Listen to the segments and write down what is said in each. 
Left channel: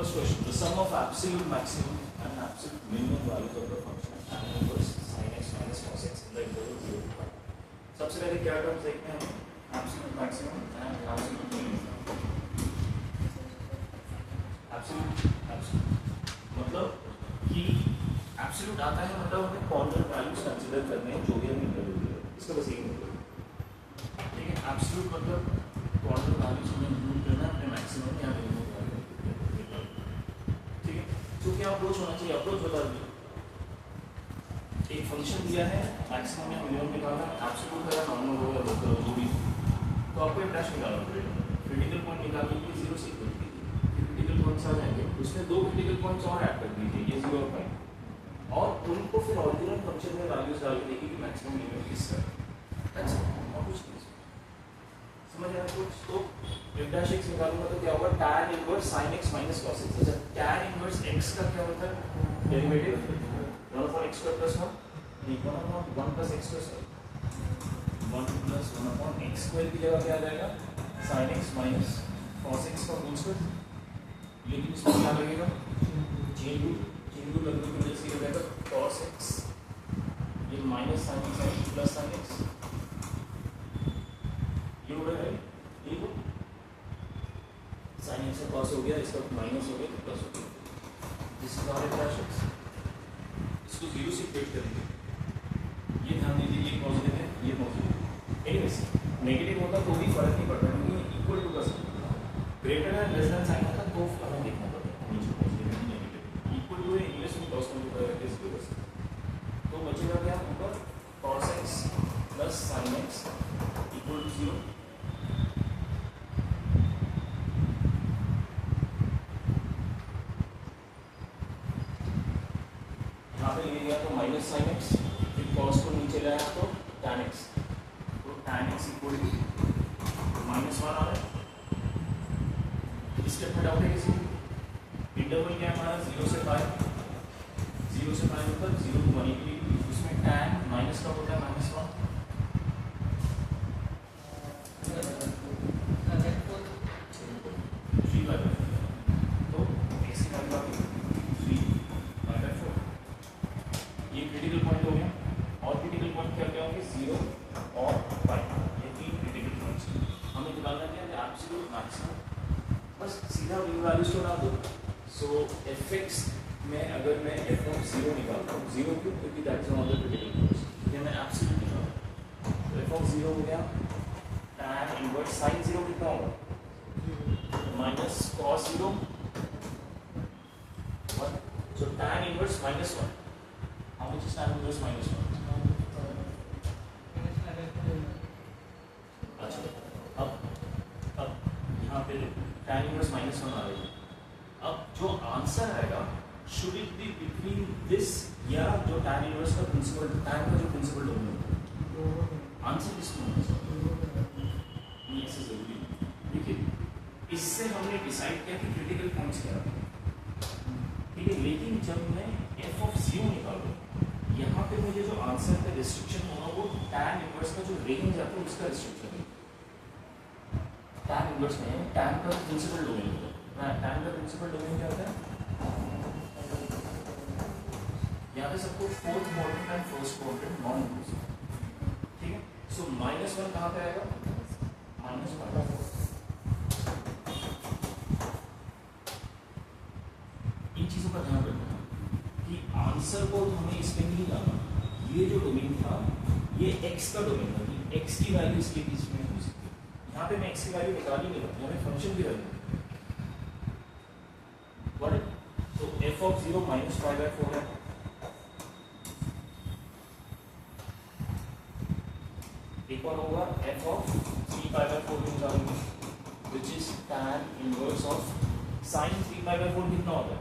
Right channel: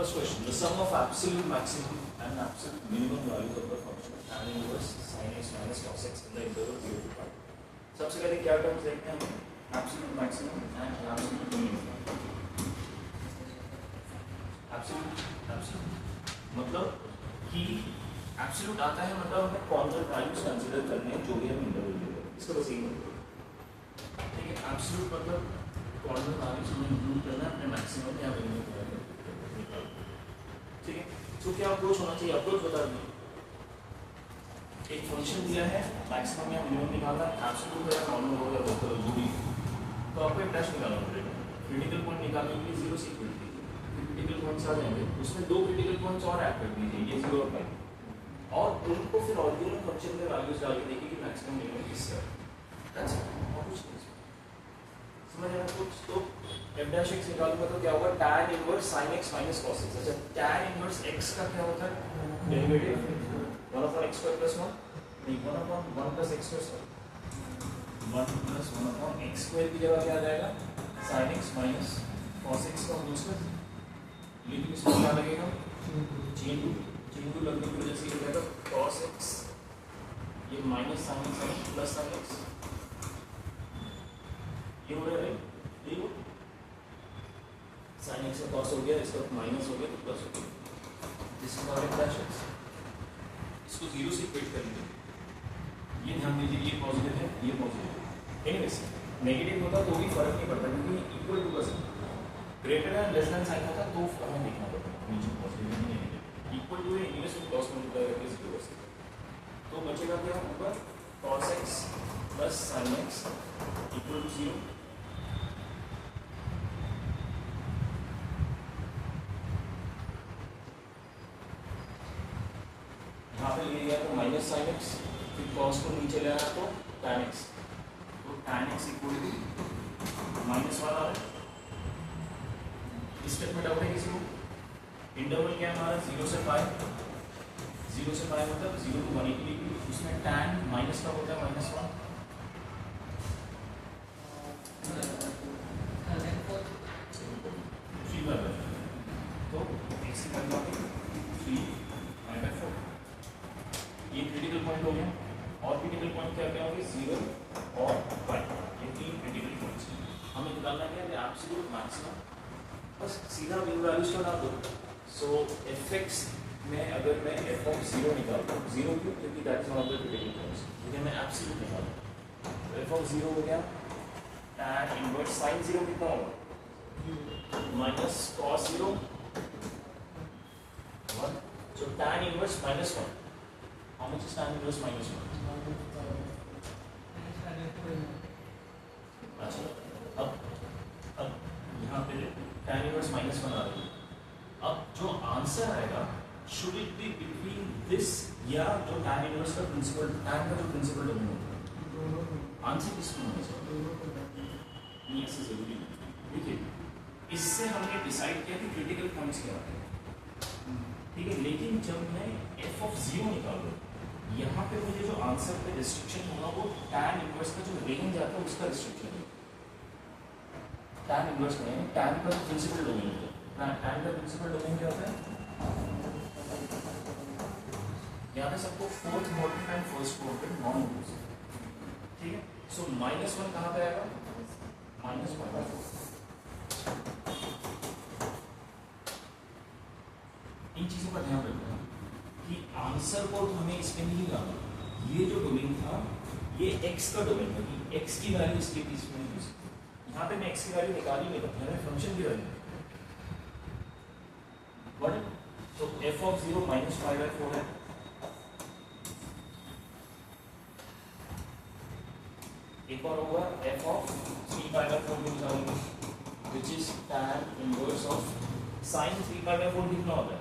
First question: the sum of absolute maximum and absolute minimum values of the function tan inverse sin x minus cos x in the interval 0 to 5. सबसे पहले क्या terms देखते हैं? Absolute maximum and absolute minimum. Absolute मतलब कि absolute आता है मतलब हमें कॉर्नर वैल्यूज कंसीडर करने हैं जो भी हम इंटरवल दे रहे हैं. इसका बस यही मतलब. ठीक है, absolute मतलब कॉर्नर वैल्यूज हमें इंक्लूड करना है अपने मैक्सिमम या मिनिमम. ठीक है, तो क्या अप्रोच होना चाहिए? अप्रोच बता दीजिए. एक फंक्शन दिया है, मैक्सिमम या मिनिमम निकालना, एब्सोल्यूट है, नॉर्मल होगा, लोकल जो भी, तो आपको एक डैश निकालना पड़ेगा. क्रिटिकल पॉइंट निकालने के लिए 0 से इक्वल कीजिए. क्रिटिकल पॉइंट्स आ जाएंगे, उसमें दो क्रिटिकल पॉइंट्स और ऐड कर दीजिए, ये 0 और 5, और उनको फिर ओरिजिनल फंक्शन में वैल्यूज डाल के देखिए कि मैक्सिमम मिनिमम किस है. दैट्स इट, और कुछ नहीं. समझ आया कुछ? तो f dash x निकालूंगा तो क्या होगा? tan inverse sin x minus cos x. अच्छा, tan इनवर्स x का क्या होता है? Derivative 1 upon x square plus 1, नहीं 1 upon 1 plus x square, 1 plus 1 upon x square की जगह क्या आ जाएगा? sin x minus cos x का होल स्क्वायर. लेकिन इसमें क्या लगेगा? चेन रूल लगने की वजह से ये हो जाएगा cos x, ये minus sin x plus sin x, ये हो गया. ये हो sin x का cos हो गया, इसका माइनस हो गया तो प्लस हो गया. This is our dash x. इसको 0 से इक्वेट करेंगे. ये ध्यान दीजिए, ये पॉजिटिव है, ये पॉजिटिव है. एनीवेज नेगेटिव होता तो भी फर्क नहीं पड़ता क्योंकि इक्वल टू का sign. Greater than less than sign होता तो हमें देखना पड़ता नीचे पॉजिटिव है नेगेटिव. इक्वल टू है, इंग्लिश में cos में होता है 0%. तो बचेगा क्या? ऊपर cos x plus sin x equal to 0. यहाँ पे ले गया तो माइनस साइन एक्स, फिर कॉस को नीचे ले आया तो tan x, तो tan x equal to minus 1 आ रहा है. स्टेटमेंट आउट है किसी में? इंटरवल क्या है हमारा? 0 से 5. 0 से 5 मतलब 0 to 180. उसमें tan माइनस का होता है माइनस 1. तो x की वैल्यू आ गई 3/4. ये क्रिटिकल पॉइंट हो गया. और क्रिटिकल पॉइंट क्या क्या होंगे? 0 और 5. ये तीन क्रिटिकल पॉइंट्स हैं. हमें निकालना क्या है? Absolute maximum. बस सीधा वैल्यूज को ना दो. सो fx में अगर मैं f of 0 निकालता हूँ, 0 क्यों? क्योंकि that is one of the critical points. ये मैं एब्सोल्यूट निकालता हूँ. तो f of 0 हो गया tan इनवर्स sin 0 कितना होगा? Minus cos 0 1. so tan inverse minus 1. How much is tan inverse minus 1? अच्छा, अब यहाँ पे लो, tan inverse minus 1 आ रही है. अब जो आंसर आएगा should it be between this या जो tan inverse का प्रिंसिपल, tan का जो प्रिंसिपल डोमिनेट होता है, आंसर किसमें होना चाहिए? ये इससे जरूरी है. देखिए, इससे हमने डिसाइड किया कि क्रिटिकल पॉइंट्स क्या है. ठीक है, लेकिन जब मैं f of 0 निकालूँ, यहाँ पे मुझे जो आंसर पे रिस्ट्रिक्शन होगा वो tan इनवर्स का जो रेंज आता है उसका रिस्ट्रिक्शन है. tan इनवर्स में tan का प्रिंसिपल डोमेन होता है. हाँ, tan का प्रिंसिपल डोमेन क्या होता है? यहाँ पे सबको fourth quadrant and first quadrant non inclusive. ठीक है, सो माइनस 1 कहाँ पे आएगा? माइनस 1/4. इन चीजों का ध्यान रखना कि आंसर को हमें इसमें नहीं डालना. ये जो डोमेन था ये x का डोमेन होगी, x की वैल्यू इसके बीच में हो सकती है. यहाँ पे मैं x की वैल्यू निकाल ही नहीं रहा, हमें फंक्शन की वैल्यू. तो f of 0 minus 5/4 है. एक और होगा f of 3/4 निकालेंगे, which is tan inverse of sin 3/4 कितना होता है?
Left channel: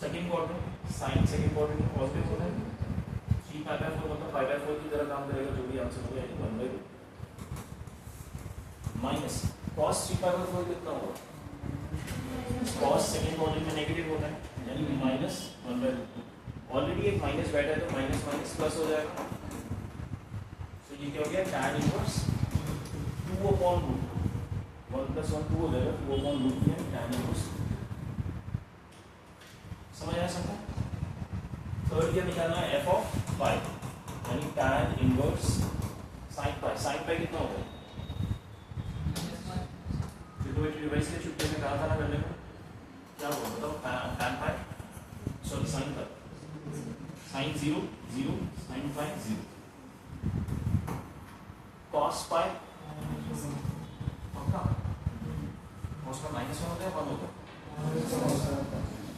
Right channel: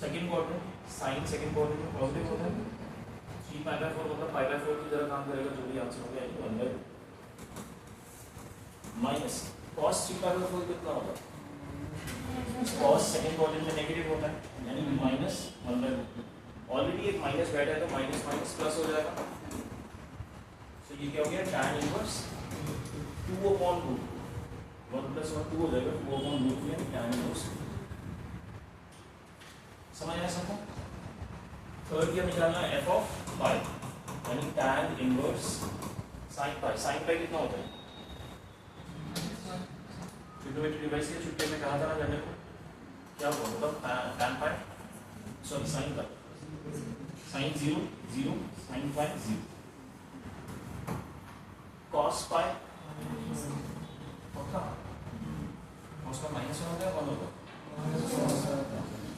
Second quadrant. Sine second quadrant में पॉजिटिव होता है. 3/4 मतलब 5/4 की तरह काम करेगा. जो भी आंसर हो जाएगा 1/2 माइनस cos 3/4 कितना होगा? cos सेकंड क्वाड्रेंट में नेगेटिव होता है यानी माइनस 1/2. ऑलरेडी एक माइनस बैठा है तो माइनस माइनस प्लस हो जाएगा. सो ये क्या हो गया? tan inverse 2/√2. 1 + 1 टू हो जाएगा, two upon root three and tan inverse. समझ आया सबको? थर्ड क्या निकालना है, f ऑफ पाई यानी tan इनवर्स sin पाई। sin पाई कितना होता है? ट्रिग्नोमेट्री डिवाइस के छुट्टे में कहा था ना करने को, क्या हुआ मतलब tan पाई सॉरी sin पाई, sin 0 0 sin पाई 0, cos पाई पक्का, cos का माइनस वन होता है, वन होता है,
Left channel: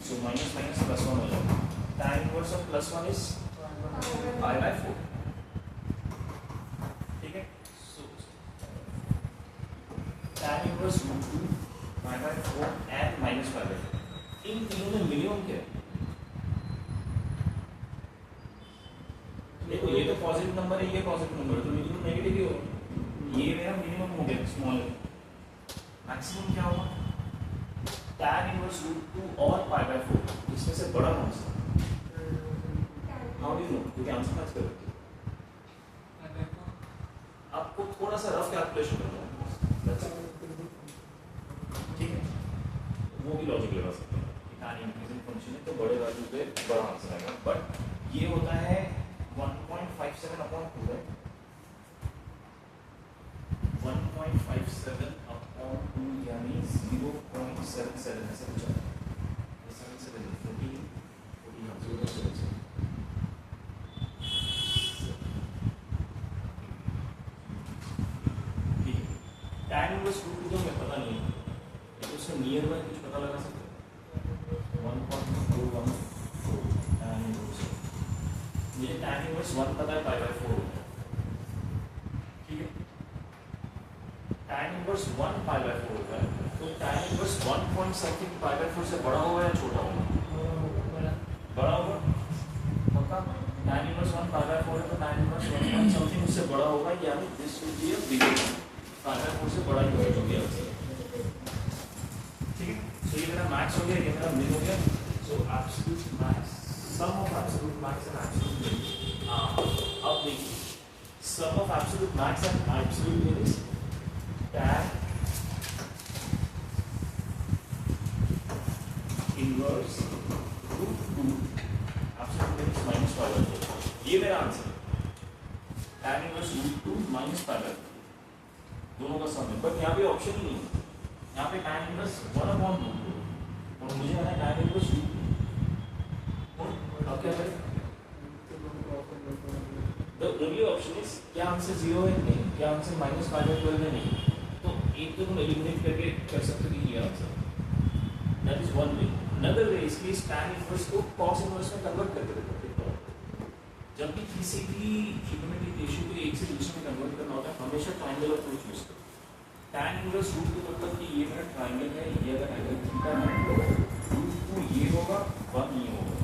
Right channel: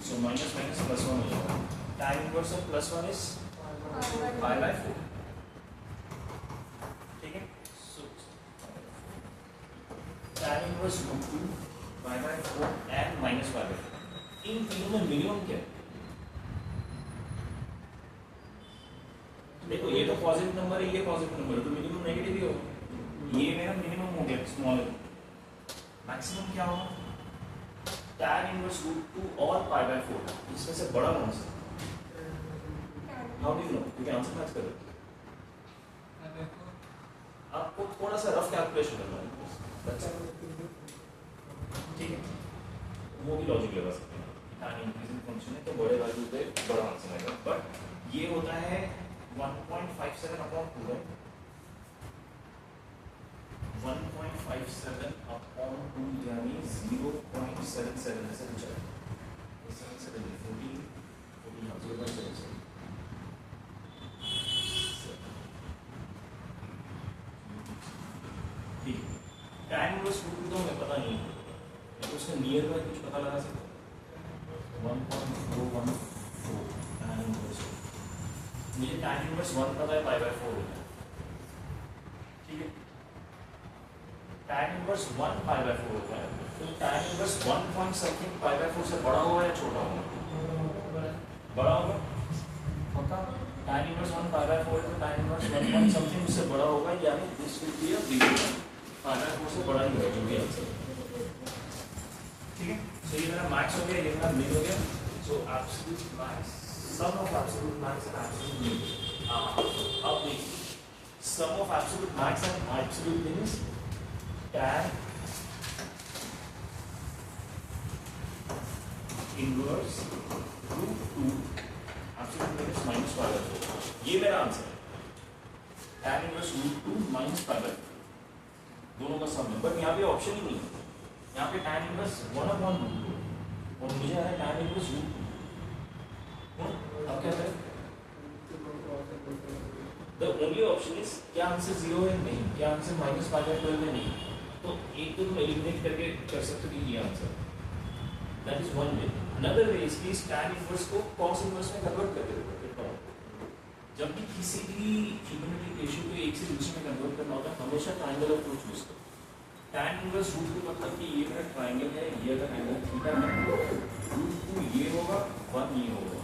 so minus minus plus one हो जाएगा। tan inverse of plus one is pi by 4, ठीक है। So tan inverse root 2 pi by 4 and minus pi by 4, इन तीनों में मिनिमम क्या है? देखो ये तो पॉजिटिव नंबर है, ये पॉजिटिव नंबर है, तो मिनिमम नेगेटिव ही होगा। ये मेरा मिनिमम हो गया स्मॉल, मैक्सिमम क्या होगा? tan इनवर्स रूट 2 और पाई बाय 4, इसमें से बड़ा कौन सा? How do you know? क्योंकि आंसर मैच करो। आपको थोड़ा सा रफ कैलकुलेशन करना है, ठीक है, वो भी लॉजिक लगा सकते हैं। tan इंक्रीजिंग फंक्शन है तो बड़े वैल्यू पे बड़ा आंसर आएगा, बट ये होता है 1.57 अपॉन 2 है, 1.57 अपॉन 2 यानी 0.77 ऐसे कुछ है, 0.77 tan इनवर्स रूट 2 हमें पता नहीं है, तो उससे नियर बाय कुछ पता लगा सकते हैं। 1.414 tan इनवर्स, मुझे tan इनवर्स 1 पता है, पाई बाय 4 होता है, ठीक है। tan इनवर्स 1 पाई बाय 4 होता है, तो tan inverse 1 point something pi by 4 से बड़ा होगा या छोटा होगा? बड़ा होगा पक्का। tan इनवर्स 1 पाई बाय 4 है तो tan इनवर्स 1 पॉइंट समथिंग उससे बड़ा होगा, यानी this will be a bigger, pi by 4 से बड़ा ही होगा जो भी आंसर, ठीक है। सो ये मेरा मैक्स हो गया, ये मेरा मिन हो गया। So absolute max, sum of absolute max and absolute min. अब देखिए sum of absolute max and absolute min is tan inverse root 2 absolute min is minus pi by 4, ये मेरा आंसर है। tan inverse root 2 minus pi by 4 दोनों का सम है, but यहाँ पे ऑप्शन ही नहीं है, यहाँ पे tan इनवर्स 1 अपॉन रूट 2 और मुझे आ रहा है tan इनवर्स रूट 2। अब क्या करें? द ओनली ऑप्शन इज, क्या आंसर 0 है? नहीं। क्या आंसर माइनस पाई बाय 12 है? नहीं। तो एक तो तुम एलिमिनेट करके कर सकते हो कि ये answer, that is one way. Another way is please tan inverse को cos इनवर्स में कन्वर्ट करते रहो। जब भी किसी भी ट्रिग्नोमेट्रिक रेशियो को एक से दूसरे में कन्वर्ट करना होता है, हमेशा ट्रायंगल अप्रोच यूज करो। tan इनवर्स रूट 2 मतलब कि ये मेरा ट्रायंगल है, ये अगर एंगल थीटा है तो रूट 2 ये होगा, 1 ये होगा,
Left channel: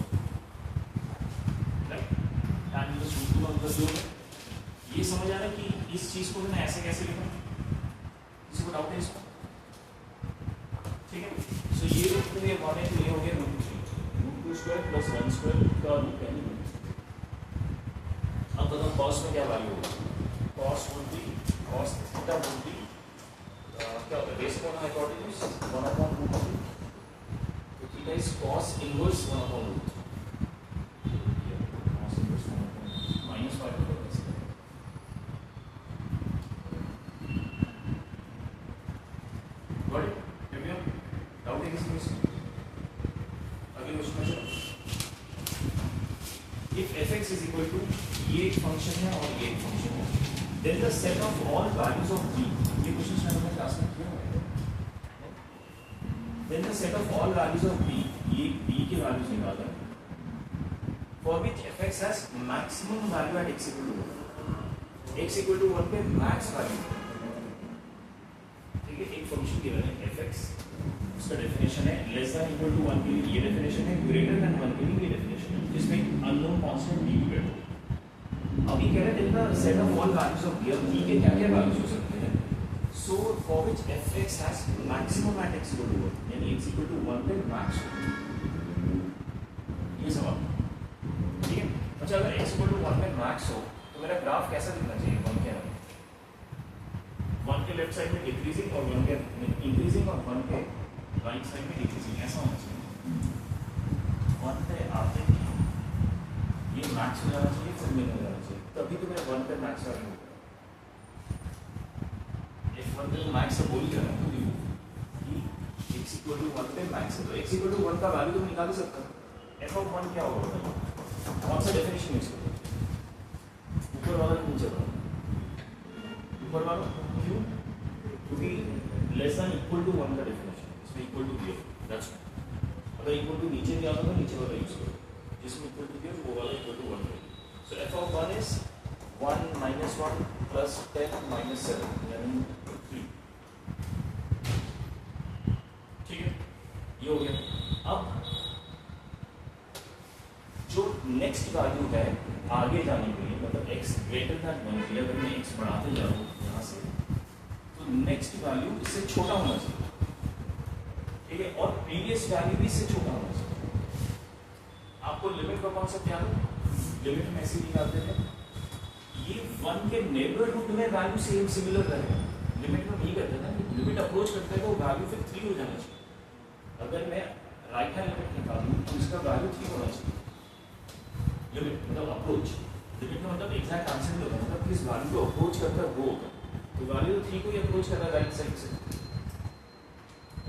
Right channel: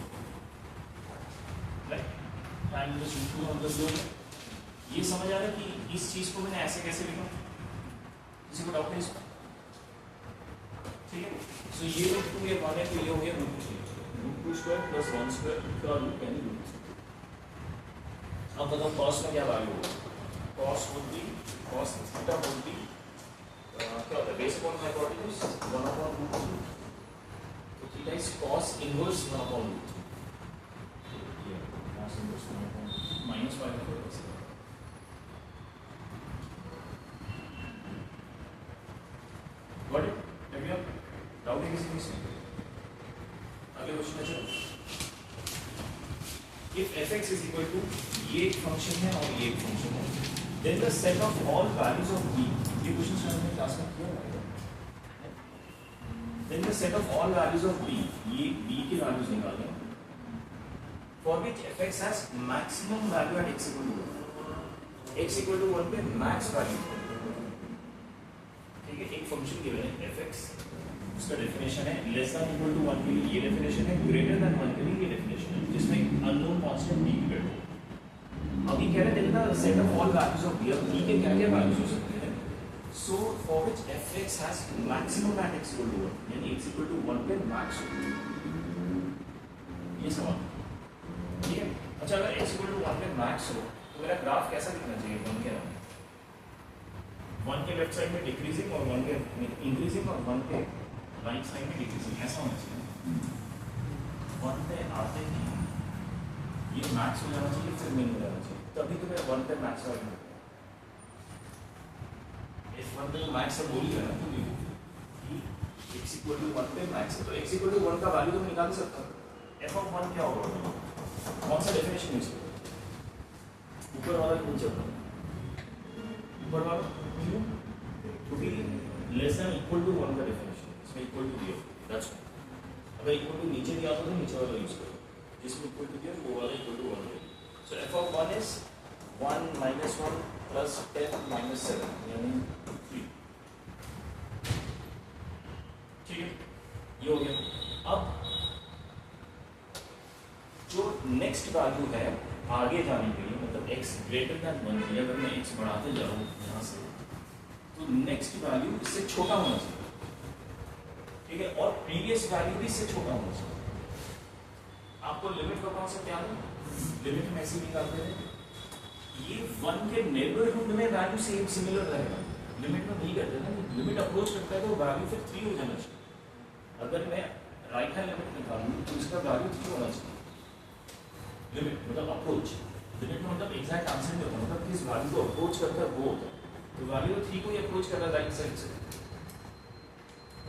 राइट। tan इनवर्स रूट 2 मतलब जो है, ये समझ आ रहा है कि इस चीज को मैंने ऐसे कैसे लिखा? किसी को डाउट है इसको? ठीक है, सो ये रूट 2 ये 1 है तो ये हो गया root 3, root 2 square plus 1 square का रूट यानी रूट 3। अब बताओ cos में क्या वैल्यू होगा? cos would be, cos theta would be क्या होता है, base upon hypotenuse 1 upon root 3, तो theta is cos inverse 1 upon root 3, cos inverse 1 upon minus 5 होगा। Got it? लगे डाउट है किसी में? अगले क्वेश्चन में चलो। If f(x) is equal to ये एक फंक्शन है और ये एक फंक्शन है, then the set of all values of b, ये क्वेश्चन शायद मैंने क्लास में किया है, then the set of all values of b, ये b की वैल्यूज निकालते हैं, for which f(x) has maximum value at x equal to 1, x equal to 1 पे मैक्स वैल्यू, ठीक है। एक फंक्शन गिवन है f(x), उसका डेफिनेशन है लेस देन इक्वल टू 1 के लिए ये डेफिनेशन है, ग्रेटर देन 1 के लिए ये डेफिनेशन है, जिसमें अननोन कांस्टेंट b की वैल्यू। अभी कह रहे थे ना set of all values of b, अब b के क्या-क्या वैल्यूज हो सकते हैं? So for which f(x) has maximum at x equal to 1, यानी x इक्वल टू 1 पे मैक्स हो, ये सवाल, ठीक है। अच्छा अगर x इक्वल टू 1 पे मैक्स हो तो मेरा ग्राफ कैसा दिखना चाहिए? 1 के अराउंड, वन के लेफ्ट साइड में डिक्रीजिंग और वन के इंक्रीजिंग और वन के राइट साइड में डिक्रीजिंग, ऐसा होना चाहिए। वन पे आते ही ये मैक्स हो जाना चाहिए, फिर मिन हो जाना चाहिए, तभी तो मैं वन पे मैक्स वाले हो गया। इफ वन पे मैक्स है बोल दिया ना क्योंकि x इक्वल टू 1 पे मैक्स है, तो x इक्वल टू 1 का वैल्यू तो मैं निकाल सकता हूं। f ऑफ 1 क्या होगा, कौन सा डेफिनेशन यूज करें, ऊपर वाला नीचे वाला, ऊपर वाला क्यों, क्योंकि लेस देन इक्वल टू 1 का डेफिनेशन इसमें इक्वल टू दिया, दैट्स अगर इक्वल टू नीचे दिया तो नीचे वाला यूज करें, जिसमें इक्वल टू दिया वो वाला इक्वल टू 1 है। सो f of 1 is 1 minus 1 plus 10 minus 7 यानी 3, ठीक है, ये हो गया। अब जो नेक्स्ट वैल्यू है आगे जाने के लिए, मतलब x ग्रेटर देन 1 के लिए अगर मैं x बढ़ाते जा रहा हूँ यहाँ से, तो नेक्स्ट वैल्यू इससे छोटा होना चाहिए, ठीक है, और प्रीवियस वैल्यू भी इससे छोटा होना चाहिए। आपको लिमिट का कॉन्सेप्ट याद है, लिमिट में ऐसे निकालते हैं, ये 1 के नेबरहुड में वैल्यू सेम सिमिलर रहेगा, लिमिट में नहीं करते ना, लिमिट अप्रोच करता है तो वैल्यू फिर 3 हो जाना चाहिए। अगर मैं राइट हैंड लिमिट निकालूं तो इसका वैल्यू 3 होना चाहिए, लिमिट मतलब अप्रोच, लिमिट में मतलब एग्जैक्ट आंसर नहीं होता, मतलब किस वैल्यू को अप्रोच करता है वो होता है, तो वैल्यू 3 को ही अप्रोच कर रहा है राइट साइड से,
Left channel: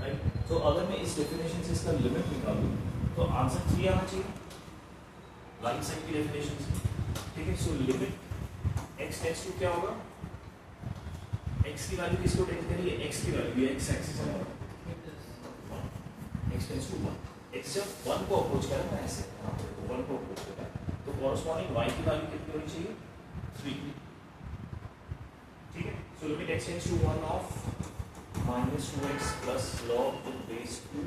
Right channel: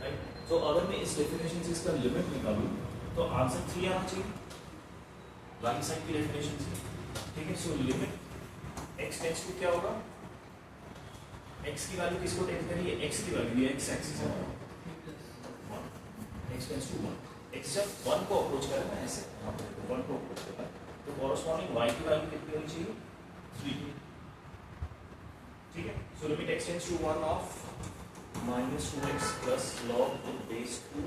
राइट। तो अगर मैं इस डेफिनेशन से इसका लिमिट निकालूं तो आंसर 3 आना चाहिए राइट साइड की डेफिनेशन से, ठीक है। So limit x tends to क्या होगा, x की वैल्यू किसको टेंड करेगी, x की वैल्यू, ये x एक्सिस है, 1, x टेंड्स टू 1, x जब 1 को अप्रोच करेगा ऐसे, यहाँ पर 1 को अप्रोच करता है तो कॉरस्पॉन्डिंग y की वैल्यू कितनी होनी चाहिए, 3, ठीक है। So limit x tends to 1 of -2x plus log base 2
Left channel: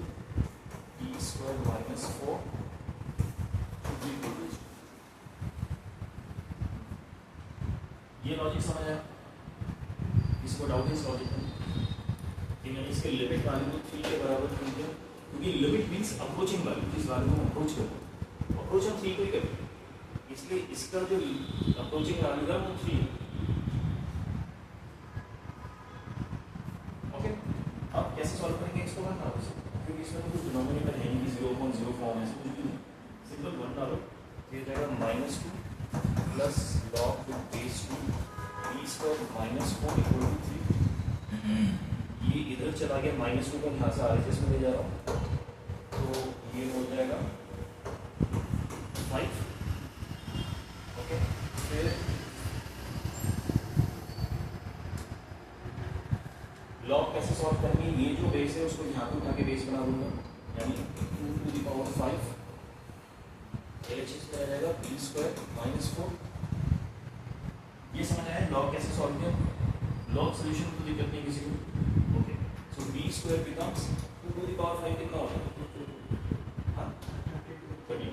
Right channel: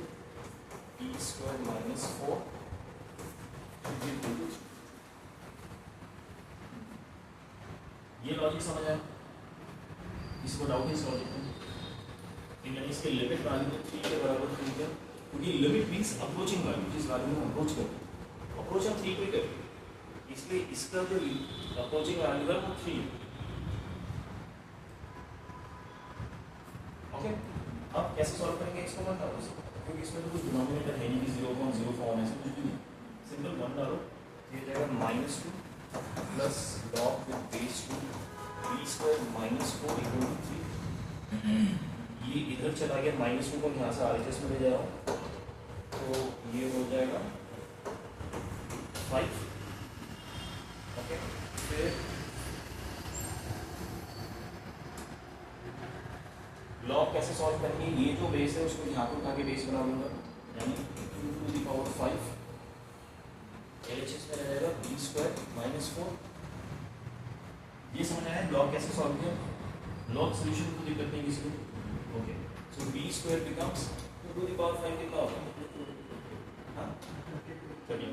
e square minus 4 ये लॉजिक समझ आया, इसको डाउट है इस लॉजिक में कि मैंने इसके लिमिट वैल्यू को 3 के बराबर कर दिया, क्योंकि लिमिट मींस अप्रोचिंग वैल्यू, जिस वैल्यू में अप्रोच करते अप्रोच हम 3 को ही करते, इसलिए इसका जो अप्रोचिंग वैल्यू है वो 3 है, ओके। अब कैसे सॉल्व करेंगे इसको, बनता है क्योंकि इसमें तो कुछ डिनोमिनेटर है नहीं, 0.0 फॉर्म है, कुछ भी नहीं, सिंपल 1 डालो, ये जाएगा -2 plus log with base 2 e square minus 4 equal to 3, ये इधर चला गया, -2 को यहाँ से RHS में ले जा रहा हूँ, तो ये हो जाएगा 5, ओके। फिर log कैसे सॉल्व करेंगे, ये जो बेस है उसको यहाँ पे उठा के बेस बना दूंगा, यानी 2 to the power 5 LHS में रह जाएगा b square minus 4, ये समझ आया log कैसे सॉल्व किया, log सॉल्यूशन को दिक्कत नहीं किसी को, okay. So b square becomes 2 to the power 5 कितना होता है, हाँ 30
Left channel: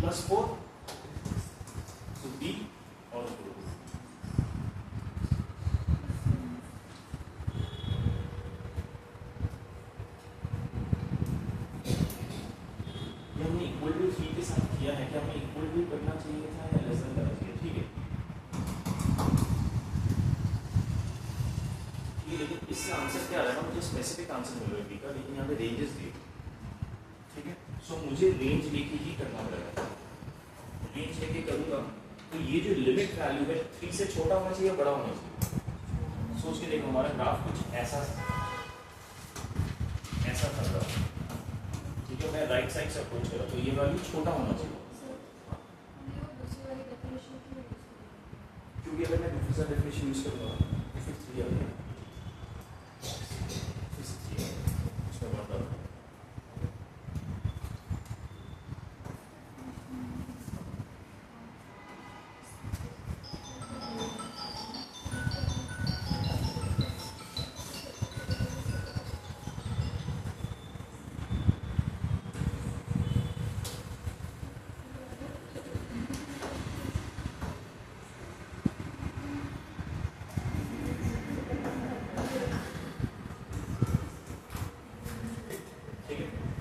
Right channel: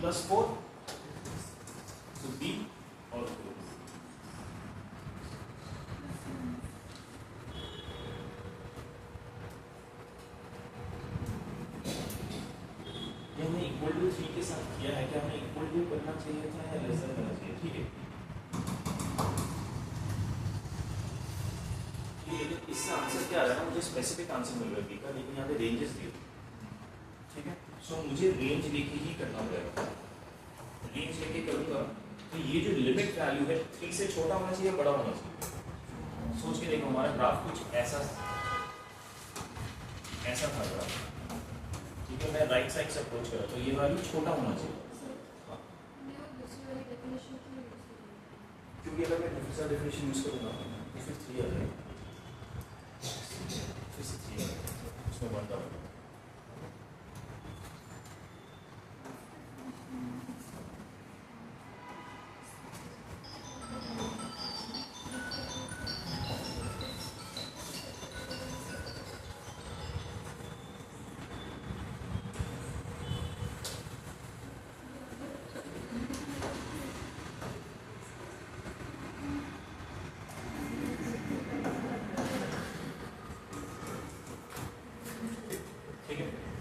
प्लस 4, तो b और 4, हमने इक्वल टू 3 के साथ किया है, क्या हमें इक्वल टू करना चाहिए था या लेस देन करना चाहिए, ठीक है। ये लेकिन इससे आंसर क्या आ रहा है, मुझे स्पेसिफिक आंसर मिल रहा है, लेकिन यहाँ पे रेंजेस दिए, ठीक है। सो मुझे रेंज लेके ही करना पड़ेगा, रेंज लेके करूंगा तो ये जो लिमिट वैल्यू है 3 से छोटा होना चाहिए, बड़ा होना चाहिए। सोच के देखो, हमारा ग्राफ कुछ ऐसा था ग्राफ, ठीक है, मैं राइट साइड से अप्रोच कर रहा हूं, तो ये वैल्यू छोटा होना चाहिए, क्योंकि अगर मैं दूसरा डेफिनेशन यूज करूंगा तो फिर 3 आ जाएगा, फिर से 3 आ जाएगा, उसमें बढ़ता होगा।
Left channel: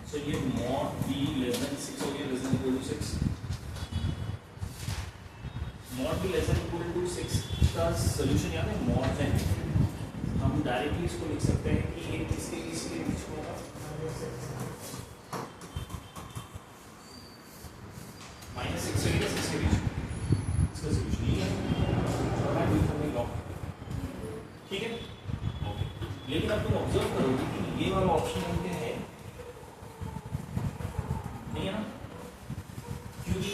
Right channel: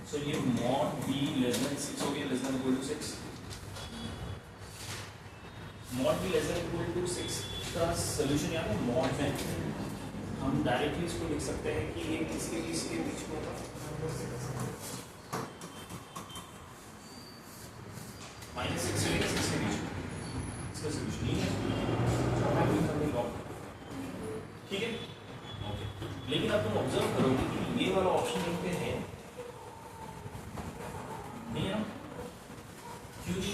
So ये mod b less than 6 हो गया, less than equal to 6, mod b less than equal to 6 का सोल्यूशन याद है, mod में हम हम डायरेक्टली इसको लिख सकते हैं कि ये किसके किसके बीच में होगा, -6 से -6 के बीच में। इसका सोल्यूशन ये है लॉग, ठीक है ओके। लेकिन अब तुम ऑब्जर्व करोगे कि ये वाला ऑप्शन इन पे है नहीं है ना, क्योंकि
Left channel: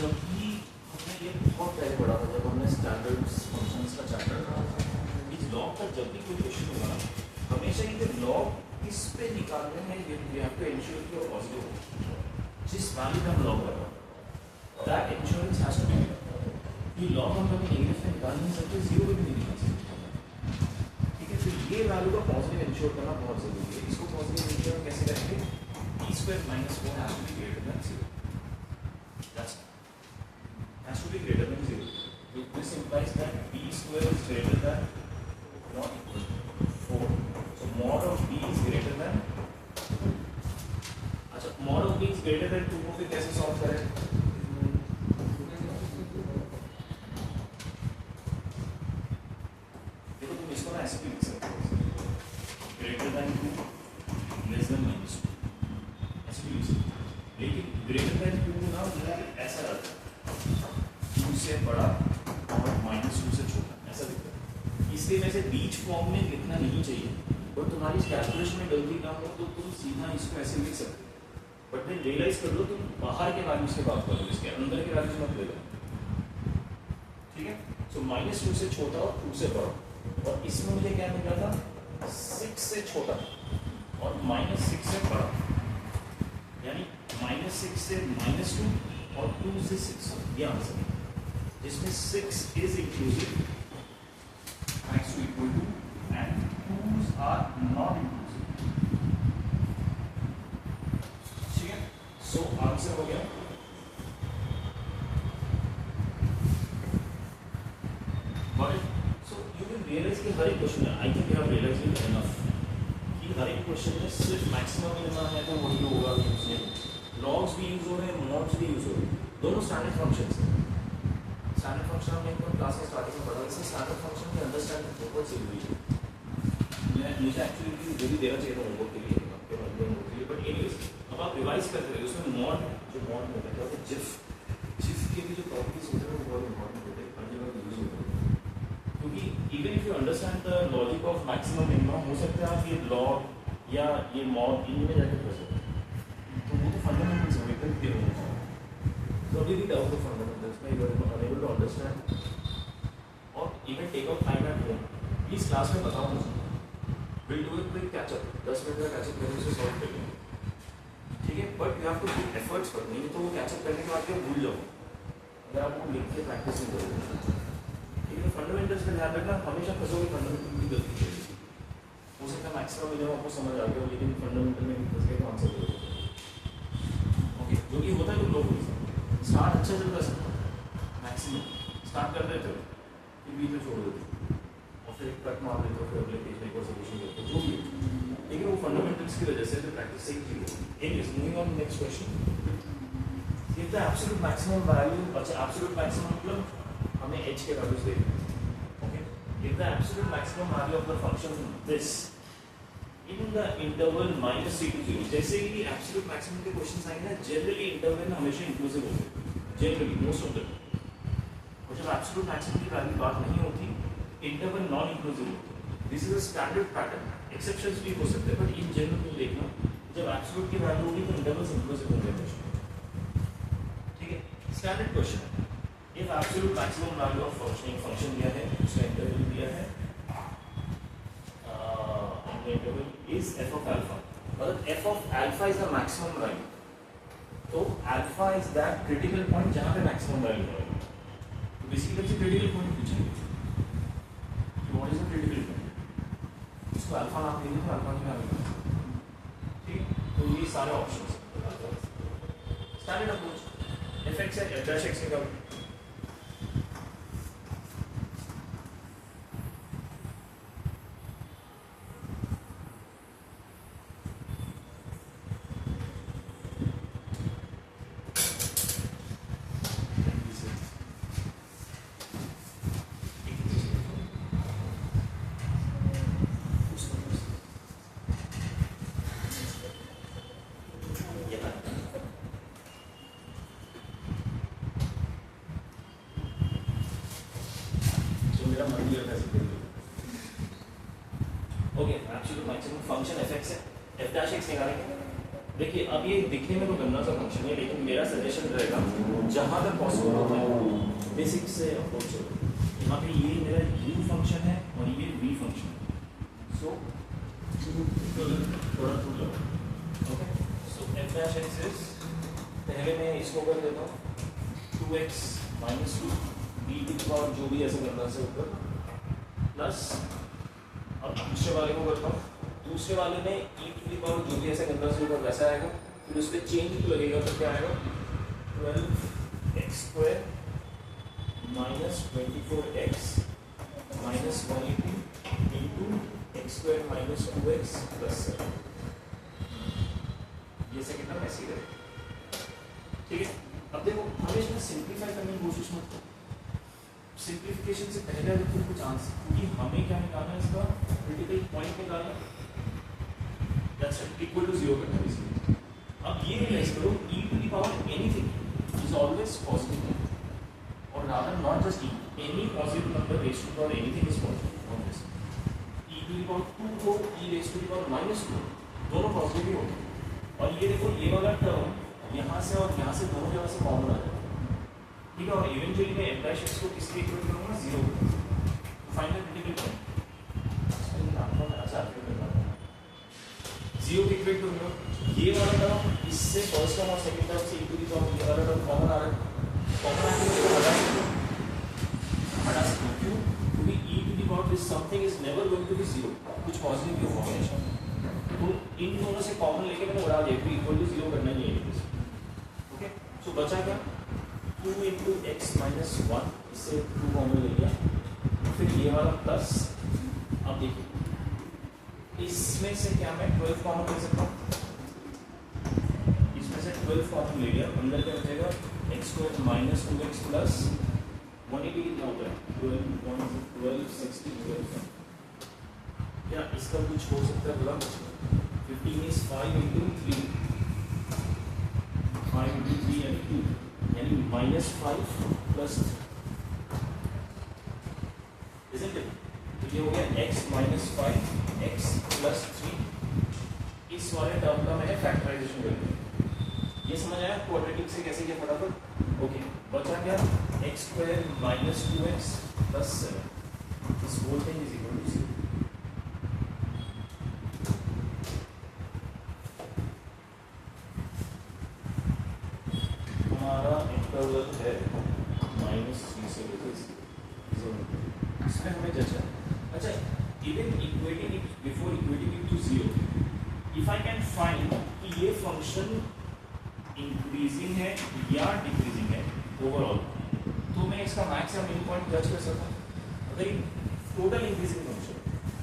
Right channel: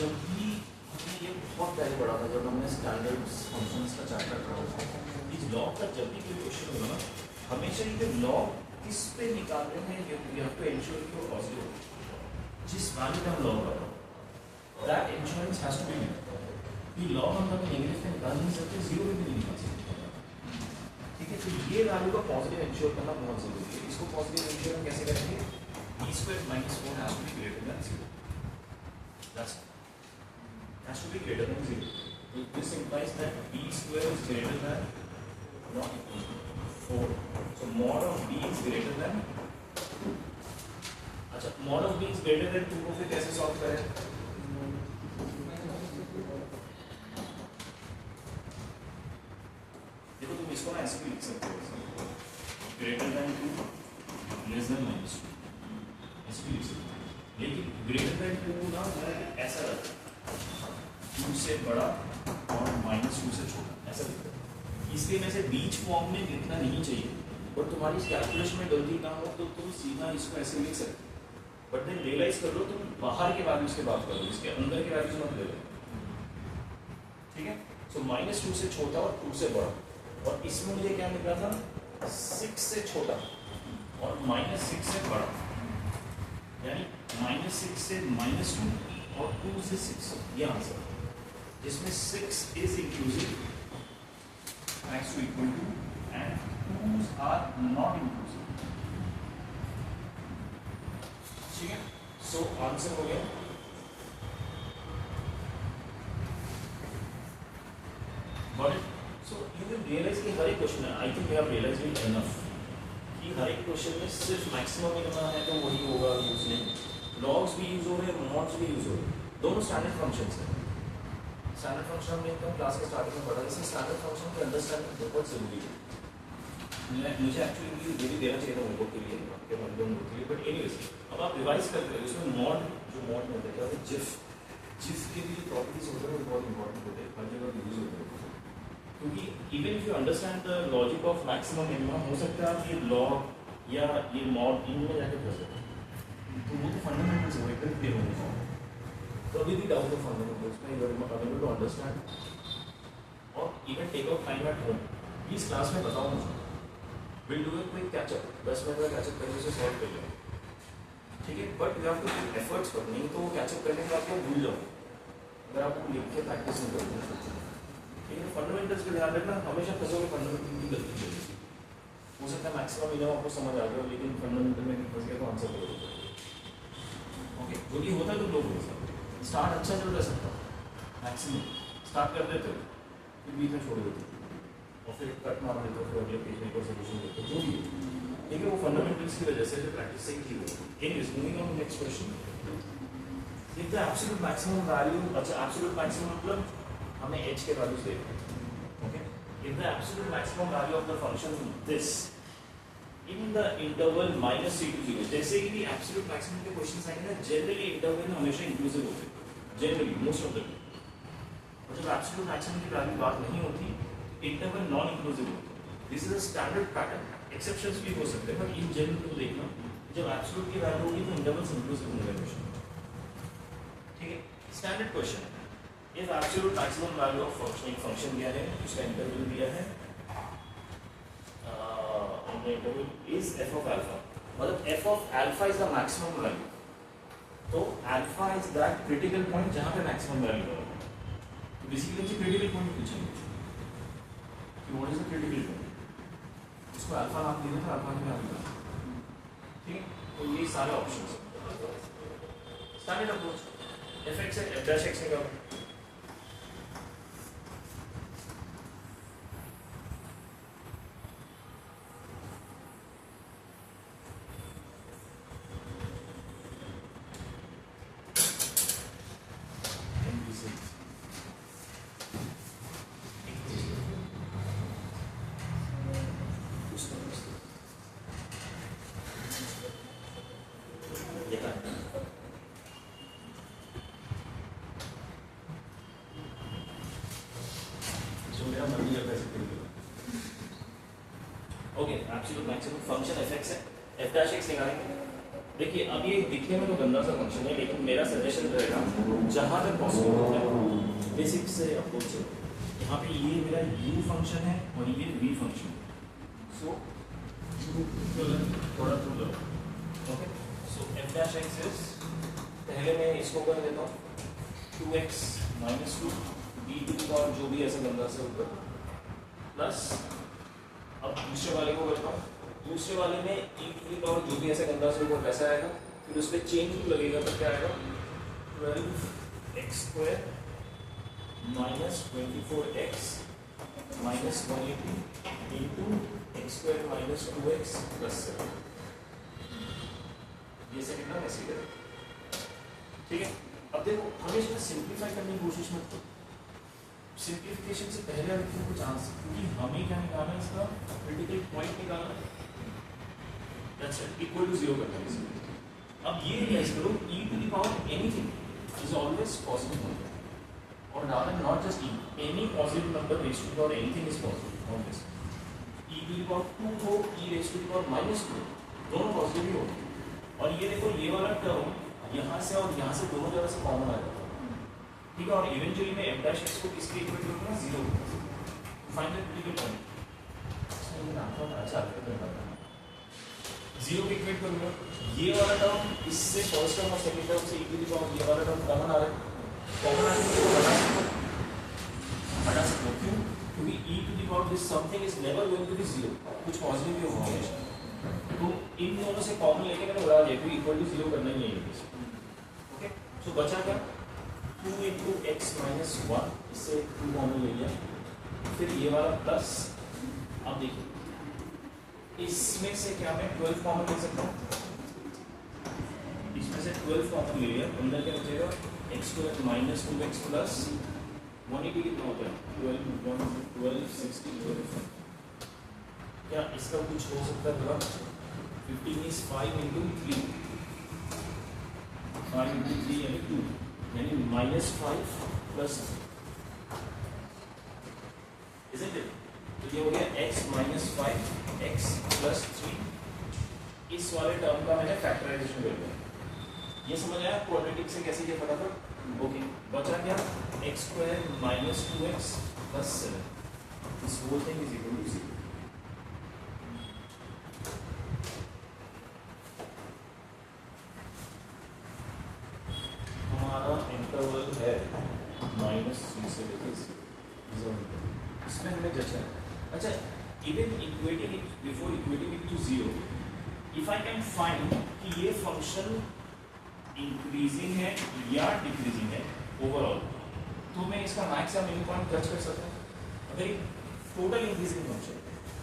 जब भी हमने ये बहुत पहले पढ़ा था, जब हमने स्टैंडर्ड फंक्शंस का चैप्टर पढ़ा था, इस लॉग का जब भी कोई क्वेश्चन होगा हमेशा ये लॉग किस पे निकाल रहे हैं, वी हैव टू एंश्योर कि वो पॉजिटिव हो, जिस वैल्यू का हम लॉग लगा that insurance has to be, ये लॉग हम कभी नेगेटिव पे निकाल नहीं सकते, जीरो पे भी नहीं निकाल सकते, ठीक है। तो ये वैल्यू का पॉजिटिव इंश्योर करना बहुत जरूरी है। इसको पॉजिटिव इंश्योर हम कैसे करेंगे, b square minus 4 has to be greater than 0, that's has to be greater than 0. So this implies that b square is greater than not equal to 4. So mod of b is greater than, अच्छा mod of b is greater than 2 को फिर कैसे solve करें, देखो तुम इसको ना ऐसे भी लिख सकते हो, greater than 2 less than minus 2, ऐसे भी लिख सकते हो। लेकिन greater than 2 ना मेरा ऐसा रहता है 2 से बड़ा और -2 से छोटा, ऐसा दिखता है। इसलिए वैसे बीच फॉर्म में लिखना नहीं चाहिए, और तुम्हारी कैलकुलेशन में गलती ना हो तो तुम सीधा इसको ऐसे लिख सकते हो, बट देन रियलाइज कर लो तुम बाहर के वैल्यूज की बात कर लो, इसके अंदर के वैल्यूज मत ले लो, ठीक है। सो -2 से छोटा और 2 से बड़ा, और इसमें मुझे क्या निकला था 6 से छोटा और -6 से बड़ा, यानी -6 से -2 और 2 से 6, ये आंसर है, जिसमें 6 is inclusive max to equal to and 2's are not inclusive, ठीक है। सो आंसर हो गया, got it. So you will realise कि हर एक क्वेश्चन में, I think you have realised it enough कि हर एक क्वेश्चन में सिर्फ मैक्सिमम मिलना है तो वही होगा, यूज नहीं, लॉग्स भी यूज हो रहे हैं, मॉड्स भी यूज हो रहे हैं, दोनों स्टैंडर्ड फंक्शंस हैं। स्टैंडर्ड फंक्शन में एकदम क्लास के स्टार्टिंग में पढ़ा, जैसे स्टैंडर्ड फंक्शन की अंडरस्टैंडिंग बहुत जरूरी है। मुझे एक्चुअली जो भी देना चाहिए था होमवर्क के लिए, आपके होमवर्क के लिए, बट एनीवेज अब आप रिवाइज करते हैं उसमें मॉड, जो मॉड में होता है जिफ के भी जो प्रॉपर्टीज होते हैं वो बहुत इंपॉर्टेंट होते हैं, हर जगह यूज होते हैं, क्योंकि even if you understand the logic of maximum minimum, हो सकता है आप ये लॉग या ये मॉड इनमें जाके पढ़ सकते, तो वो तो फंडामेंटल्स हो, एकदम क्लियर होना चाहिए। तो अभी भी डाउट हो फंडामेंटल्स में, you are unable to understand और even take out time at home, please class में बताओ मुझे, will do it quick catch up, 10 minute का कैचअप करने से सॉल्व कर लेंगे, ठीक है। But you have to put efforts पर, नहीं तो कैचअप करने के बाद क्या भूल जाओ, अगर आप वो लिख के प्रैक्टिस नहीं करोगे, ठीक है। फंडामेंटल्स का ध्यान रखना, हमेशा फंसोगे फंडामेंटल की गलती करोगे, हो सकता है मैक्सिमम मिनिमम आपको समझ आ गया, लेकिन फंडामेंटल में फंस गए तो आंसर करोगे, ओके। जो कि होता है लोग स्टार्ट अच्छा चलता है, मैक्सिमम स्टार्ट कर देते हो, फिर बीच में छोड़ देते हो और फिर कट मार देते हो, फिर अगले पेज में कोई सोल्यूशन देते हो, जो भी है, ठीक है। वो फंडामेंटल्स की वजह से जो प्रैक्टिस सही थी वो। Anyways moving on to next question, if the absolute maximum value, अच्छा एब्सोल्यूट मैक्सिमम मतलब हमें h के वैल्यूज देखने हैं, okay. If the absolute maximum value of the function this in the interval -c to 0, जैसे ही एब्सोल्यूट मैक्सिमम के questions आएंगे ना, जनरली इंटरवल में हमेशा इंक्लूसिव होते हैं, generally most of the time, और जब एब्सोल्यूट मैक्सिमम की वैल्यू बात नहीं होती, इंटरवल नॉन इंक्लूसिव होते हैं। This is a standard pattern, exceptions भी हो सकते हैं, बट इन जनरल तुम देखना जब एब्सोल्यूट की वैल्यू होगी तो इंटरवल्स इंक्लूसिव होंगे क्वेश्चन, ठीक है। स्टैंडर्ड क्वेश्चन है, if absolute maximum value of function दिया है, उसका इंटरवल दिया है, interval is f of alpha, मतलब f of alpha is the maximum value, तो alpha is that critical point जहाँ पे maximum value होगा, तो बेसिकली से critical point पूछेंगे कि what is the critical point, इसको alpha नाम देंगे तो alpha की वैल्यू, ठीक। तो ये सारे ऑप्शंस हैं, स्टैंडर्ड अप्रोच, f(x) है f'(x) निकालो, लिया था simple. Okay, absolute maximum function fx है, f डैश x निकालेंगे। देखिए अब ये दिखने में तो गंदा सा फंक्शन है, लेकिन मेरा सजेशन रहेगा जहां तक पॉसिबल होता है बेसिक से अप्रोच करो। यहाँ पे ये मेरा u फंक्शन है और ये v फंक्शन है, सो थोड़ा too low. Okay, so f dash x is, पहले मैं इसको कर देता हूँ 2x minus 2 b to power जो भी ऐसा गंदा से ऊपर प्लस, अब दूसरे वाले को करता हूँ, दूसरे वाले में e टू द पावर जो भी ऐसा गंदा से ऊपर वैसा आएगा, फिर उस पर चेंज लगेगा तो क्या आएगा 12x square minus 24x minus 180 into x square minus 2x plus 7। ये सेकंड टर्म ऐसे ही रहेगा, ठीक है। अब देखो हमेशा सिंप्लीफाई करने की कोशिश मत करो, सिंप्लीफिकेशन से पहले अगर तुम कुछ आंसर, क्योंकि हमें क्या निकालना है, इसका क्रिटिकल पॉइंट निकालना है, दैट्स इट, इक्वल टू 0 करना है इसको। अब ये रियलाइज करो e to the power anything is always positive, और rather not just any positive number raise to the power anything is positive always. e to the power 2 हो, e raise to the power minus 2, दोनों positive ही होंगे। और ये देखो ये वाला term यहाँ से और यहाँ से दोनों जगह से कॉमन आएगा, ठीक है। और इवेंचुअली मैं f डैश x को किसके इक्वल करूंगा, 0 फाइंड द क्रिटिकल पॉइंट, अच्छा जीरो के इक्वल करूंगा। ये वाला टर्म इससे फर्स्ट टर्म और सेकंड टर्म से इक्वली टर्म, ये वाला टर्म कॉमन आ रहा है, कॉमन आने को हटा सकते हो, क्यों? क्योंकि e to the power this something is never going to be 0, कुछ पॉजिटिव ही होगा हमेशा, तो इन दोनों से कॉमन लेके मैंने उड़ा दिया, फिर इक्वल टू 0 करना नहीं है। ओके, सो बचा क्या 2 इंटू एक्स माइनस 1, इससे 2 कॉमन ले लिया, फिर ये वाला प्लस। अब देखिए इसमें से क्या मैं 12 कॉमन ले सकता हूँ, इसमें से 12 कॉमन ले लिया, अंदर क्या बचेगा x square minus 2x plus 180 कितना होता है 12 60 12। क्या इसका कुछ हो सकता है थोड़ा, 15 इज 5 इंटू 3, 5 इंटू 3 यानी 2, यानी माइनस 5 प्लस, isn't it? तो ये हो गया x माइनस 5 x प्लस 3। इस वाले टर्म का मैंने फैक्टराइजेशन कर दिया, ये समझ आया क्वाड्रेटिक से कैसे ये फटाफट। ओके, बचा क्या x square minus 2x plus 7, this whole thing is equal to 0। हमारा इंटरवल है -3 से लेकर 0, इसमें हमें जचा। अच्छा, even equating it before equating it to 0, if I can find कि ये फंक्शन इंक्रीजिंग है या डिक्रीजिंग है ओवरऑल, तो मैं इसका मैक्स या मिनिमम पॉइंट जज कर सकता हूँ। अगर ये total increasing function,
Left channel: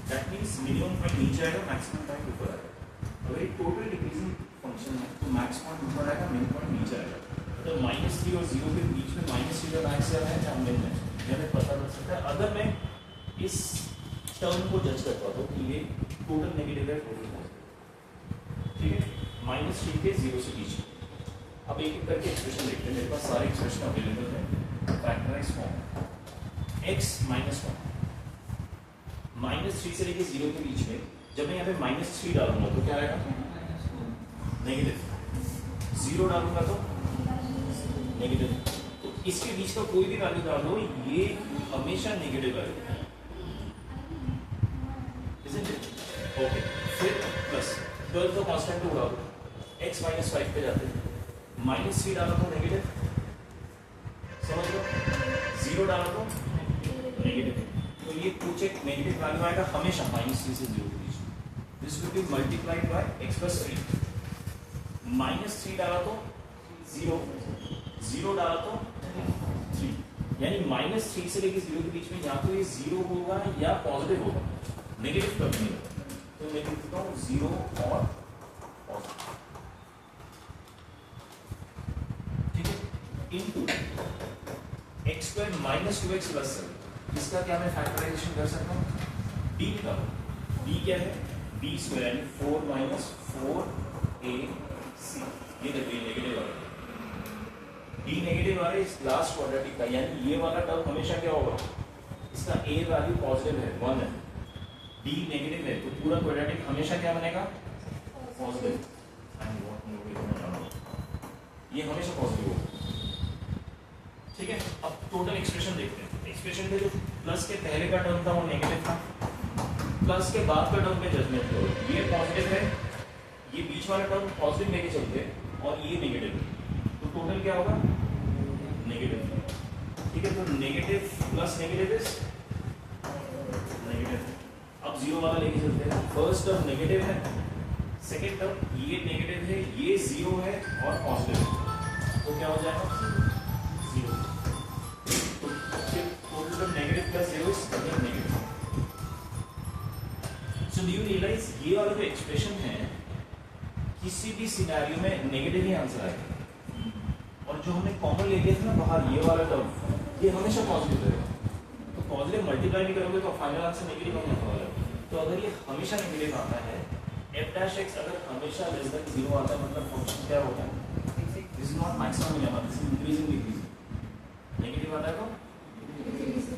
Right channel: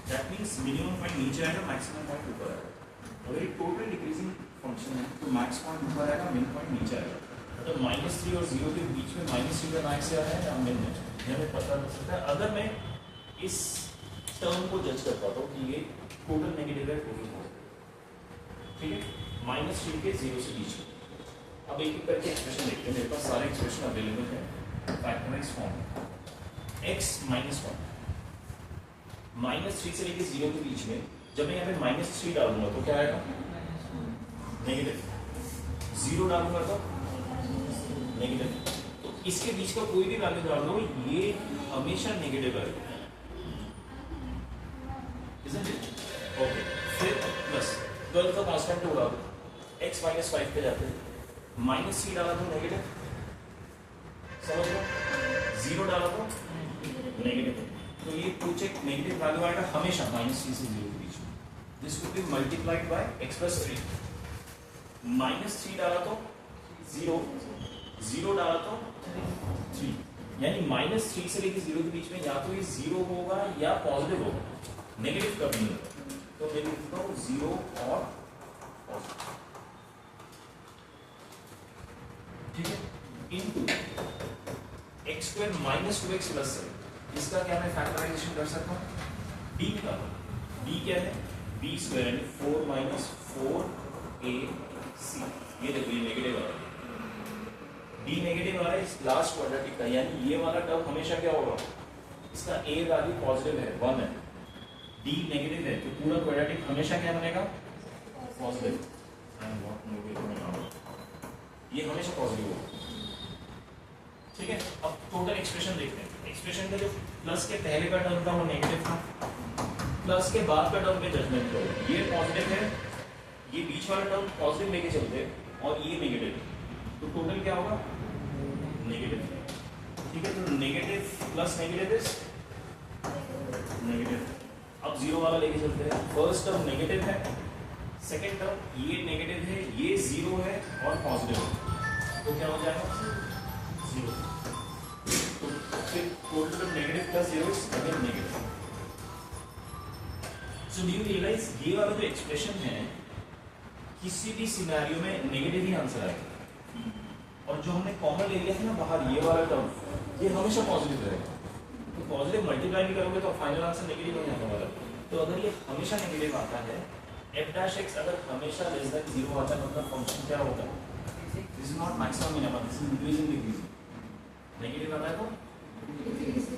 that means minimum point नीचे आएगा, मैक्सिमम पॉइंट ऊपर आएगा। अगर ये टोटल डिक्रीजिंग फंक्शन है तो मैक्स पॉइंट ऊपर आएगा, मिनिमम पॉइंट नीचे आएगा। तो -3 और 0 के बीच में -3 का मैक्स आ है या मिन है, ये हमें पता लग सकता है अगर मैं इस टर्म को जज कर पाता हूँ कि ये टोटल नेगेटिव है, टोटल पॉजिटिव, ठीक है। -3 के 0 से बीच में। अब एक एक करके एक्सप्रेशन देखते हैं, मेरे पास सारे एक्सप्रेशन अवेलेबल हैं फैक्टराइज फॉर्म। x माइनस 1 -3 से लेके 0 के बीच में, जब मैं यहाँ पे -3 डालूंगा तो क्या आएगा नेगेटिव, 0 डालूंगा तो नेगेटिव, तो इसके बीच का कोई भी वैल्यू डाल दो ये हमेशा नेगेटिव आएगा, ओके। फिर प्लस 12 का कांस्टेंट उड़ा दो, x माइनस 5 पे जाते हैं, -3 डाला तो नेगेटिव, समझ लो, 0 डाला तो नेगेटिव, तो ये कुछ एक नेगेटिव वैल्यू आएगा हमेशा -3 से 0 के बीच में। This will B multiplied by x plus 3। -3 डाला तो 0, 0 डाला तो 3, यानी -3 से लेकर 0 के बीच में या तो ये 0 होगा या पॉजिटिव होगा, नेगेटिव कब नहीं होगा। तो मैं लिखता हूँ 0 और पॉजिटिव, ठीक है, into x square minus 2x plus 7। इसका क्या मैं फैक्टराइजेशन कर सकता हूँ, b निकालो, b क्या है b स्क्वायर यानी 4 माइनस 4ac, ये देखो ये नेगेटिव आ रहा है, d नेगेटिव आ रहा है इस लास्ट क्वाड्रेटिक का, यानी ये वाला टर्म हमेशा क्या होगा इसका a वैल्यू पॉजिटिव है 1 है, d नेगेटिव है, तो पूरा क्वाड्रेटिक हमेशा क्या बनेगा पॉजिटिव, ये हमेशा पॉजिटिव होगा। ठीक है, अब टोटल एक्सप्रेशन देखते हैं। एक्सप्रेशन में जो प्लस के पहले का टर्म था वो नेगेटिव था, प्लस के बाद का टर्म पे जजमेंट करो, ये पॉजिटिव है, ये बीच वाला टर्म पॉजिटिव लेके चलते हैं और ये नेगेटिव, तो टोटल क्या होगा नेगेटिव। ठीक है, तो negative plus negative is negative. अब जीरो वाला लेके चलते हैं, फर्स्ट टर्म नेगेटिव है, सेकेंड टर्म ये नेगेटिव है, ये जीरो है और पॉजिटिव है, तो क्या हो जाएगा जीरो। तो फिर total term negative plus zero is again negative. So do you realise ये वाला जो एक्सप्रेशन है किसी भी सिनेरियो में नेगेटिव ही आंसर आएगा, और जो हमने कॉमन ले लिया था ना बाहर ये वाला टर्म, ये हमेशा पॉजिटिव रहेगा। तो पॉजिटिव मल्टीप्लाई भी करोगे तो फाइनल आंसर नेगेटिव नहीं आने वाला। तो अगर ये हमेशा नेगेटिव आता है, f dash x अगर हमेशा लेस देन 0 आता है, मतलब फंक्शन क्या होता है, this is not maximum minimum, this is increasing decreasing. Negative आता है तो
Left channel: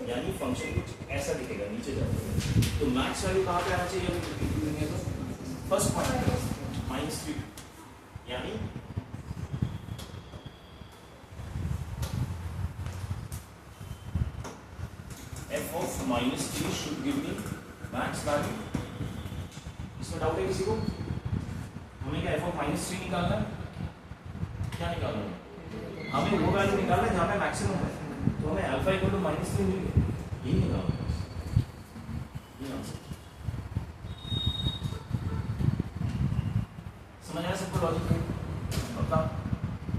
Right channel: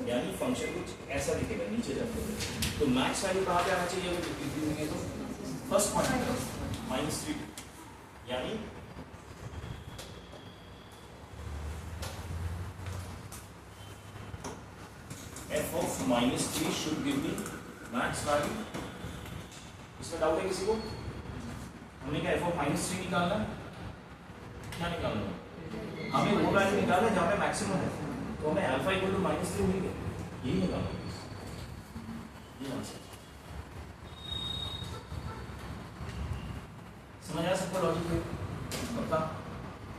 यानी फंक्शन कुछ ऐसा दिखेगा नीचे जाते, तो मैक्स वैल्यू कहाँ पे आना चाहिए अगर डिक्रीजिंग है तो फर्स्ट पॉइंट -3, यानी f of -3 should give me max value। इसमें डाउट है किसी को? हमें क्या f of -3 निकालना है? क्या निकालना है? हमें वो वैल्यू निकालना है जहाँ पे मैक्सिमम है, तो हमें अल्फा इक्वल टू -3 मिल गया, यही निकालना है, ये आंसर। समझ आया सबको लॉजिक? पक्का?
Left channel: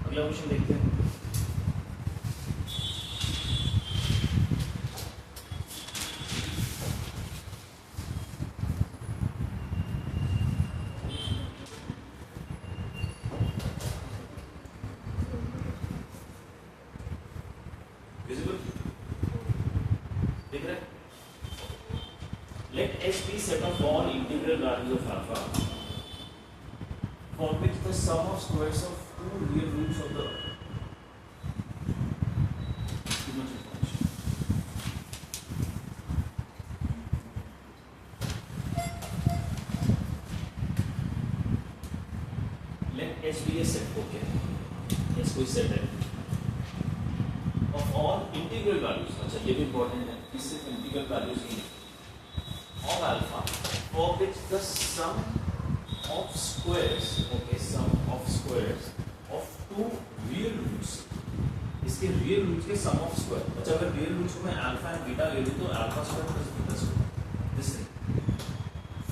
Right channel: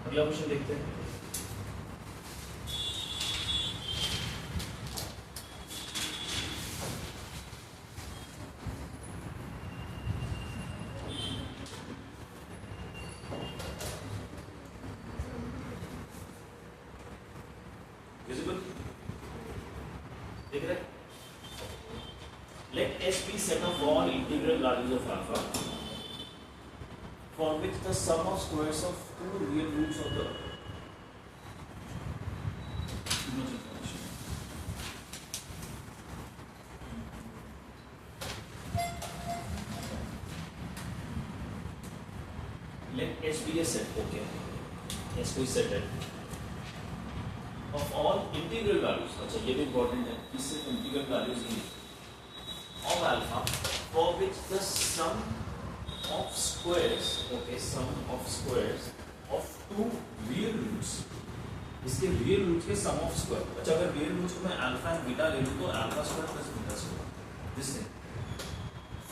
अगला क्वेश्चन देखते हैं। Let S be set of all integral values of alpha for which the sum of squares of two real roots of the let S be a set, okay, S कोई set है of all integral values। अच्छा ये भी important है कि सिर्फ integral values he of alpha for which the sum of squares, okay, sum of squares of two real roots, इसके real roots के sum of square। अच्छा अगर real roots में alpha and beta ले लूँ तो alpha square plus beta square, this thing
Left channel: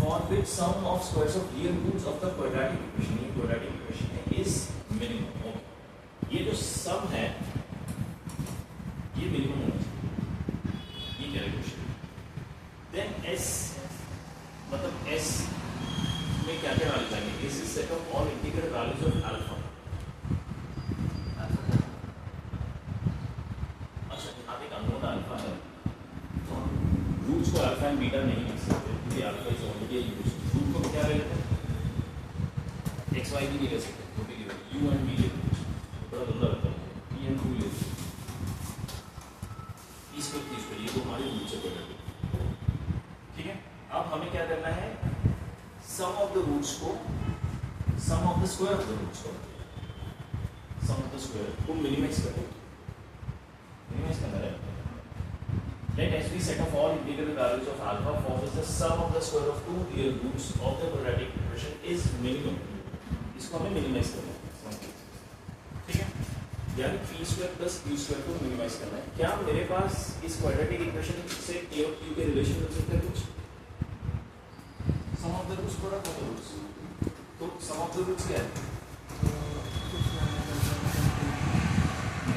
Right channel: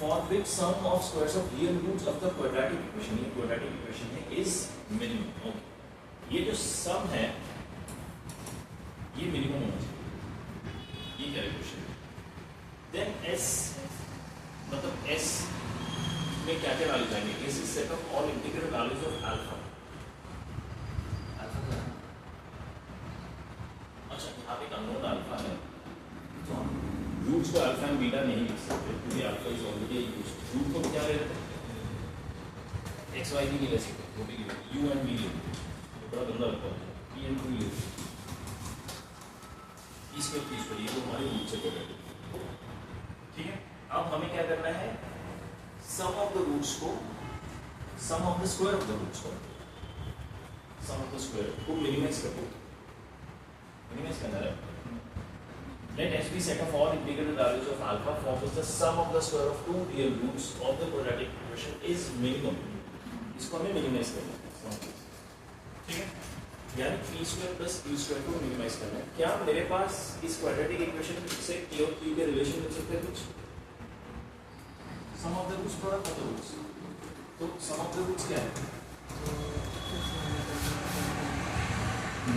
for which sum of squares of real roots of the quadratic equation, ये quadratic equation है, is minimum। okay, ये जो sum है ये minimum होना चाहिए, ये कैलकुलेशन। Then S मतलब S में क्या क्या वैल्यूज आएंगे? S is set of all integral values of alpha। अच्छा यहाँ पे एक अननोन अल्फा है, तो हम रूट्स को अल्फा एंड बीटा नहीं लिख सकते क्योंकि अल्फा जो है रूट को क्या ले लेते हैं, एक्स वाई भी नहीं ले सकते, वो भी यू एंड बी ले, बड़ा गंदा लगता है, पी एंड क्यू ले, इसको चीज करिए वो हमारे रूट से करेंगे। ठीक है, अब हमें क्या करना है, सम ऑफ द रूट्स को, sum of the square of the roots को, सम ऑफ द स्क्वायर को मिनिमाइज करते हैं, मिनिमाइज करना है। Let S be set of all integral values of alpha for which the sum of the square of two real roots of the quadratic equation is minimum। इसको हमें minimise करना है, ठीक है, यानी p square plus q square को minimise करना है। क्या मेरे पास इस क्वाड्रेटिक इक्वेशन से p और q के रिलेशन कर सकते हैं कुछ? Sum of the roots product of the roots, तो सम ऑफ द रूट्स क्या है?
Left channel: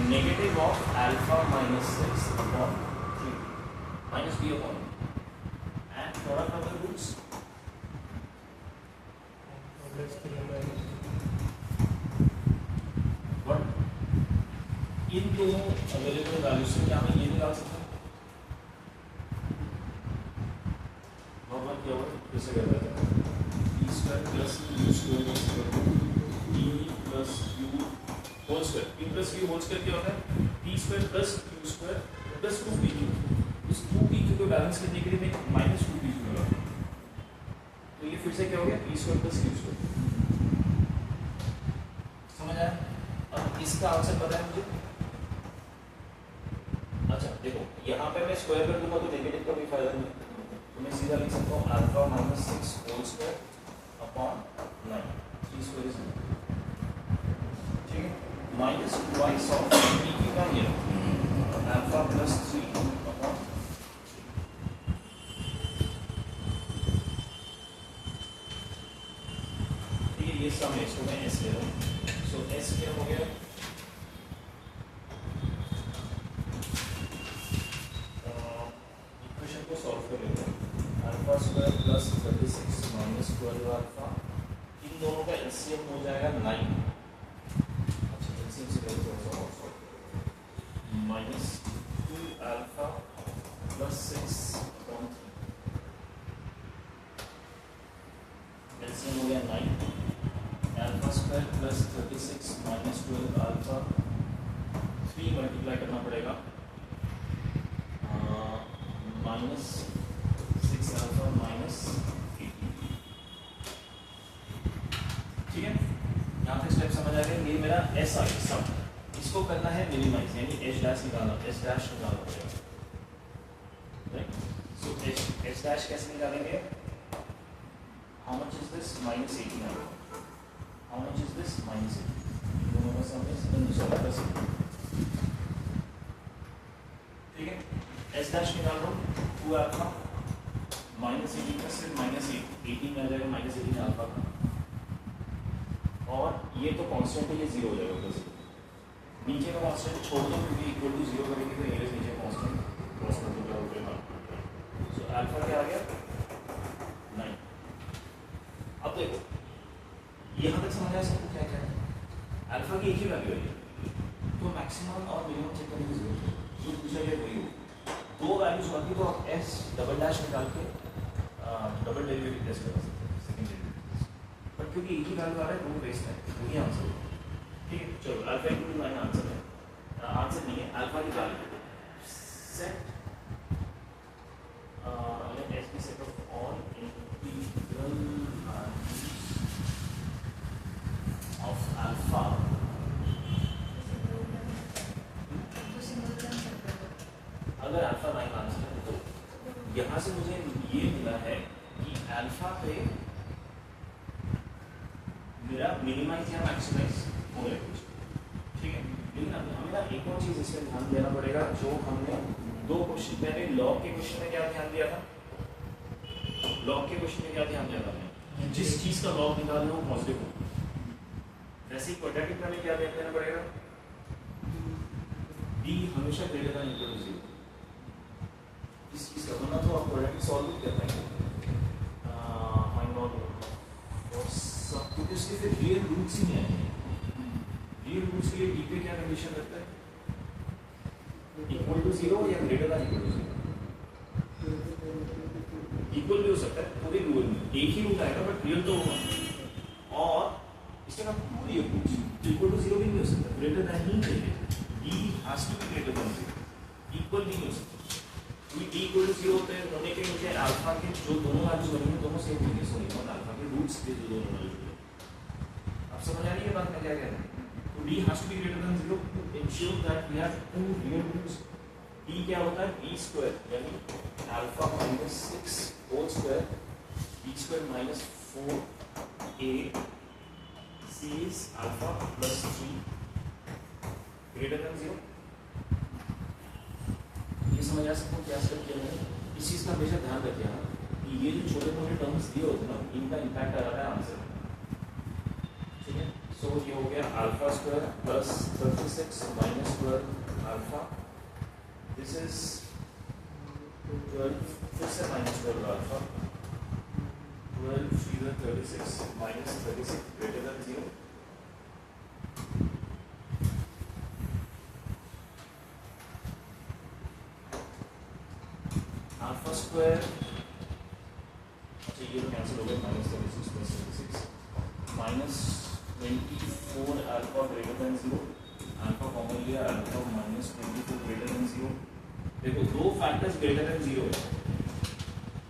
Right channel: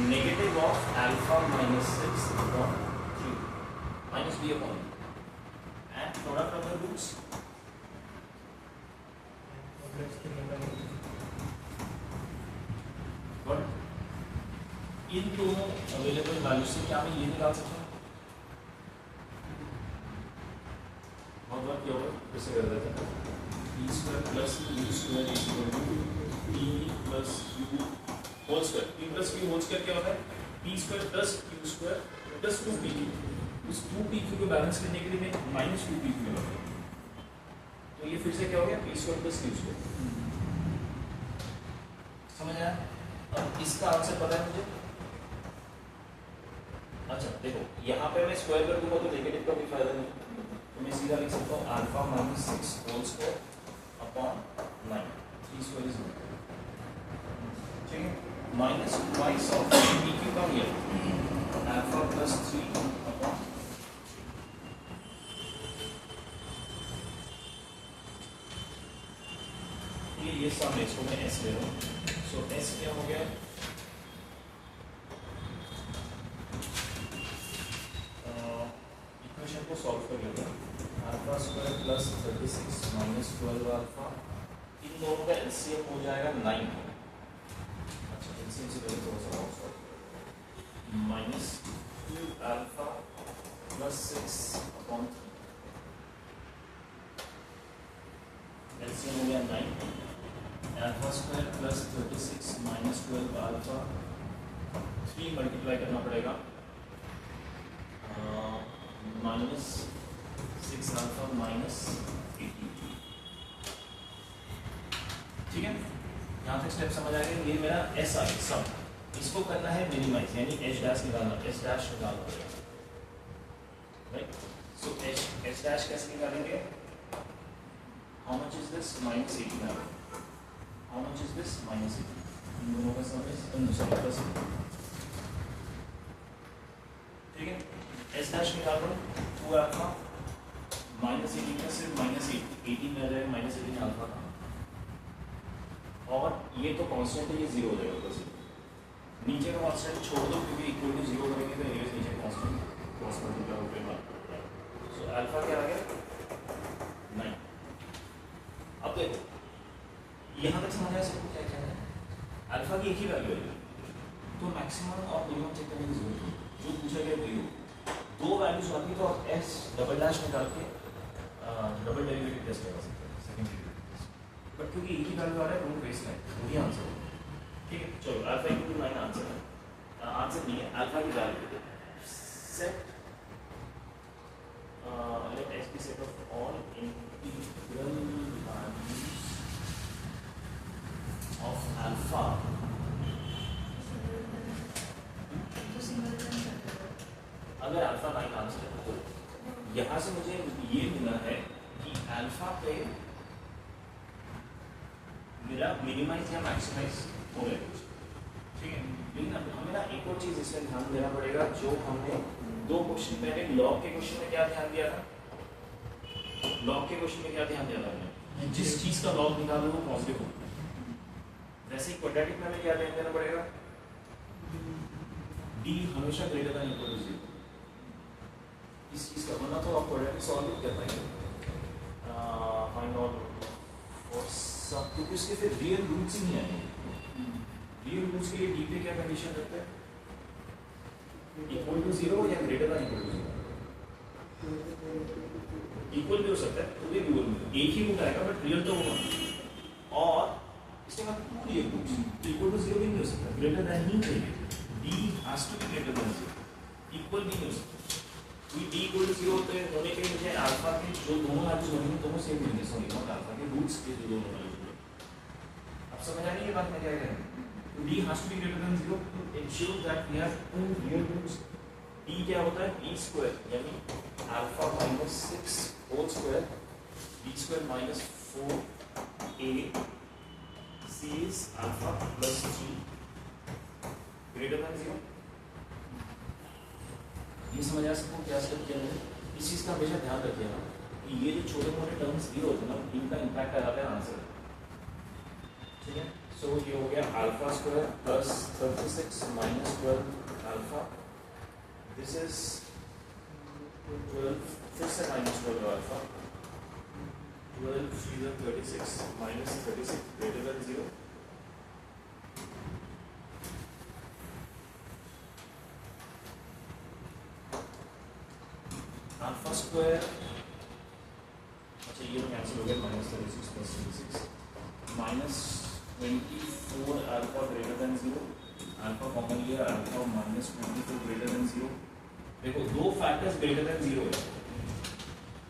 Negative of alpha minus 6 upon 3 minus b upon and product of the roots इन दोनों अवेलेबल वैल्यू से क्या मैं ये निकाल सकता हूँ? बहुत क्या होगा, कैसे कर रहा है, p square plus u square equal to p plus q whole square, p plus q whole square क्या होता है? p square plus q square plus 2p उस 2pq को बैलेंस करने के लिए मैं माइनस 2pq लगाऊंगा, तो ये फिर से क्या हो गया p square plus q square. समझ आया? अब इसका आंसर पता है मुझे। अच्छा देखो यहाँ पे मैं स्क्वायर कर दूंगा तो नेगेटिव का भी फायदा नहीं, तो मैं सीधा लिख सकता हूँ alpha minus 6 whole square upon 9, 3 square is 9, ठीक है, माइनस ट्वाइस ऑफ pq का ये अल्फा प्लस 3 अपॉन, ठीक है, ये सम है, इसको मैं s ले रहा हूँ। सो s क्या हो गया, को सॉल्व कर लेंगे, alpha square plus 36 minus 12 alpha, इन दोनों का एलसीएम हो जाएगा 9। अच्छा एलसीएम से पहले थोड़ा सा और सॉल्व करें, minus 2 alpha plus 6 upon 3, LCM हो गया 9, alpha square plus 36 minus 12 alpha, 3 multiply करना पड़ेगा, माइनस 6 अल्फा माइनस 18, ठीक है, यहाँ पे स्टेप समझ आ गया। ये मेरा एस आई सम, इसको करना है मिनिमाइज, यानी एच डैश निकालना, एच डैश निकालना पड़ेगा, राइट। सो एच डैश कैसे निकालेंगे, how much is this minus 18, how much is this minus 18, इन दोनों का सम है, इन दूसरा का सम, ठीक है, एस डैश निकाल रहा हूँ 2 अल्फा माइनस 18 का सिर्फ माइनस 18 में आ जाएगा, माइनस 18 अल्फा का, और ये तो कांस्टेंट है, ये 0 हो जाएगा ऊपर से, नीचे का कांस्टेंट छोड़ दो क्योंकि इक्वल टू 0 करेंगे तो ये नीचे कांस्टेंट क्रॉस मल्टीप्लाई ऊपर मार, सो अल्फा क्या आ गया 9। अब देखो यहाँ तक समझ आया सबको क्या क्या है, अल्फा की एक ही वैल्यू है, तो मैक्सिमम और मिनिमम चेक करने की जरूरत है, जो पूछा गया वही हो, दो वैल्यूज बाकी तो आप एस डबल डैश निकाल के डबल डेरिवेटिव टेस्ट कर सकते हैं, सेकंड डेरिवेटिव, बट क्योंकि एक ही वैल्यू आ रहा है वो बेस्ट है, वही आंसर होगा, ठीक है। चलो अल्फा इक्वल टू 9 आंसर है, आंसर नहीं है, अल्फा की value set let S be set of all integral values of alpha, अगर अल्फा 9 आंसर है तो यहाँ से मुझे ये मिला है कि अल्फा पे मेरा मिनिमाइज या मैक्सिमाइज हो रहा है, ठीक है। लेकिन हमें ना एक और चीज इसमें ध्यान देना पड़ेगा, जो हमने दो क्वेश्चन पहले लॉग के क्वेश्चन में क्या ध्यान दिया था, लॉग के क्वेश्चन में क्या ध्यान दिया था हमने, जिस चीज का लॉग निकाल रहा हूँ पॉजिटिव हो, वैसे ही क्वाड्रेटिक में हमें क्या ध्यान देना पड़ेगा, डी हमेशा ग्रेटर देन इक्वल टू 0, इस चीज का बनना, तो आप क्वाड्रेटिक सॉल्व नहीं कर पाएंगे, फाइंड आउट और सब, क्योंकि उसके फिर रियल रूट्स ही नहीं आएंगे, रियल रूट्स के लिए डी पे क्या कंडीशन रखता है, इक्वल टू 0 या greater than equal to 0, equal भी हो सकता है, तो भी रियल में एक ही रूट आएगा बट रियल तो होगा, और इसके बाद two real roots, equal to 0 भी नहीं हो सकता, ग्रेटर देन ही चाहिए, D has to be greater than 0, equal भी नहीं हो सकता, डी इक्वल टू 0 होते हैं, होने के लिए मुझे अल्फा के जो दोनों वैल्यूज बनेंगे दोनों सेम होंगे, सॉरी नॉट अल्फा के रूट्स के जो दोनों वैल्यूज, अब समझ आ रही है बात मैं क्या कह रहा हूं, तो D has to be greater than 0 to ensure that we have two real roots, D क्या होता है b स्क्वायर, यानी alpha minus 6 whole square, b square minus 4a c is alpha plus 3 greater than 0, ये समझ आ सकते हो क्या step किया जाए, इस चीज का हमेशा ध्यान रखिए कि ये जो छोटे मोटे टर्म्स दिए होते हैं ना, इनका इंपैक्ट आ जाता है आंसर, ठीक है। सो ये हो गया alpha square plus 36 minus 12 alpha, this is 12, फिर से माइनस 12 अल्फा, 12 सीधा 36 minus 36 greater than 0, alpha square, अच्छा ये तो कैंसिल हो गया, minus 36 plus 36 minus 24 alpha greater than 0, alpha common लिया, अल्फा माइनस 24 ग्रेटर देन 0, देखो दो फैक्टर्स ग्रेटर देन 0 है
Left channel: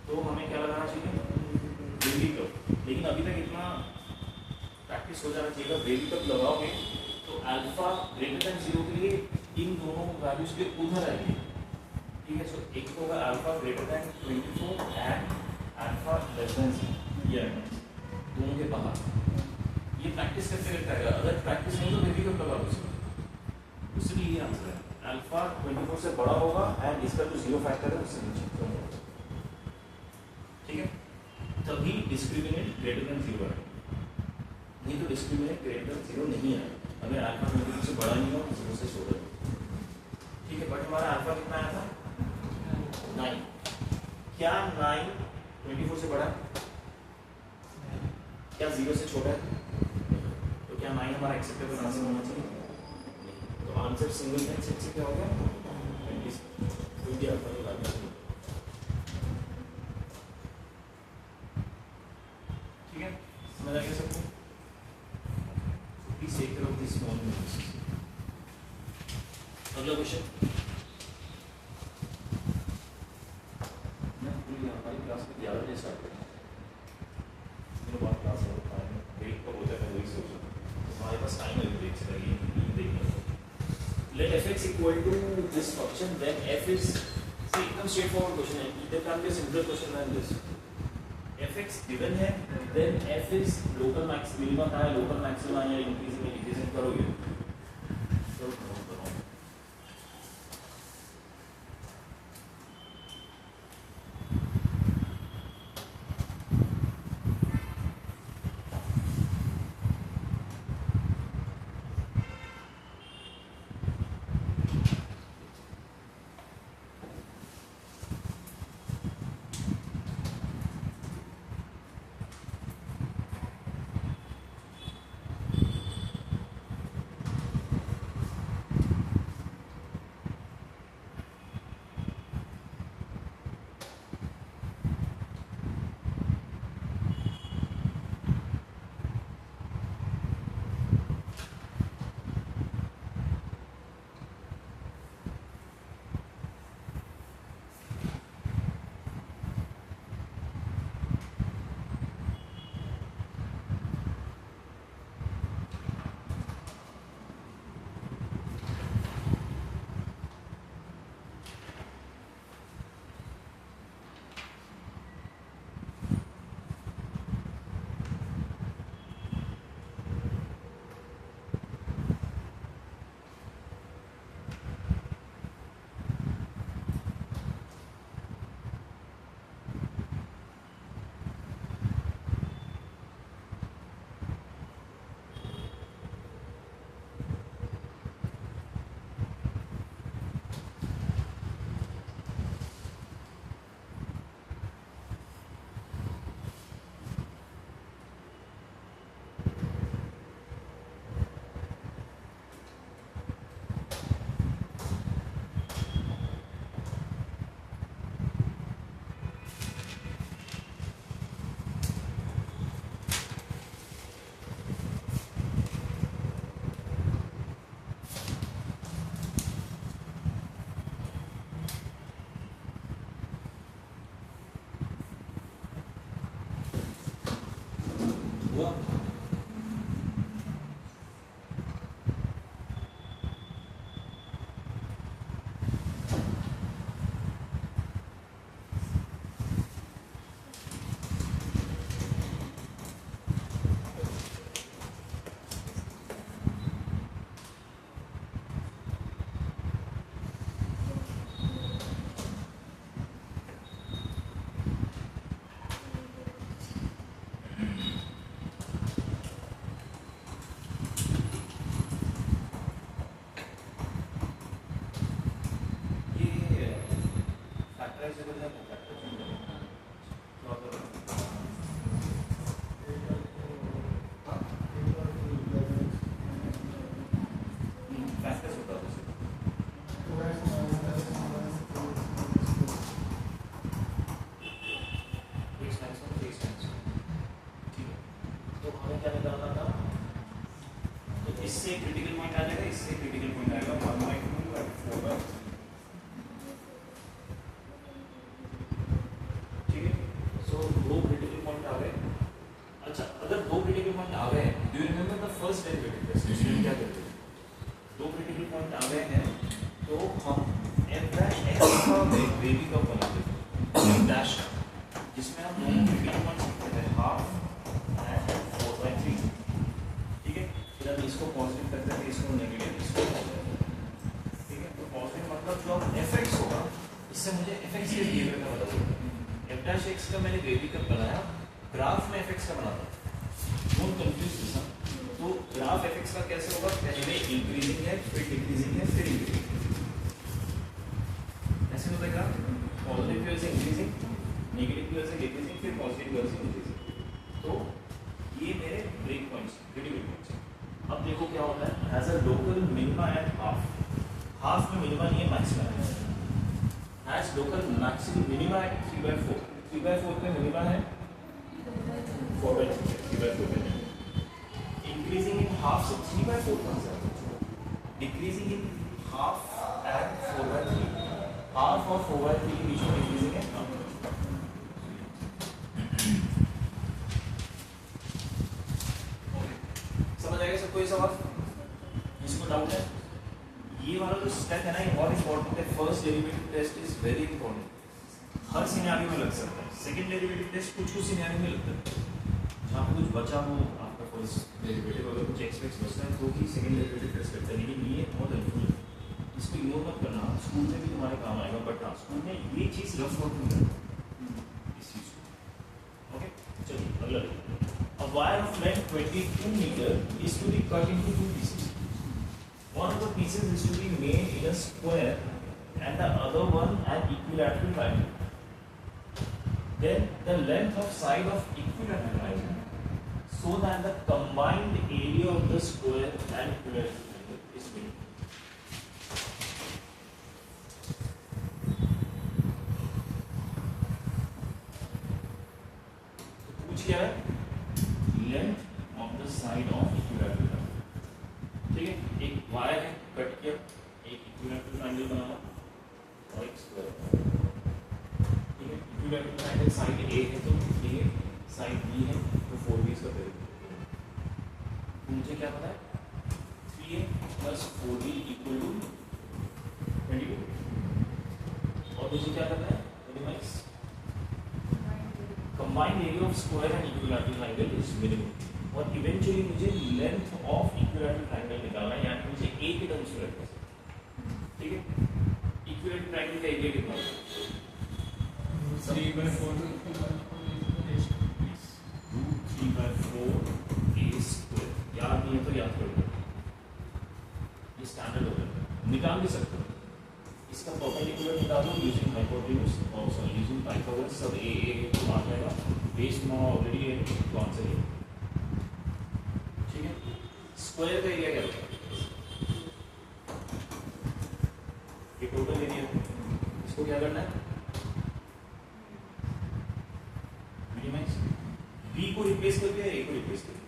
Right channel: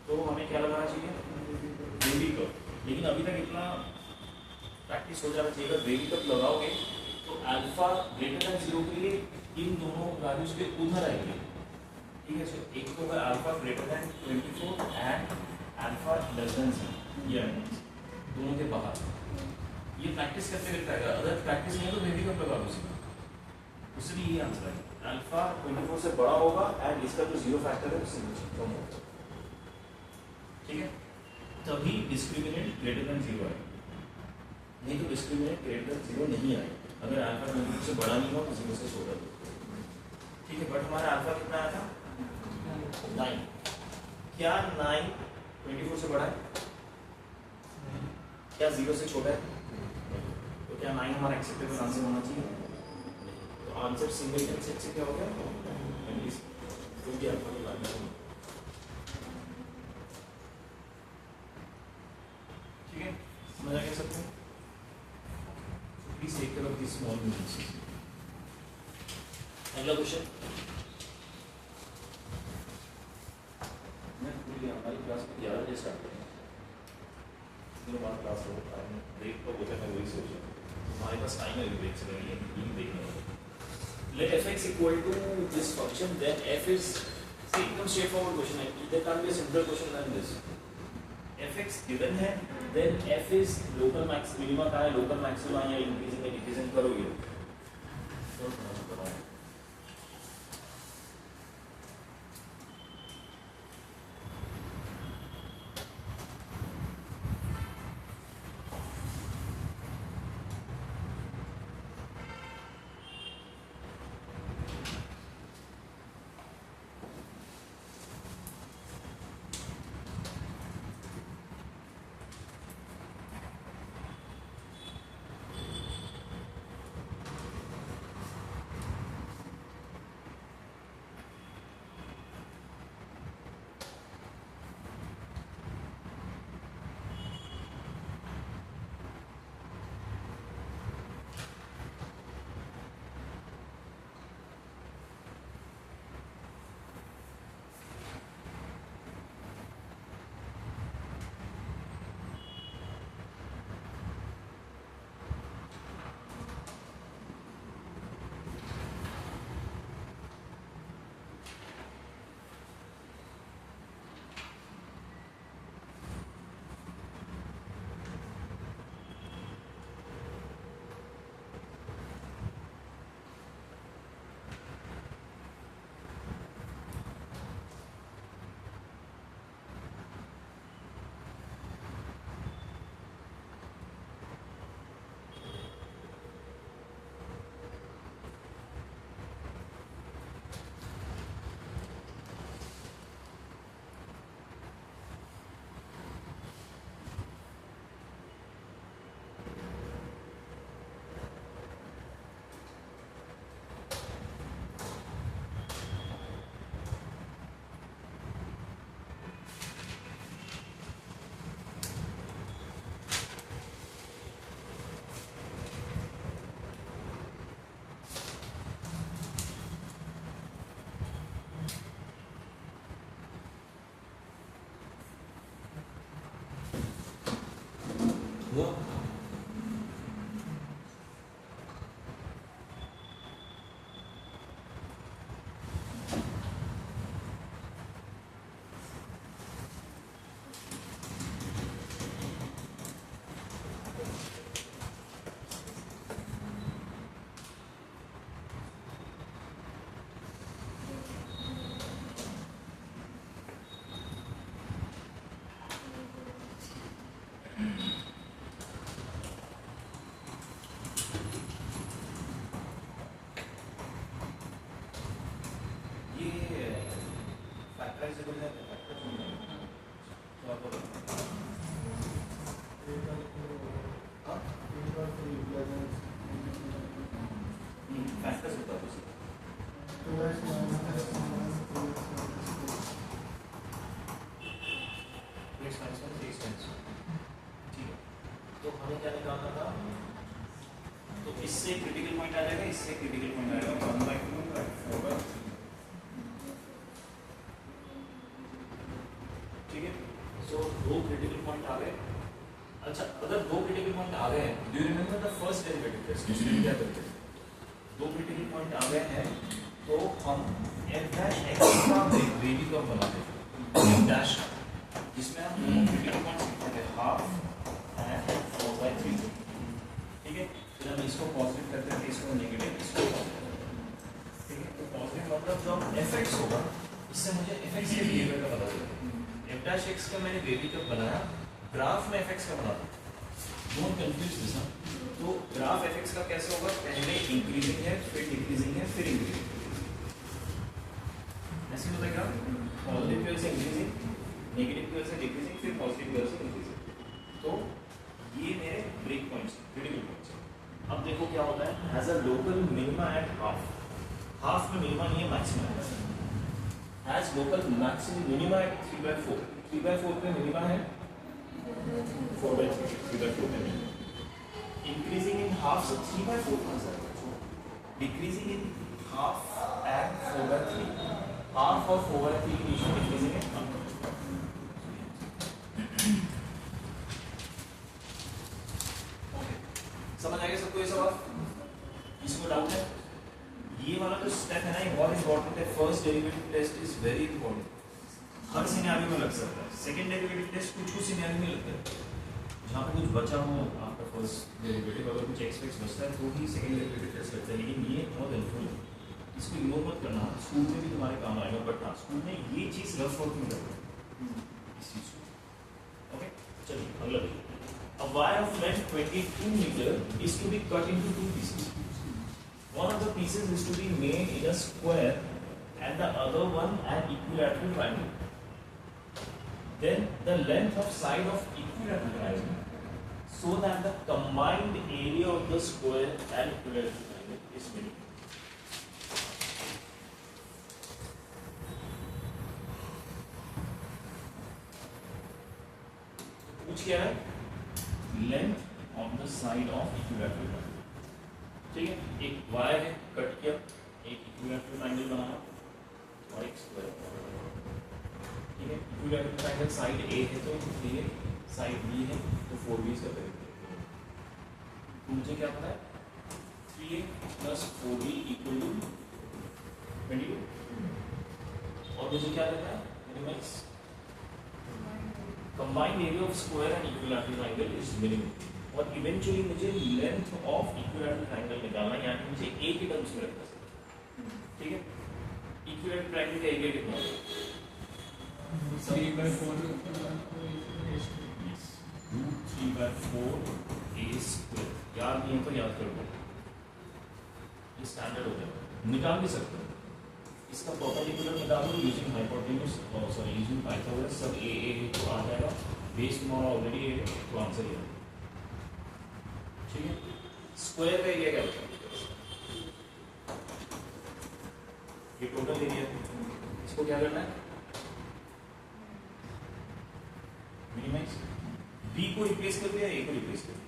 तो हमें क्या लगाना चाहिए बेबी कप। लेकिन अभी तक इतना प्रैक्टिस हो जाना चाहिए। अगर बेबी कप लगाओगे तो अल्फा ग्रेटर देन 0 के लिए इन दोनों वैल्यूज के उधर आएगी। ठीक है, सो एक तो होगा alpha greater than 24 and alpha less than 0, ये दोनों के बाहर। ये प्रैक्टिस करते रहता है। अगर प्रैक्टिस नहीं तो बेबी कप लगा दो उससे भी ये आंसर है। अल्फा 24 से बड़ा होगा एंड इसका जो 0 फैक्टर है उससे नीचे कम होगा। ठीक है, तभी डिस्क्रिमिनेंट ग्रेटर देन 0 है, नहीं तो डिस्क्रिमिनेंट ग्रेटर देन 0 नहीं है अगर अल्फा 24 से बड़ा नहीं हो 0 से छोटा हो। ठीक है, बट हमारा अल्फा कितना आया था 9। क्या 9 24 से बड़ा है? क्या 0 से छोटा है? तो क्या 9 हमारा एक्सेप्टेबल आंसर होना चाहिए? तो आंसर सिंगल सेट से क्या हो गया? कोई भी अल्फा को लागू करो। ठीक है, समझ आ गया सबको? Please take care of this small mistakes. अगला क्वेश्चन। हमारी क्लास में 11 बजे स्टार्ट करेंगे। मेरे बाद क्लास हो टाइम ब्रेक कब होता है मैं वही सोच रहा हूँ। हमारे पास टाइम है ब्रेक से लगी देखना है। Let fx equal to this function, then f is see एकदम straightforward question है. There can't be a simpler question than this. fx given है, then f is local max minimum का है, local maximum या increasing या decreasing करोगे. तो हुआ इससे क्रिटिकल पॉइंट आ जाएगा, इससे क्रिटिकल पॉइंट आएगा 1/2 4/, फर्स्ट डेरिवेटिव टेस्ट इसमें क्या करते हैं, दो क्रिटिकल पॉइंट आ गए हैं तो हम f dash x का वेरी कब बनाते हैं डैश का, जिसमें हम दोनों क्रिटिकल पॉइंट्स लिखते हैं हाफ एंड 4/3, ठीक है। फिर हम इसको पॉजिटिव करते हैं, इसको नेगेटिव, इसको पॉजिटिव, ठीक है। तो पॉजिटिव मतलब जो fx होगा इससे मुझे fx के बिहेवियर का पता चलेगा। f dash x का मैंने वेरी कब बनाया, ग्राफ में fx का बनाता, डोंट कंफ्यूज दिस। तो ग्राफ fx का कैसे होगा, पहले इंक्रीजिंग है, फिर डिक्रीजिंग है, फिर इंक्रीजिंग, ऐसे होता है ग्राफ। पॉजिटिव की वजह से इंक्रीजिंग, नेगेटिव की वजह से डिक्रीजिंग, फिर पॉजिटिव की वजह से इंक्रीजिंग। तो ये मेरे ब्रेक पॉइंट्स, क्रिटिकल पॉइंट्स। अब देखो क्या होता है, has a local minima at half, half में मिनिमा नहीं है, मैक्सिमम है। Has local maximum minima at 3/4, 3/4 पे मिनिमा है, 4/3, 3/4 पे मिनिमा। इंक्रीजिंग इन हाफ से 3/4 कहाँ से आएगा, decreasing in half and 4/3, half और 4/3 के बीच में डिक्रीजिंग है। समझ आएगा सबको ये सवाल, इसमें डाउट है? ये वाला जो स्टेप है ना, ये बहुत इंपॉर्टेंट है। First derivative test is very important, हर सिनेरियो में लग सकता है। सेकंड डेरिवेटिव टेस्ट कुछ सिनेरियो में लगता है, जहाँ कुछ बचा हो आपका फर्स्ट डेरिवेटिव, अगर कुछ एक्स बचता है तो ही सेकंड डेरिवेटिव टेस्ट करते हैं। लेकिन ये बहुत हेल्पफुल है, इसको इग्नोर मत करना, स्कूल में भी तुम्हारे काम आएगा। बट हाँ, स्कूल में ये चीज़ रफ वर्क में लगता इस चीज़ को। ओके, चलिए अगला देखिए। A wire of length 22 meter is to be cut into two pieces. One of the pieces is to be made in a square and the other one an equilateral triangle. Then the length of side of equilateral triangle, so that the combined area of the square and equilateral triangle is made. पूछ क्या है, length of the side of equilateral triangle, ठीक है। एक wire है, cut किया, एक equilateral triangle बनाया और एक स्क्वायर, ठीक है। इक्विलैटरल ट्रायंगल साइड ए है तो ठीक है, साइड बी है तो 4b इसका करेंगे। तो मुझे क्या पता है, 3a + 4b = 22, और मुझे क्या करना है, minimise combined area of square and equilateral triangle is minimum। और इवेंचुअली मुझे लेंथ ऑफ इक्विलैटरल ट्रायंगल निकालना है, यानी मुझे a के टर्म्स में रखना है, ठीक है। इक्विलैटरल ट्रायंगल का एरिया कितना है, 3/4 3/4a²। याद नहीं है तो याद कर लो, ये स्टैंडर्ड होता है, निकाल भी सकते हैं। इसका परपेंडिकुलर निकालो यूजिंग हाइपोटेन्यूज और सॉरी यूजिंग पाइथागोरस, सब ए तो आ जाएगा, बेस में ऑलरेडी है तो आंसर है, ठीक है। स्क्वायर का एरिया क्या होता है, ये टोटल एरिया है, इसको क्या करना है, मिनिमाइज, बी को रिप्लेस कर दिया, ए को रिप्लेस कर दिया।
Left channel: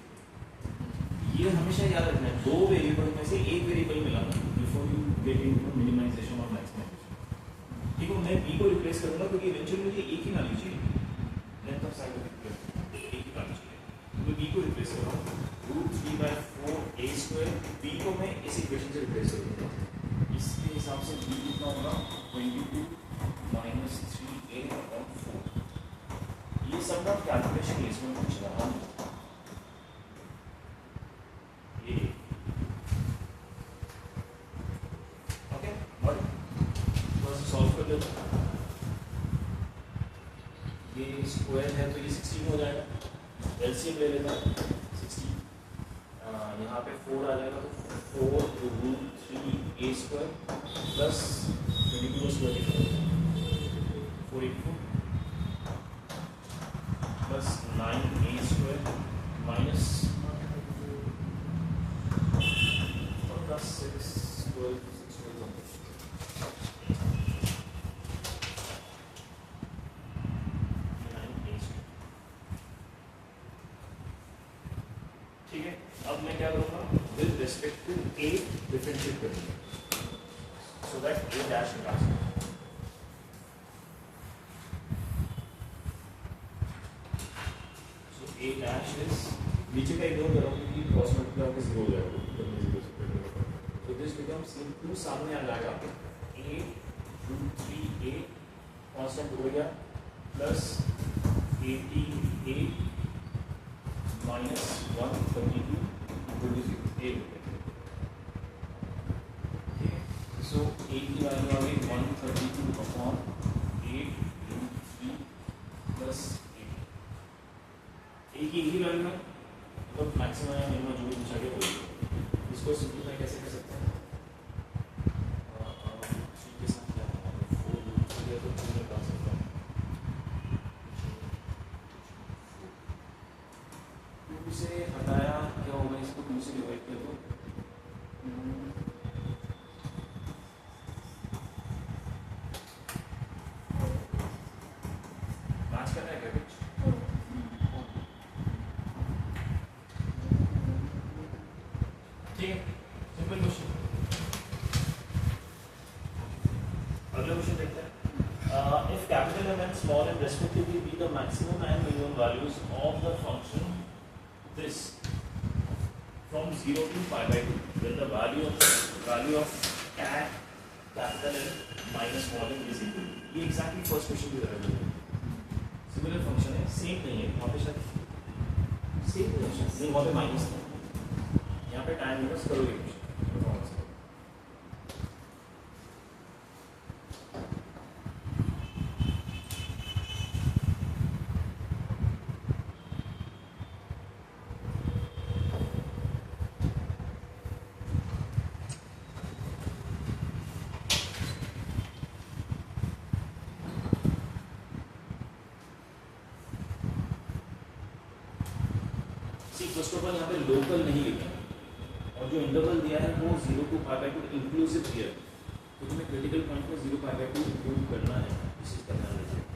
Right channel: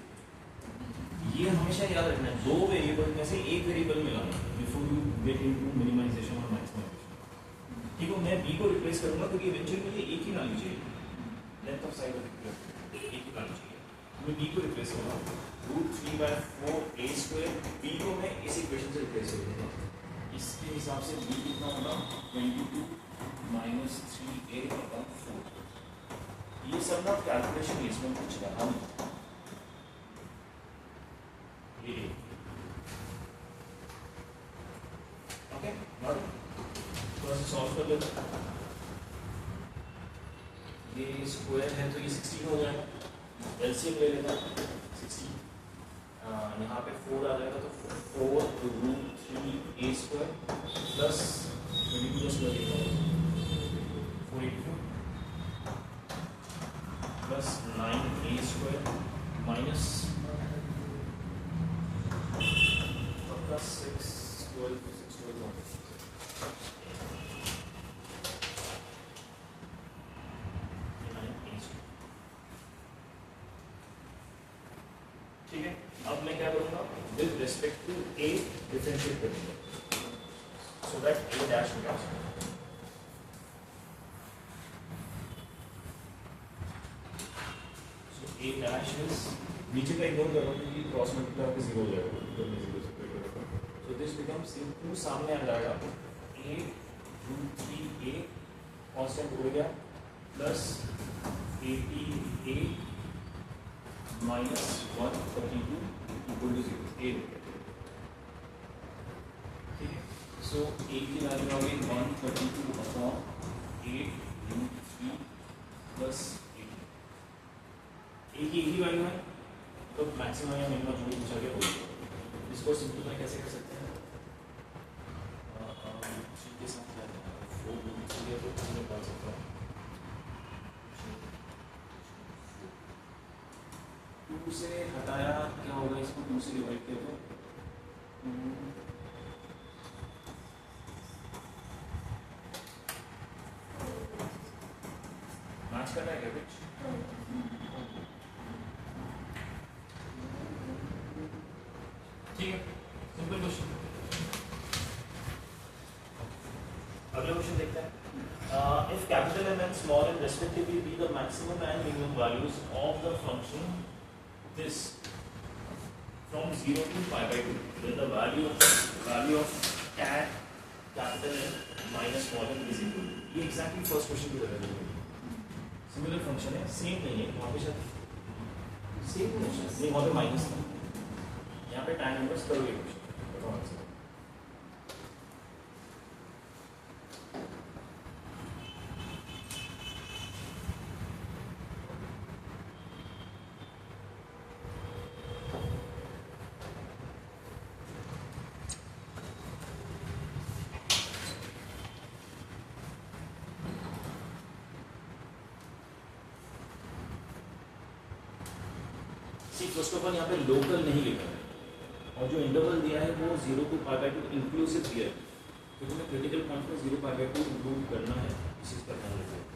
ये हमेशा याद रखना है, दो वेरिएबल में से एक वेरिएबल मिलाना before you get into minimisation और मैक्सिमाइजेशन, ठीक है। मैं बी को रिप्लेस करूंगा क्योंकि इवेंचुअली मुझे एक ही वैल्यू चाहिए, length of side of equilateral एक ही वैल्यू चाहिए। मैं बी को रिप्लेस कर रहा हूँ, √3/4a², बी को मैं इस इक्वेशन से रिप्लेस कर दूंगा। इसके हिसाब से बी कितना होगा, 22 - 3a/4। ये सब ना कैलकुलेशन इसमें पूछ रहा हूँ, ओके। और थोड़ा सा सॉल्व कर लेते हैं, ये स्क्वायर है तो ये 16 हो जाएगा, एलसीएम ले लेता है 16, यहाँ पे 4 आ जाएगा तो 4√3a² plus 22² 484 plus 9a² minus plus 6 12 ठीक है। अब मैं क्या करूंगा, with respect to a differentiate करूंगा सो दैट ए डैश निकाल सकूं। सो ए डैश इज नीचे का इग्नोर करो क्योंकि क्रॉस मल्टीप्लाई होकर जीरो हो जाएगा, जब मैं जीरो से करूँगा तो दिस बिकम्स इनटू सामने आ जाएगा ए रूट 3a कांस्टेंट हो गया प्लस 88 माइनस 132 इक्वल टू 0 ए। सो ए की वैल्यू आ गई 132 अपॉन 8 रूट 3 प्लस 8। ए की एक ही वैल्यू है तो मैक्सिमम या मिनिमम जो भी जगह होगी इसको सिंपलीफाई कैसे कर सकते हैं? के साथ क्या है 4 रूट 3 है तो 2 में कर सकता हूँ 2 से हटाया क्या होगा, इसको 2 से डिवाइड किया तो मैच कर रहा है क्या कुछ? ठीक है, सिंपल क्वेश्चन। अगला क्वेश्चन देखते हैं। If capital M and small m respectively be the maximum and minimum values of the function this from 0 to pi by 2, then the value of cat capital M minus small m is equal to, ये exactly first question की तरह है। Similar function है, same नहीं है, वहाँ पे शायद सेम नहीं, वहाँ पे माइनस था, यहाँ पे tan इनवर्स करो ये क्वेश्चन। फर्स्ट ऑफ ऑल यहाँ पे लोकल नहीं लिखा है और जो इंटरवल दिया है वो 0 to pi by 2 इंक्लूसिव दिया है, क्योंकि मैं क्रिटिकल पॉइंट में 0 pi by 2 इंक्लूड करना है, इस चीज का ध्यान रखिए।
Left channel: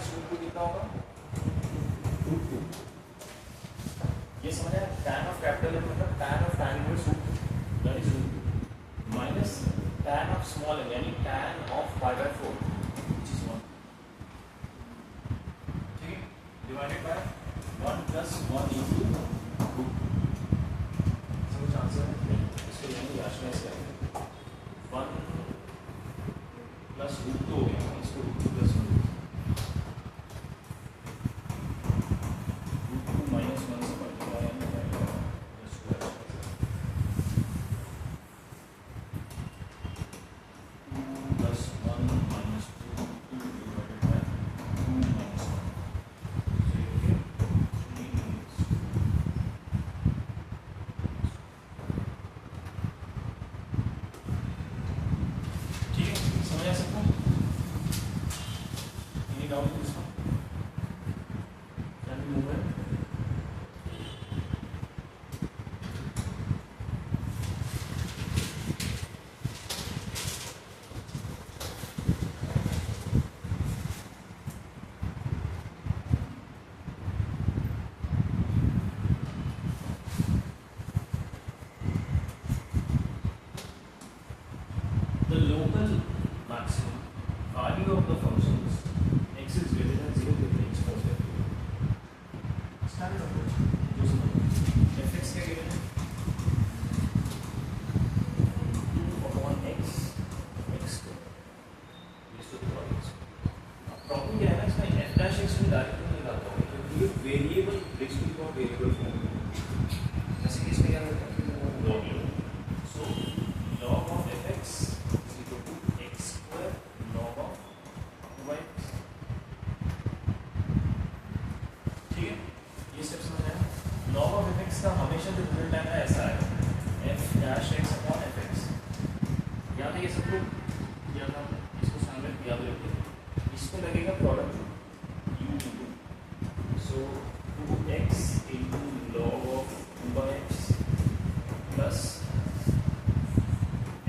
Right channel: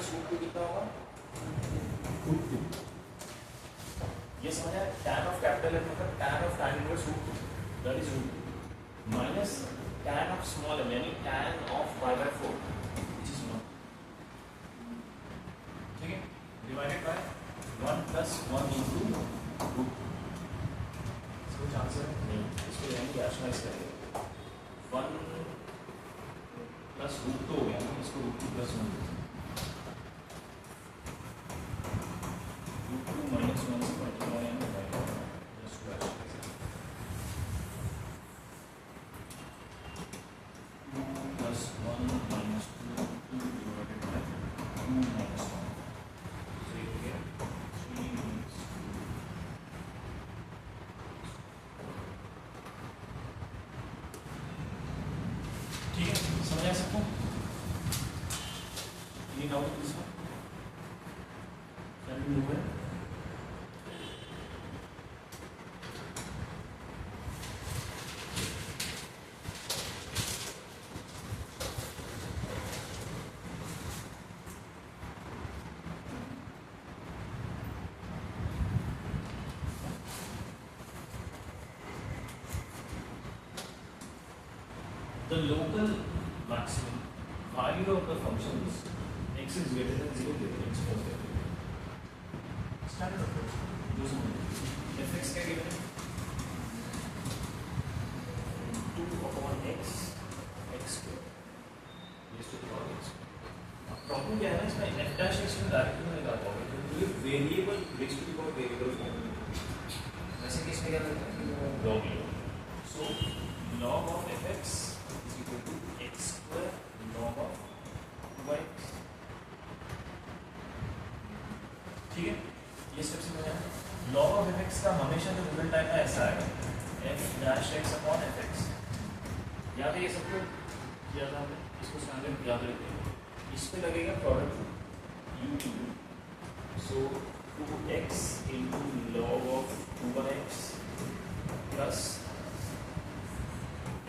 इनवर्स रूट 2 कितना होगा? रूट 2। ये समझ आया? tan ऑफ कैपिटल एफ मतलब tan of tan inverse root 2 that is root 2 minus tan of small M यानी tan of pi by 4 which is 1, ठीक है, divided by 1 plus 1 into root 2। समझ आंसर है? नहीं, इसको यानी रैशनलाइज करेंगे 1 प्लस रूट 2 हो गया ना, इसको रूट 2 प्लस 1 रूट 2 माइनस 1 से multiply and divide just two plus 1 minus 2 divided by 2 minus 1 so you get 3 means ठीक है, समझ आ सकता हूँ? Any doubt in this one? Can we move on? The local maximum value of the function is x is greater than 0 then x plus 0. Standard approach. fx का given है 2 upon x square raised to the power x. Problem क्या है ना इसमें f dash x में directly नहीं निकाल पाओगे क्योंकि ये variable raised to the power variable form में जैसे कि इसमें क्या करते हैं log so log of fx x square log of 2x, ठीक है, ये स्टेप समझ आया? log of fx का हमेशा जो रिजल्ट आएगा ऐसा आएगा f dash x upon fx। याद है ये सब कुछ? याद है? इसको स्टैंडर्ड याद रखिए। इस पे लगेगा product u into so 2x into log of 2x plus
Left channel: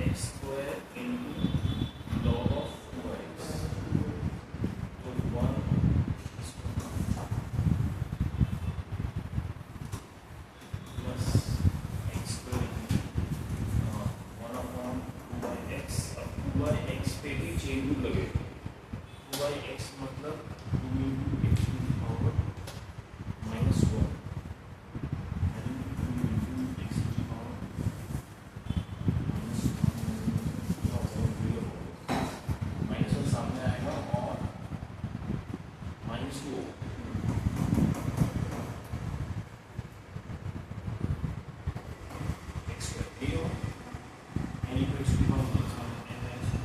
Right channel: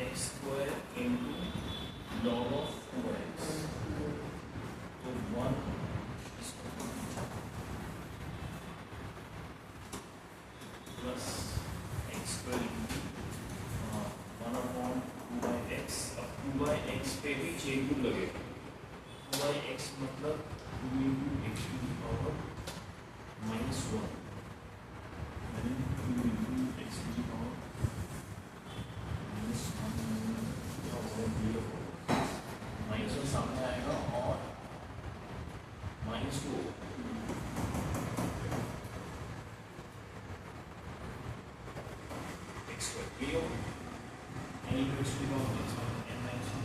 x square into log of 2x तो 1 plus x square into 1 upon 2x अब 2x पे भी चेन रूल लगेगा 2x मतलब 2 into x to the power minus 1 and 2 into x to the power minus 1 minus 1 सामने आएगा और minus 2 x square ये हो n equals to n minus 1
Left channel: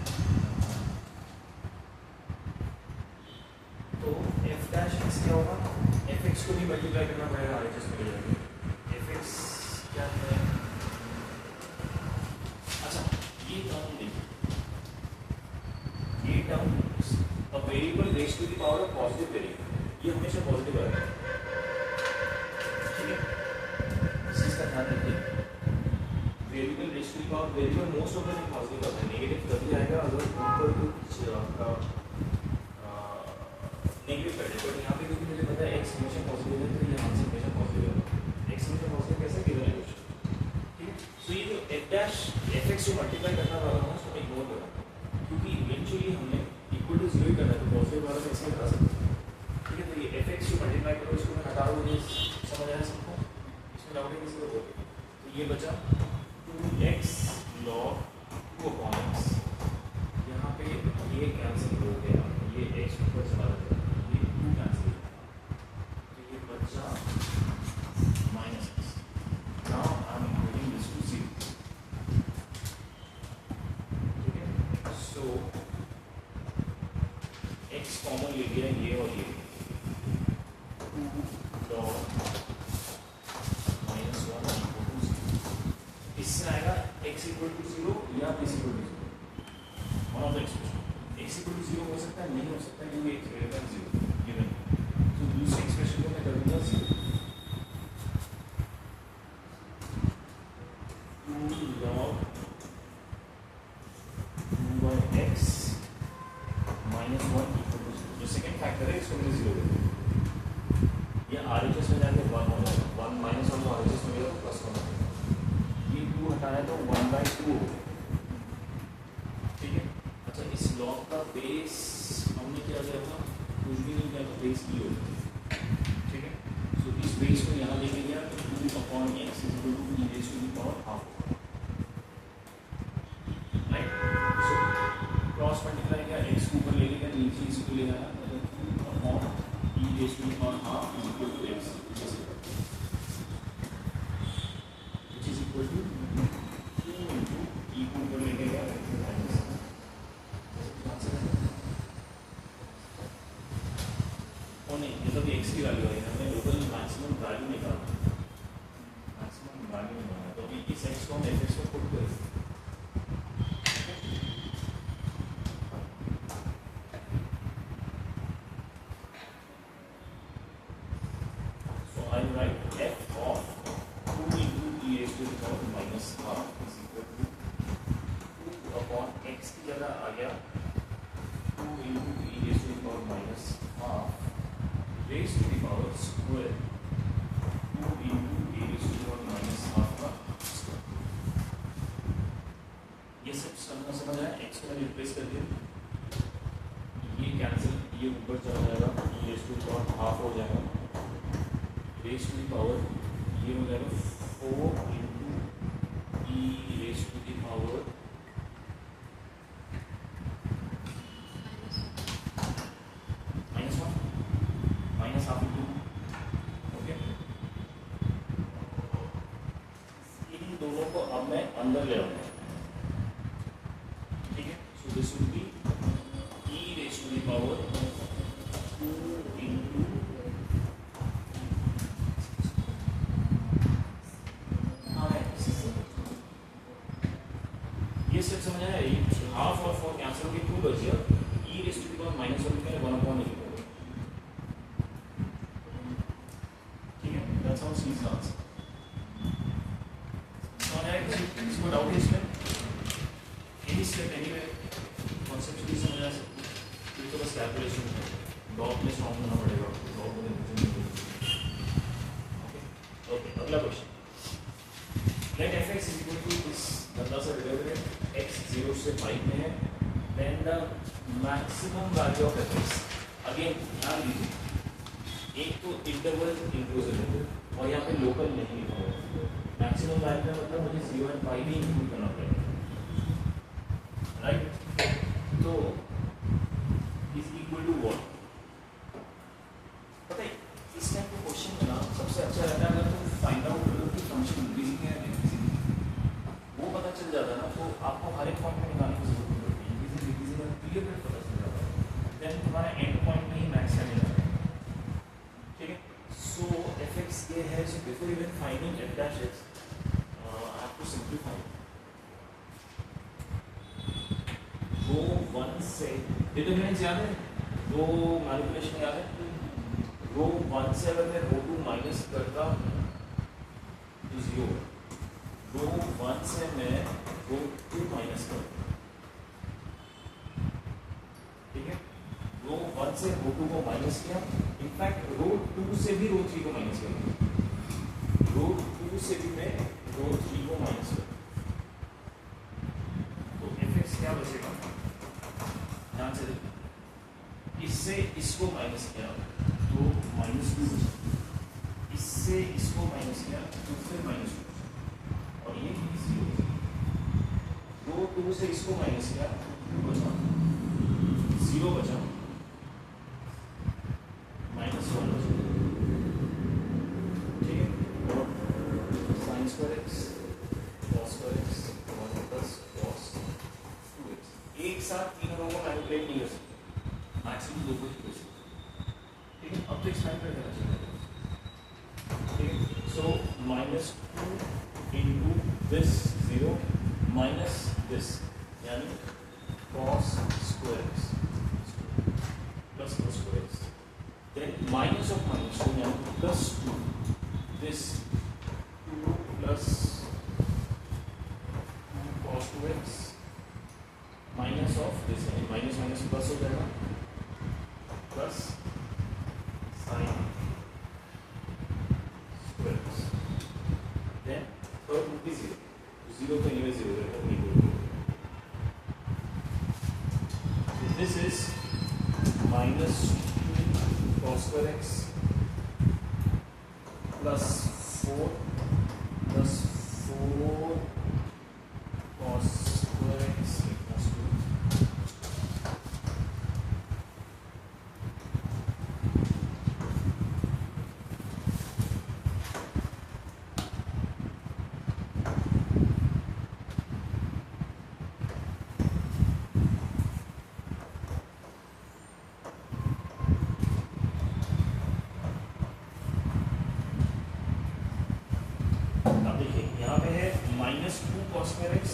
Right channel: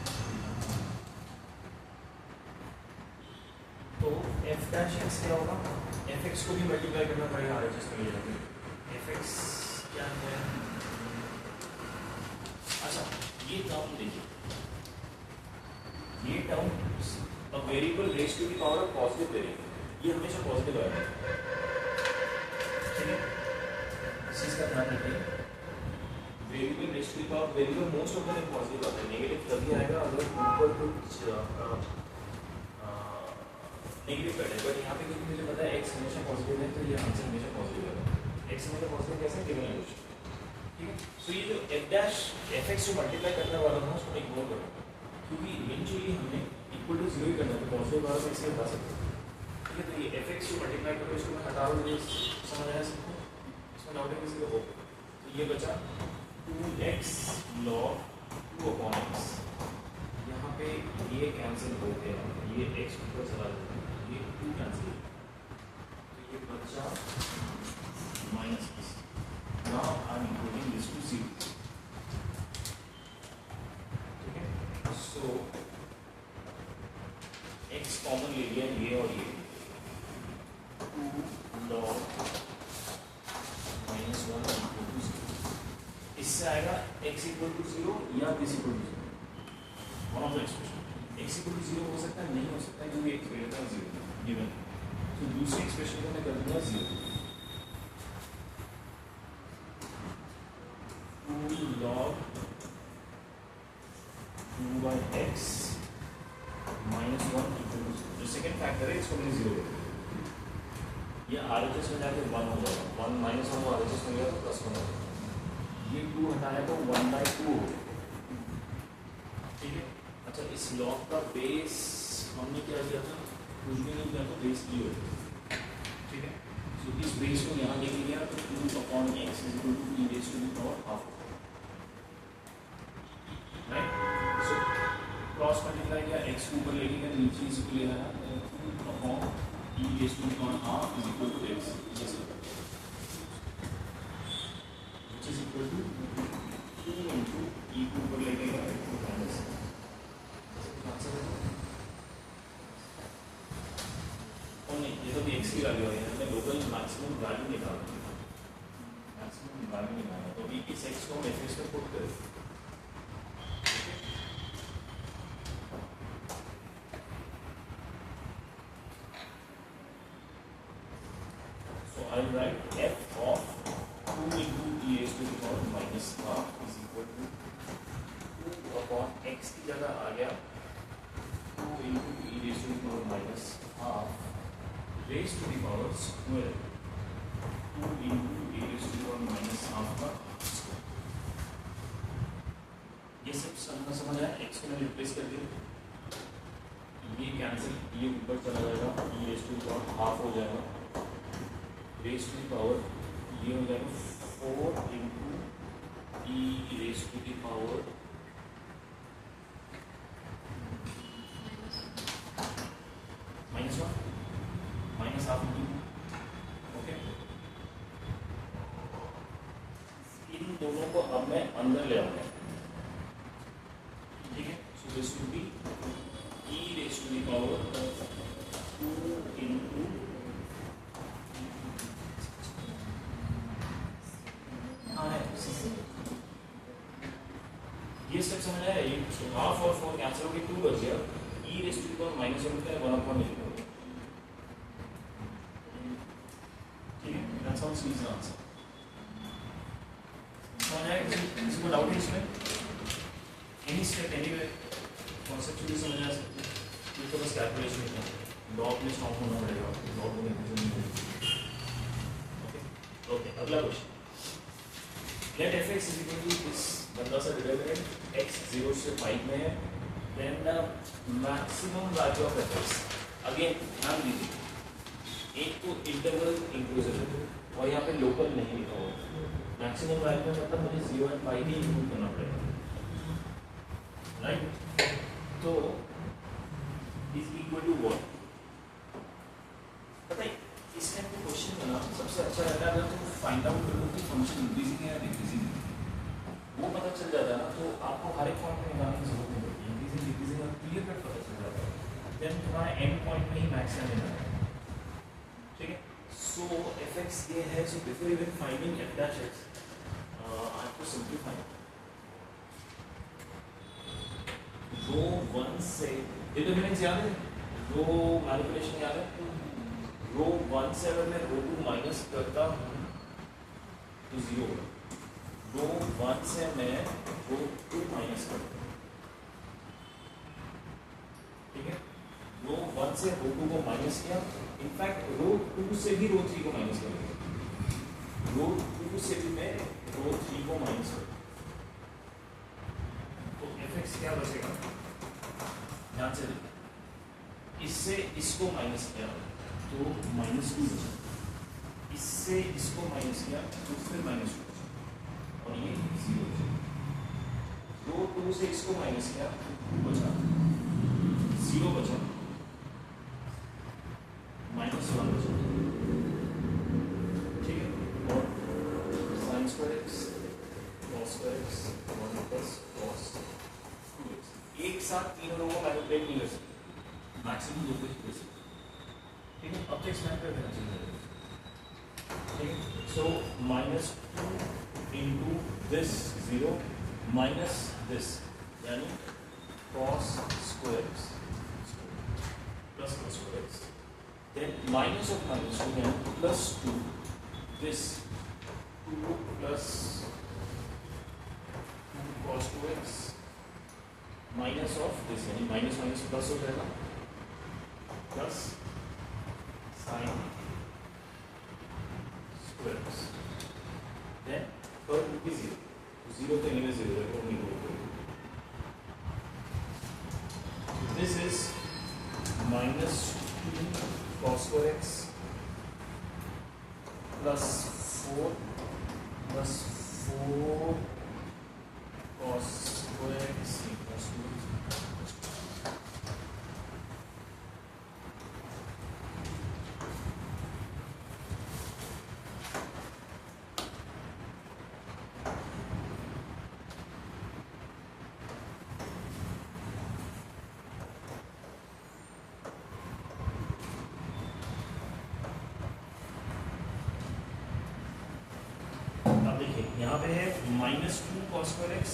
तो f डैश x क्या होगा fx को भी मल्टीप्लाई करना पड़ेगा RHS में ले जाके fx क्या है अच्छा ये टर्म देखिए ये टर्म अब variable raise to the power of positive variable ये हमेशा पॉजिटिव आएगा ठीक है इस चीज का ध्यान रखिए variable raise to the power variable most of the time positive आता है नेगेटिव तभी आएगा अगर ऊपर कुछ आपका नेगेटिव बैठे बट यहाँ पे क्योंकि मुझे पता है x हमेशा पॉजिटिव है तो ये आंसर हमेशा पॉजिटिव है x हमेशा पॉजिटिव कैसे गिवन है ठीक है तो ये जो f डैश fx जो मल्टीप्लाई करना वाला था उसको इग्नोर करो क्योंकि इवेंचुअली हमने इक्वल टू 0 ही करना है तो पॉजिटिव वाला तो इससे हटा सकते हैं ठीक है तो ये fx जो मल्टीप्लाई करो इसको मैं हटा दूँ ये समझ आया सबको इसमें डाउट है किसी को तो ये बचा 2x log 2 upon x यहाँ पे ये कैंसिल हो गया ये x ऊपर चला जाएगा ये 2 कैंसिल तो ये बचा minus x now I am including this to 0 ठीक है सो x कॉमन ले लिया ये और ये 2 log -1 equal to 0 इससे आएगा x equal to 0 या this equal to 0 one of the expression x equal to 0 हो सकता है नहीं हो सकता है क्योंकि x greater than 0 गिवन तो दूसरे एक्सप्रेशन को मैं कर दूंगा 0 2 log 2 by x -1 equal to 0 जो सेकंड फैक्टर है इसको मैंने 0 कर दिया, ये RHS में जाके 1 हो जाएगा, 1 माइनस 1 RHS में गया तो प्लस 1 हो जाएगा, ये 2 हटाना है तो 1/2 हो गया, ठीक है। अच्छा, इस लॉग का बेस हमने क्या किया था, कुछ भी नहीं किया था, बेस भी हो गया, ठीक है। सो इस बेस को यहाँ लेके गया तो 2/x is equal to e raise to the power half, right. So cross multiply किया, x को ऊपर ले गया, नीचे इसको ले आया, e raise to the power half is equal to x, which is equal to 2 into e को ऊपर ले गया माइनस, और नहीं ये तो भी x की वैल्यू है, हमने लोकल मैक्सिमम वैल्यू निकाला, मैक्सिमम वैल्यू निकाला, तो भी इस x को हम fx में पुट करें, so I write f of 2 into e raised to the power minus half is equal to 2 upon x की जगह आ गया 2 into e raised to the power minus half raised to the power square 2 into e raised to the power minus half का square। ये सब समझ आया, x को मैं रिप्लेस कर दिया, ये कैंसिल, ये ऊपर चला जाएगा, e raised to the power half हो जाएगा, raised to the power ये हो जाएगा 4 into e raised to the power -1 minus half into, okay. इन दोनों को अब मैं अंदर ले आऊंगा, ठीक है। So this will be e raise to the power 2 into ये स्टेप समझ आया, ये हाफ और 4 कैंसिल होकर 2 बच गया, e raise to the power -1 का 1/8, ठीक है। That's how C is answer. समझ आया किसी को डाउट है इसमें? एनी स्टेप एनीवे कॉन्सेप्चुअली समझ आ सकते हैं, ये तो बस कैलकुलेशन है, लॉग में स्ट्रांग होना पड़ेगा, लॉग में ओके। अगला question, let fx is equal to this बंदा सा डिटरमिनेंट x 0 से 5 में है, then the maximum value of fx, again ध्यान दीजिए एक तो इंटरवल इंक्लूसिव है और यहाँ पे लोकल नहीं लिखा हुआ, मैक्सिमम वैल्यू में मतलब मुझे 0 और 5 भी इंक्लूड करना पड़ेगा, राइट। तो इज इक्वल टू व्हाट, पता है इस टाइप के क्वेश्चन में ना सबसे अच्छा रहता है अगर तो फाइंड आउट करो कि फंक्शन इंक्रीजिंग है या डिक्रीजिंग, वो पता चल जाता है ना, तो आपको हर एक पॉइंट में निकालने की जरूरत नहीं पड़ती, इंक्रीजिंग डिक्रीजिंग का क्लियर कट पता चल जाता है, देन तुम्हारा एंड पॉइंट में ही मैक्स आ जाएगा, ठीक है। सो fx ये है, so before even finding f dash x I have to simplify, रो 1 से डिटरमिनेंट्स याद है, रो मैनिपुलेशन याद है, रो 1 से अगर मैं रो 2 माइनस करता हूँ तो 0, रो 1 से मैं रो 2 माइनस करता हूँ, ठीक है। रो 1 से रो 2 को माइनस किया, इनफैक्ट रो 2 से भी रो 3 को माइनस करेंगे, रो 2 से भी मैं रो 3 को माइनस करूँ, तो fx क्या बचेगा, ध्यान से देखिए, इससे इसको माइनस किया तो -2 बचा, इससे इसको माइनस किया तो फिर -2 और ये 0, रो 2 से इसको माइनस किया तो बचा 0 बचा, -1 बचा, ठीक है। sin square x cos square x plus cos 2x, एक साथ तीनों को मैनिपुलेट नहीं कर सकते, मैक्सिमम 2 को ही कर सकते, ठीक है। अब तो एक्सपेंड कर देना चाहिए, ठीक है। सो -2 into this 0 minus this यानी cos square x plus cos square x, then minus of -2 यानी +2 this 2 plus 2 cos 2x minus of this यानी माइनस माइनस प्लस हो जाएगा plus sine square x, then third would be zero, zero तो इनमें zero है तो नहीं बोलते। This is minus cos square x plus 4 plus 4 cos square x equals to अब देखिए यहाँ पे है minus two cos square x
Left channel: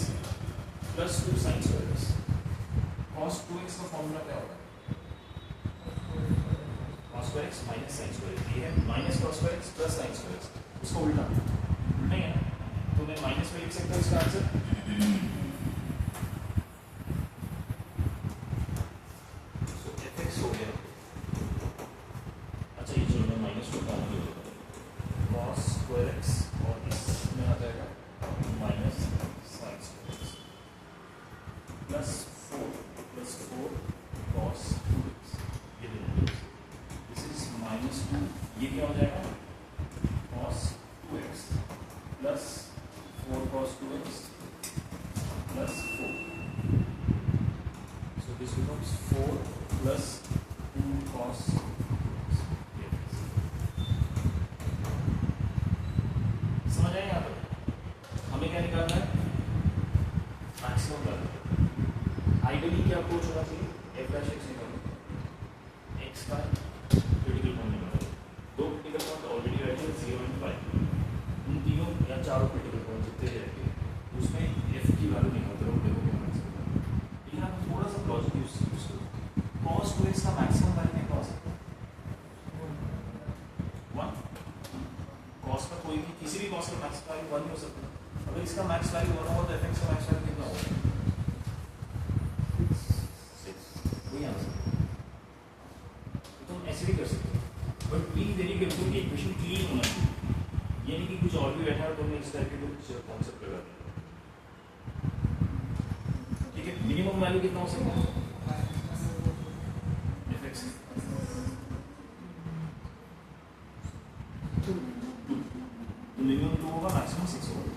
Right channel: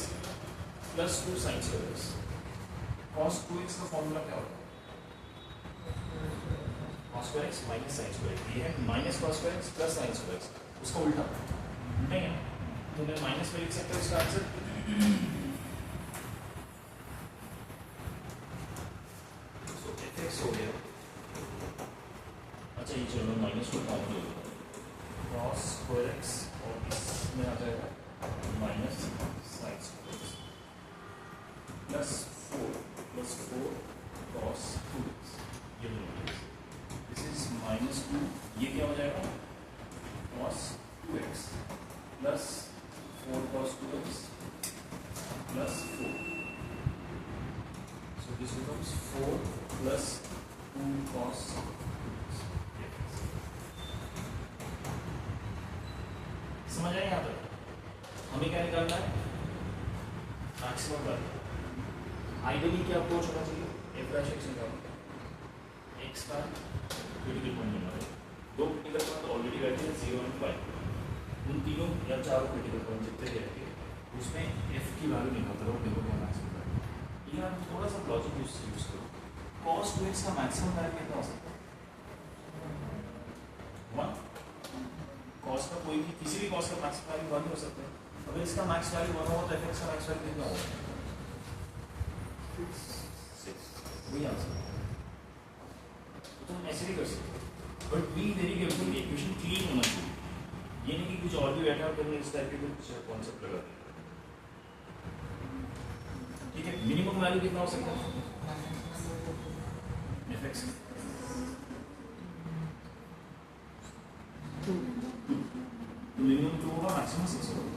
plus two sign square x. Cos two x का फॉर्मूला क्या होता है? Cos square x minus sign square x. ये है minus cos square x plus sine square x, उसका उल्टा उल्टा ही है तो मैं माइनस में लिख सकता हूँ इसका आंसर। सो एफ एक्स हो गया, अच्छा ये चलो माइनस टू काउंट हो जाएगा, कॉस स्क्वायर एक्स और इसमें आ जाएगा minus sign square x plus four cos two x. ये दिस इज माइनस टू, ये क्या हो जाएगा cos two x plus four cos two x plus four, so this becomes four plus two cos. समझ आए यहाँ पर? हमें क्या निकालना है? Maximum value. आइडियली क्या अप्रोच होना चाहिए? एफ डैश एक्स निकालना, एक्स का क्रिटिकल पॉइंट निकालना। दो क्रिटिकल पॉइंट ऑलरेडी रहते हैं 0 एंड 5, उन तीनों या चारों क्रिटिकल पॉइंट जितने रहेंगे उसमें एफ की वैल्यू निकालते रहो, देखो क्या मैक्सिमम है। यहाँ पर थोड़ा सा लॉजिक यूज करो, कॉस टू एक्स का मैक्सिमम वैल्यू क्या हो सकता है? 1। कॉस का कोई भी किसी भी कॉस का मैक्स वैल्यू 1 हो सकता है। अगर इसका मैक्स वैल्यू 1 होगा तो एफ एक्स का मैक्स वैल्यू कितना होगा? 6। वही आंसर। तो तुम ऐसे भी कर सकते हो, but be very careful, equation clean होना चाहिए। ये नहीं कि कुछ और भी बैठा हो तुमने इस टाइप के कुछ कॉन्सेप्ट लगा दिया। ठीक है, मिनिमम वैल्यू कितना हो सकता है एफ एक्स? मिनिमम 2 होगा, मैक्सिमम 6 होगा।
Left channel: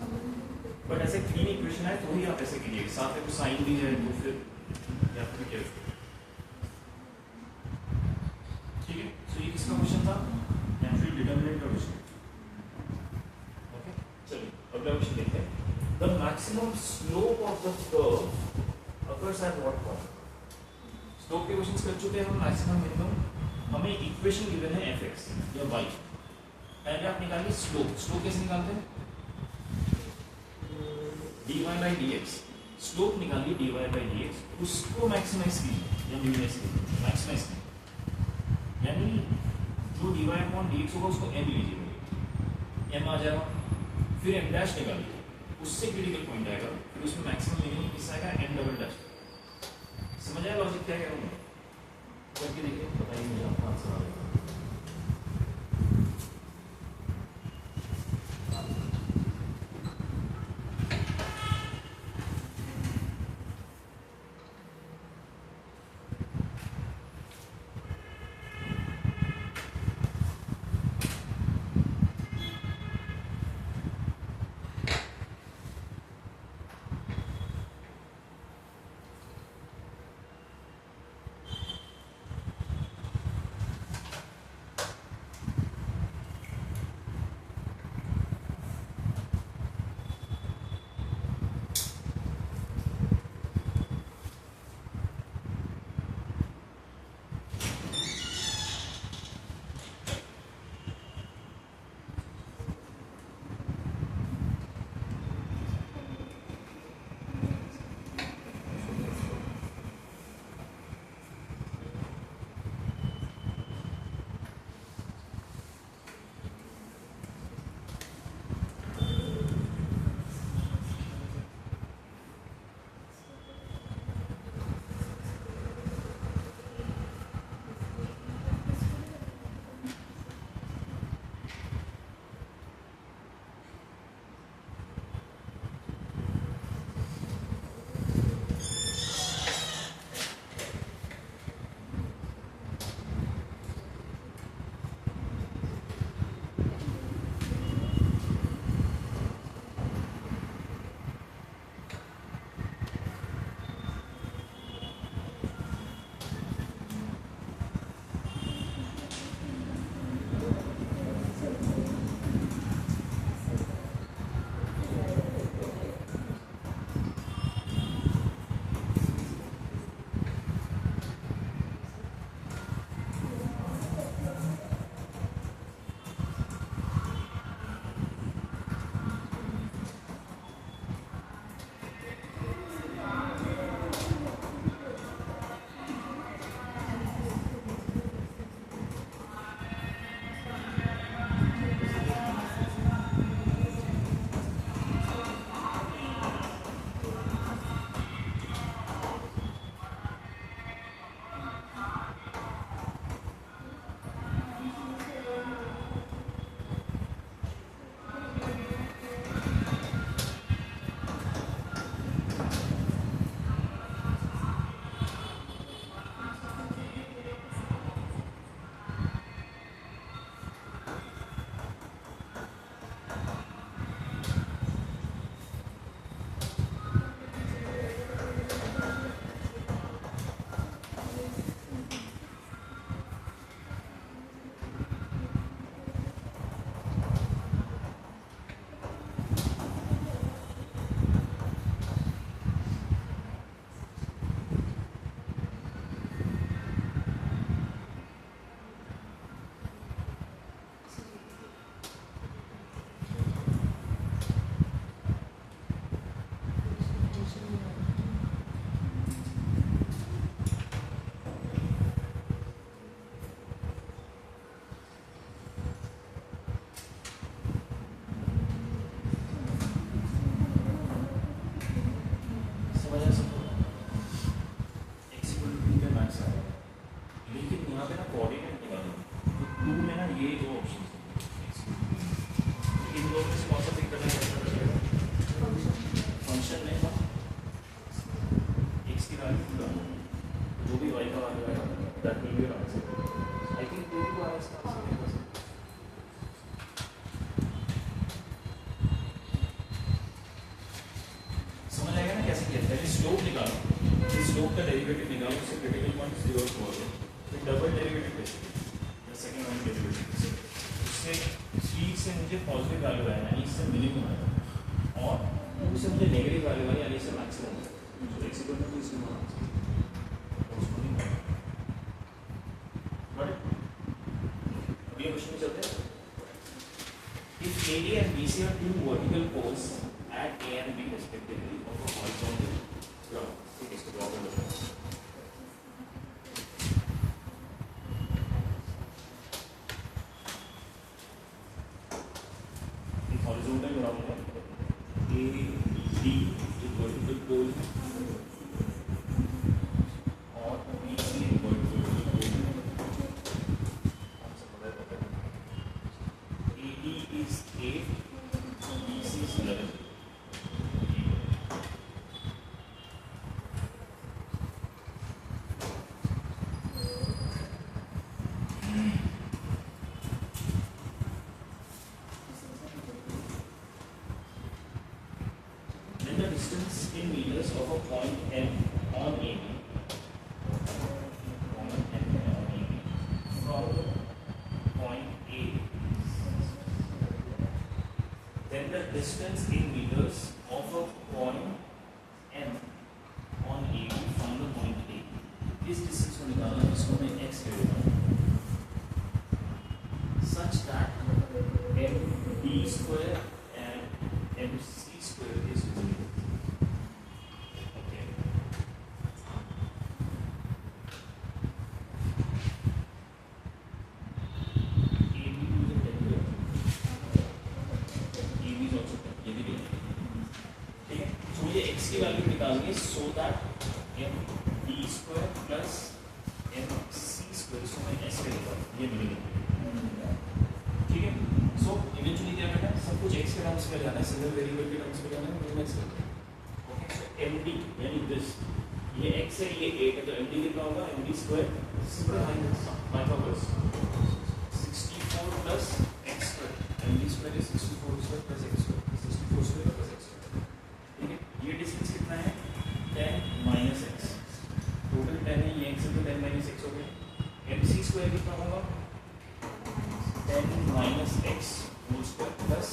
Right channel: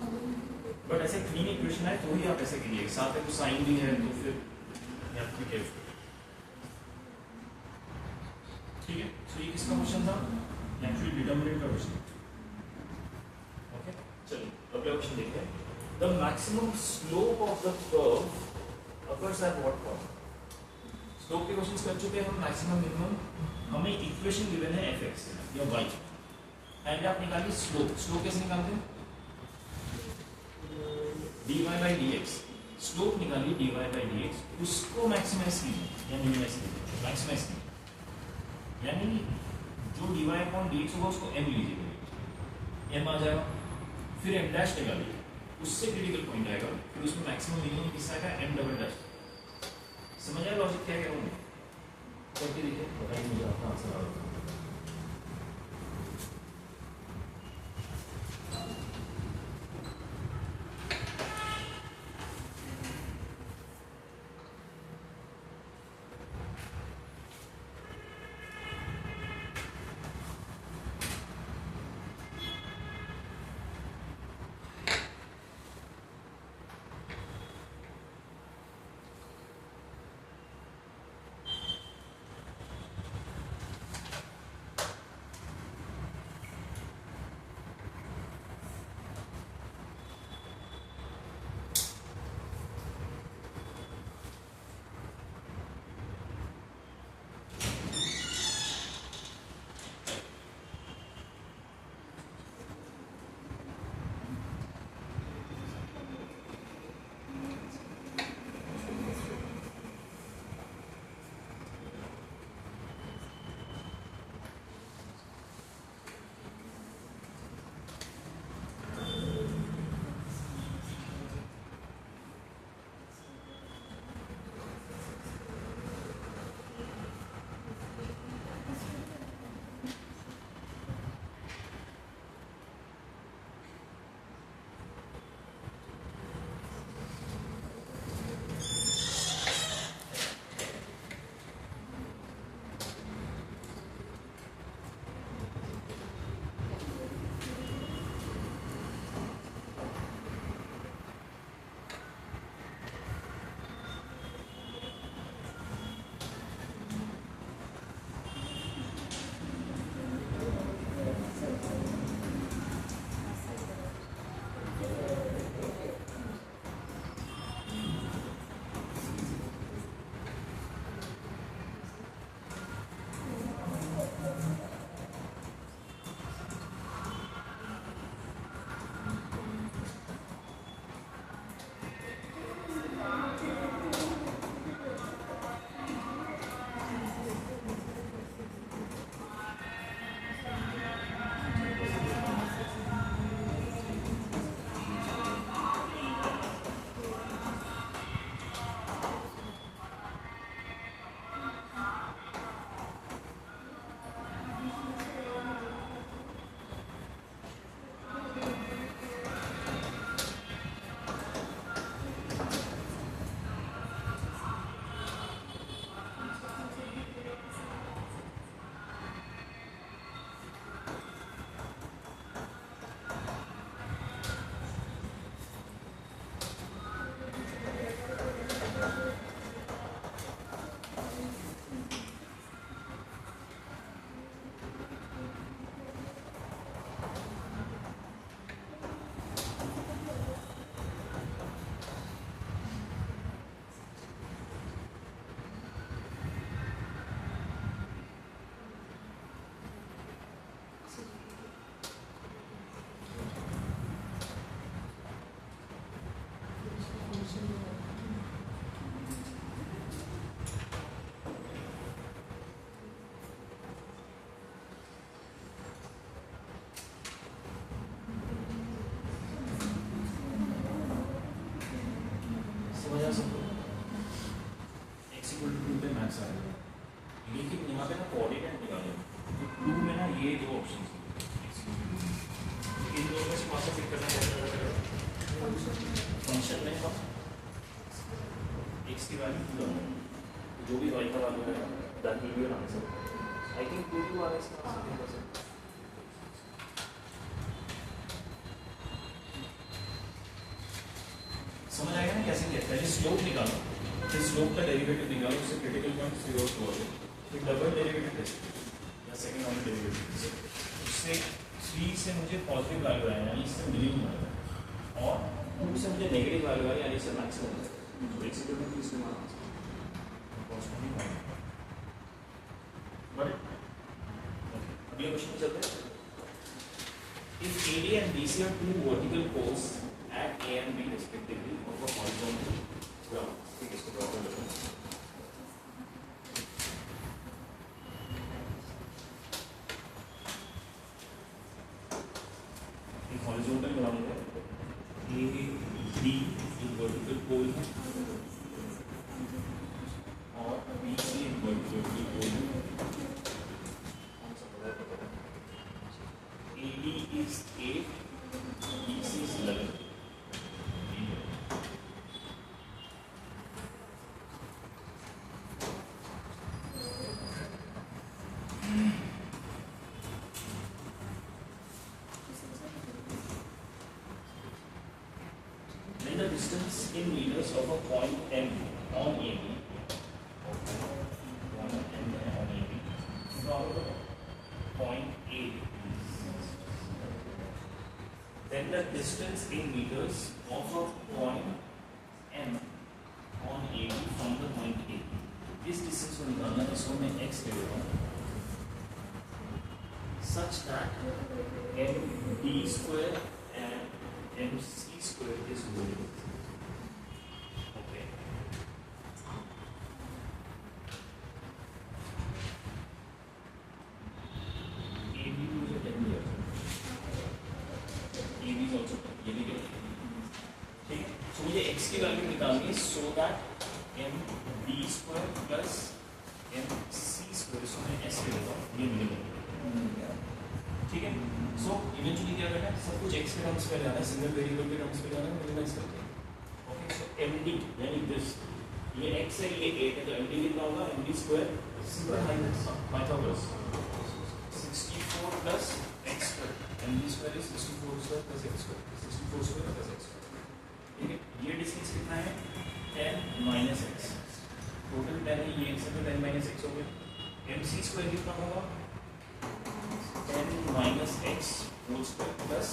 बट ऐसे क्लीन इक्वेशन है तो ही आप ऐसे कीजिए, साथ में कुछ साइन भी है तो फिर ठीक है। सो ये किसका क्वेश्चन था? नेचुरल डिटरमिनेंट का क्वेश्चन। ओके, चलिए अगला क्वेश्चन देखते हैं। The maximum slope of the curve occurs at what point? Slope के क्वेश्चंस कर चुके हैं हम, मैक्सिमम मिनिमम। हमें इक्वेशन गिवन है एफ एक्स या वाई, एंड आप निकालिए स्लोप। स्लोप कैसे निकालते हैं? dy by dx, स्लोप निकालिए dy by dx, उसको मैक्सिमाइज कीजिए या मिनिमाइज कीजिए, मैक्सिमाइज कीजिए, यानी जो dy अपॉन dx होगा उसको m लीजिए, m आ जाएगा, फिर m डैश निकालिए, उससे क्रिटिकल पॉइंट आएगा, फिर उसमें मैक्सिमम मिनिमम किसका आएगा? m double dash. समझ आया लॉजिक क्या कह रहा हूँ मैं? करके देखिए, बताइए मुझे आपका आंसर आ जाएगा। समझ आ सकते हो? x इक्वल टू 2 पे मैक्स आ गया, लेकिन यहाँ पे ना कोऑर्डिनेट निकालो तो 2 में ना ये दो ऑप्शन है, इन दोनों में से कौन सा पिक करना कैसे पता चलेगा? फंक्शन में हम x की वैल्यू जो भी y का वैल्यू है that will be your answer. I think ये भी आ रहा है इसका आंसर। समझ आएगा ना कैसे किया? पहले स्लोप निकालो, फिर स्लोप का डेरिवेटिव निकालो, उससे क्रिटिकल पॉइंट 0 को लो, फिर डबल डेरिवेटिव टेस्ट या सेकंड ऑर्डर डेरिवेटिव उससे 3 से मुझे पॉजिटिव वैल्यू आया यानी इससे मिनिमम आएगा, और उससे मुझे नेगेटिव वैल्यू आया यानी इससे मैक्सिमम आएगा। तो x इक्वल टू इसमें माना अगले क्वेश्चन में चलते हैं। If AD and BC are two vertical poles at A and B respectively of a horizontal graph, ठीक है, इसको ड्रॉ कर लेते हैं। एक हॉरिजॉन्टल ग्राफ है, A B एक वर्टिकल पोल है और BC एक वर्टिकल पोल है। AD is 8, BC is 11. Then the distance in meters of a point M on AB, from point A. Then the distance in meters of a point M on AB from the point A. इस distance को निकालना है, इसको मैं x ले लेता हूँ, such that MD square and MC square is equal. Okay. AB मुझे पहले दिया, AB is also ये भी दिया, ठीक है। तो मुझे x की वैल्यू निकालनी है, so that MD square plus MC square, इसको मैं s ले लूँगा, ये मिलेगा, ठीक है। सो इवेंचुअली क्या करना है, सब कुछ x के टर्म्स में जाना है, सिंगल वेरिएबल के टर्म्स में जाना है, मिनिमाइज करते हैं। ओके, सो MD यानी दिस, ये x है, ये 8 है, तो MD कितना होगा? MD square simple minus minus 64 plus x square, MD square is 64 square plus x square, 64 square plus x square, ठीक है। ये डिस्टेंस कितना है? 10 माइनस x, टोटल 10 है, ये x है तो 10 माइनस x हो गया। MC स्क्वायर कितना होगा? 10 minus x whole square plus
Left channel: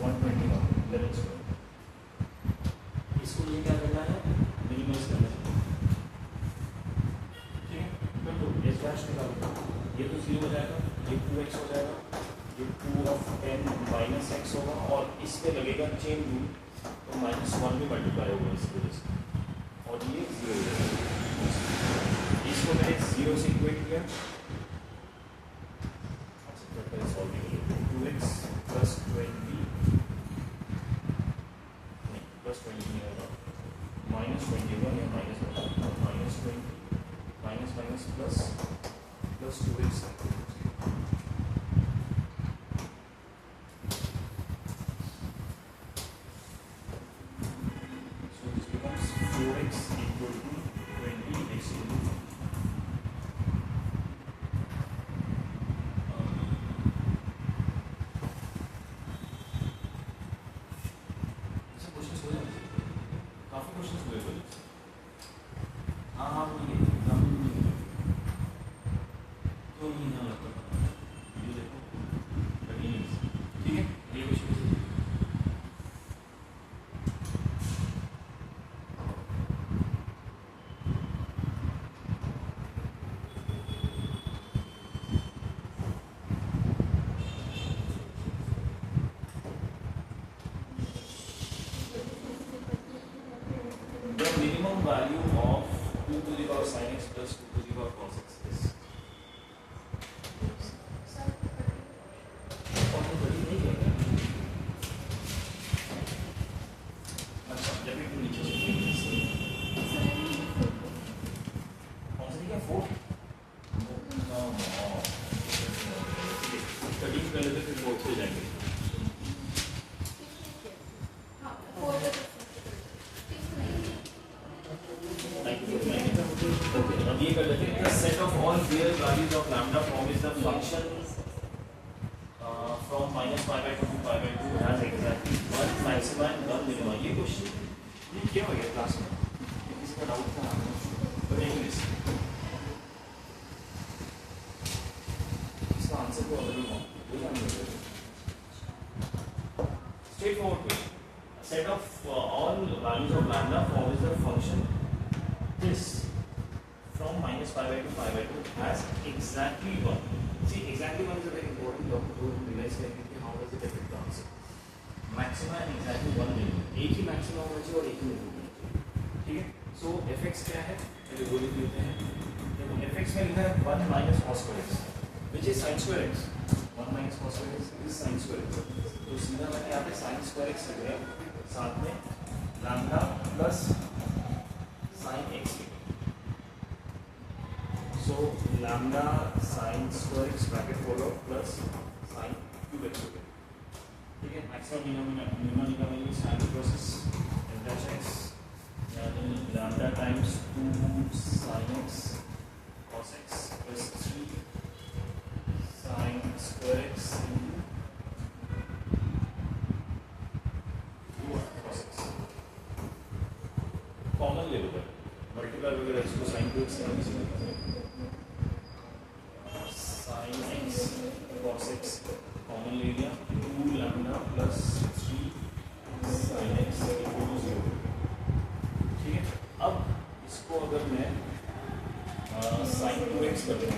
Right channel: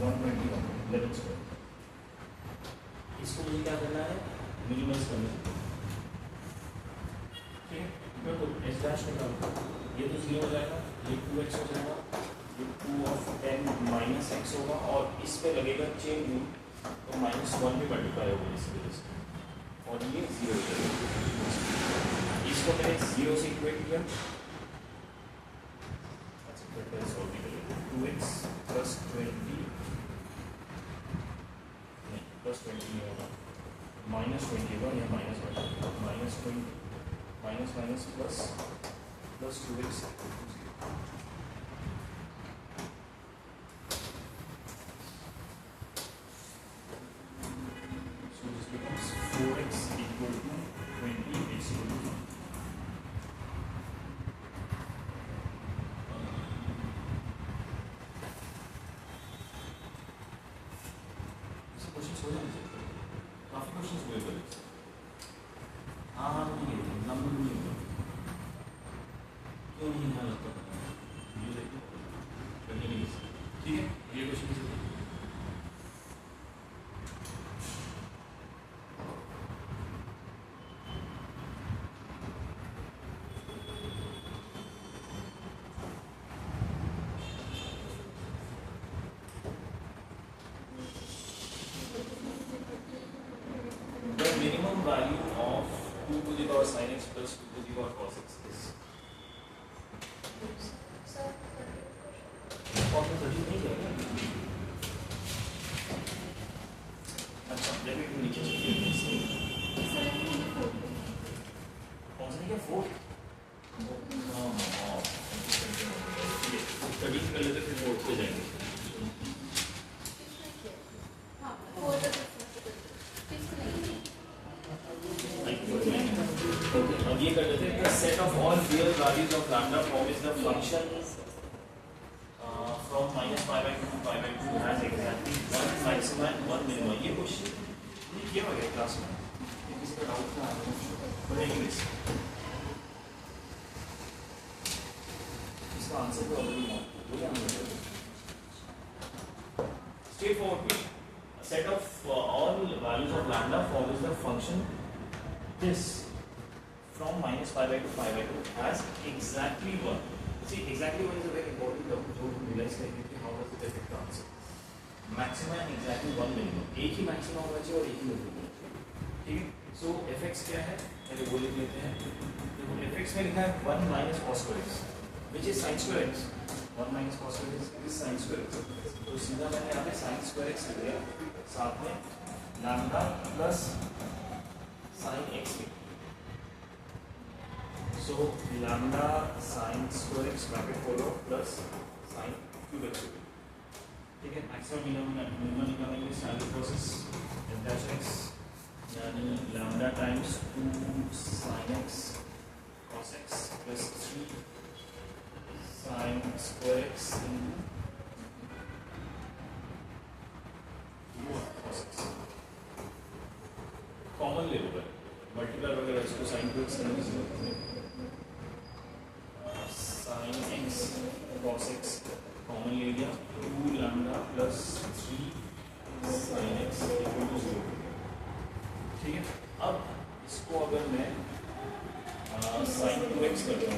121 11 square। इसको मुझे क्या करना है? मिनिमाइज करना है, ठीक है। तो s डैश निकालो, ये तो 0 हो जाएगा, ये 2x हो जाएगा, ये 2 of 10 minus x होगा, और इस पे लगेगा चेन रूल, तो -1 भी मल्टीप्लाई होगा इस वजह से, और ये 0 हो जाएगा। इसको मैंने 0 से इक्वेट किया, 2x plus 20 plus 20 होगा, minus 21 या minus 20 minus plus 2x, so this becomes 4x equal to 20x equal to काफी क्वेश्चंस हुए थे। हाँ नहीं है, एग्जाम में नहीं है, क्यों नहीं है लगता, ये देखो लगी, ठीक है। ये question minimum value of 2 to the power sin x plus 2 to the power cos x is अच्छा, let me do नीचे से 4 13 कर लेते फिर 4 से जाएंगे। अब ये कर लेते हैं कि set of all real values of lambda form is the function from -π/2 to π/2 has exactly one maxima and one minima. ये क्वेश्चन क्या हो गया क्लास में, किसी का डाउट था बताइए इसका आंसर तो ऑलरेडी है, वही आंसर है straight forward. Set of all values of lambda form is the function this from -π/2 to π/2 has exactly one. See, exactly one is a very important term to realize that how was the perfect answer. Maxima and exactly one minimum. एक ही maxima होना चाहिए और एक ही minimum होना चाहिए, ठीक है। So fx क्या है, ये वो लिख लेते हैं। fx में लिखा है 1 - cos square x, which is sin square x. 1 - cos square x is sin square x. तो सीधा मैंने यहाँ पे sin square x लिख दिया, साथ में lambda plus sin x। So lambda sin square x bracket follow plus sin cube x, ठीक है। मैक्सिमम मिनिमम निकालेंगे स्टैंडर्ड प्रोसेस डेल्टा x यानी lambda times 2 sin x cos x plus 3 sin square x cos x। Common ले लो, multiply वगैरह इसको sin cube x करने से sin x cos x common ले लिया, 2 lambda plus 3 sin x equal to 0, ठीक है। अब इसको अगर मैं sin 2x कर दूँ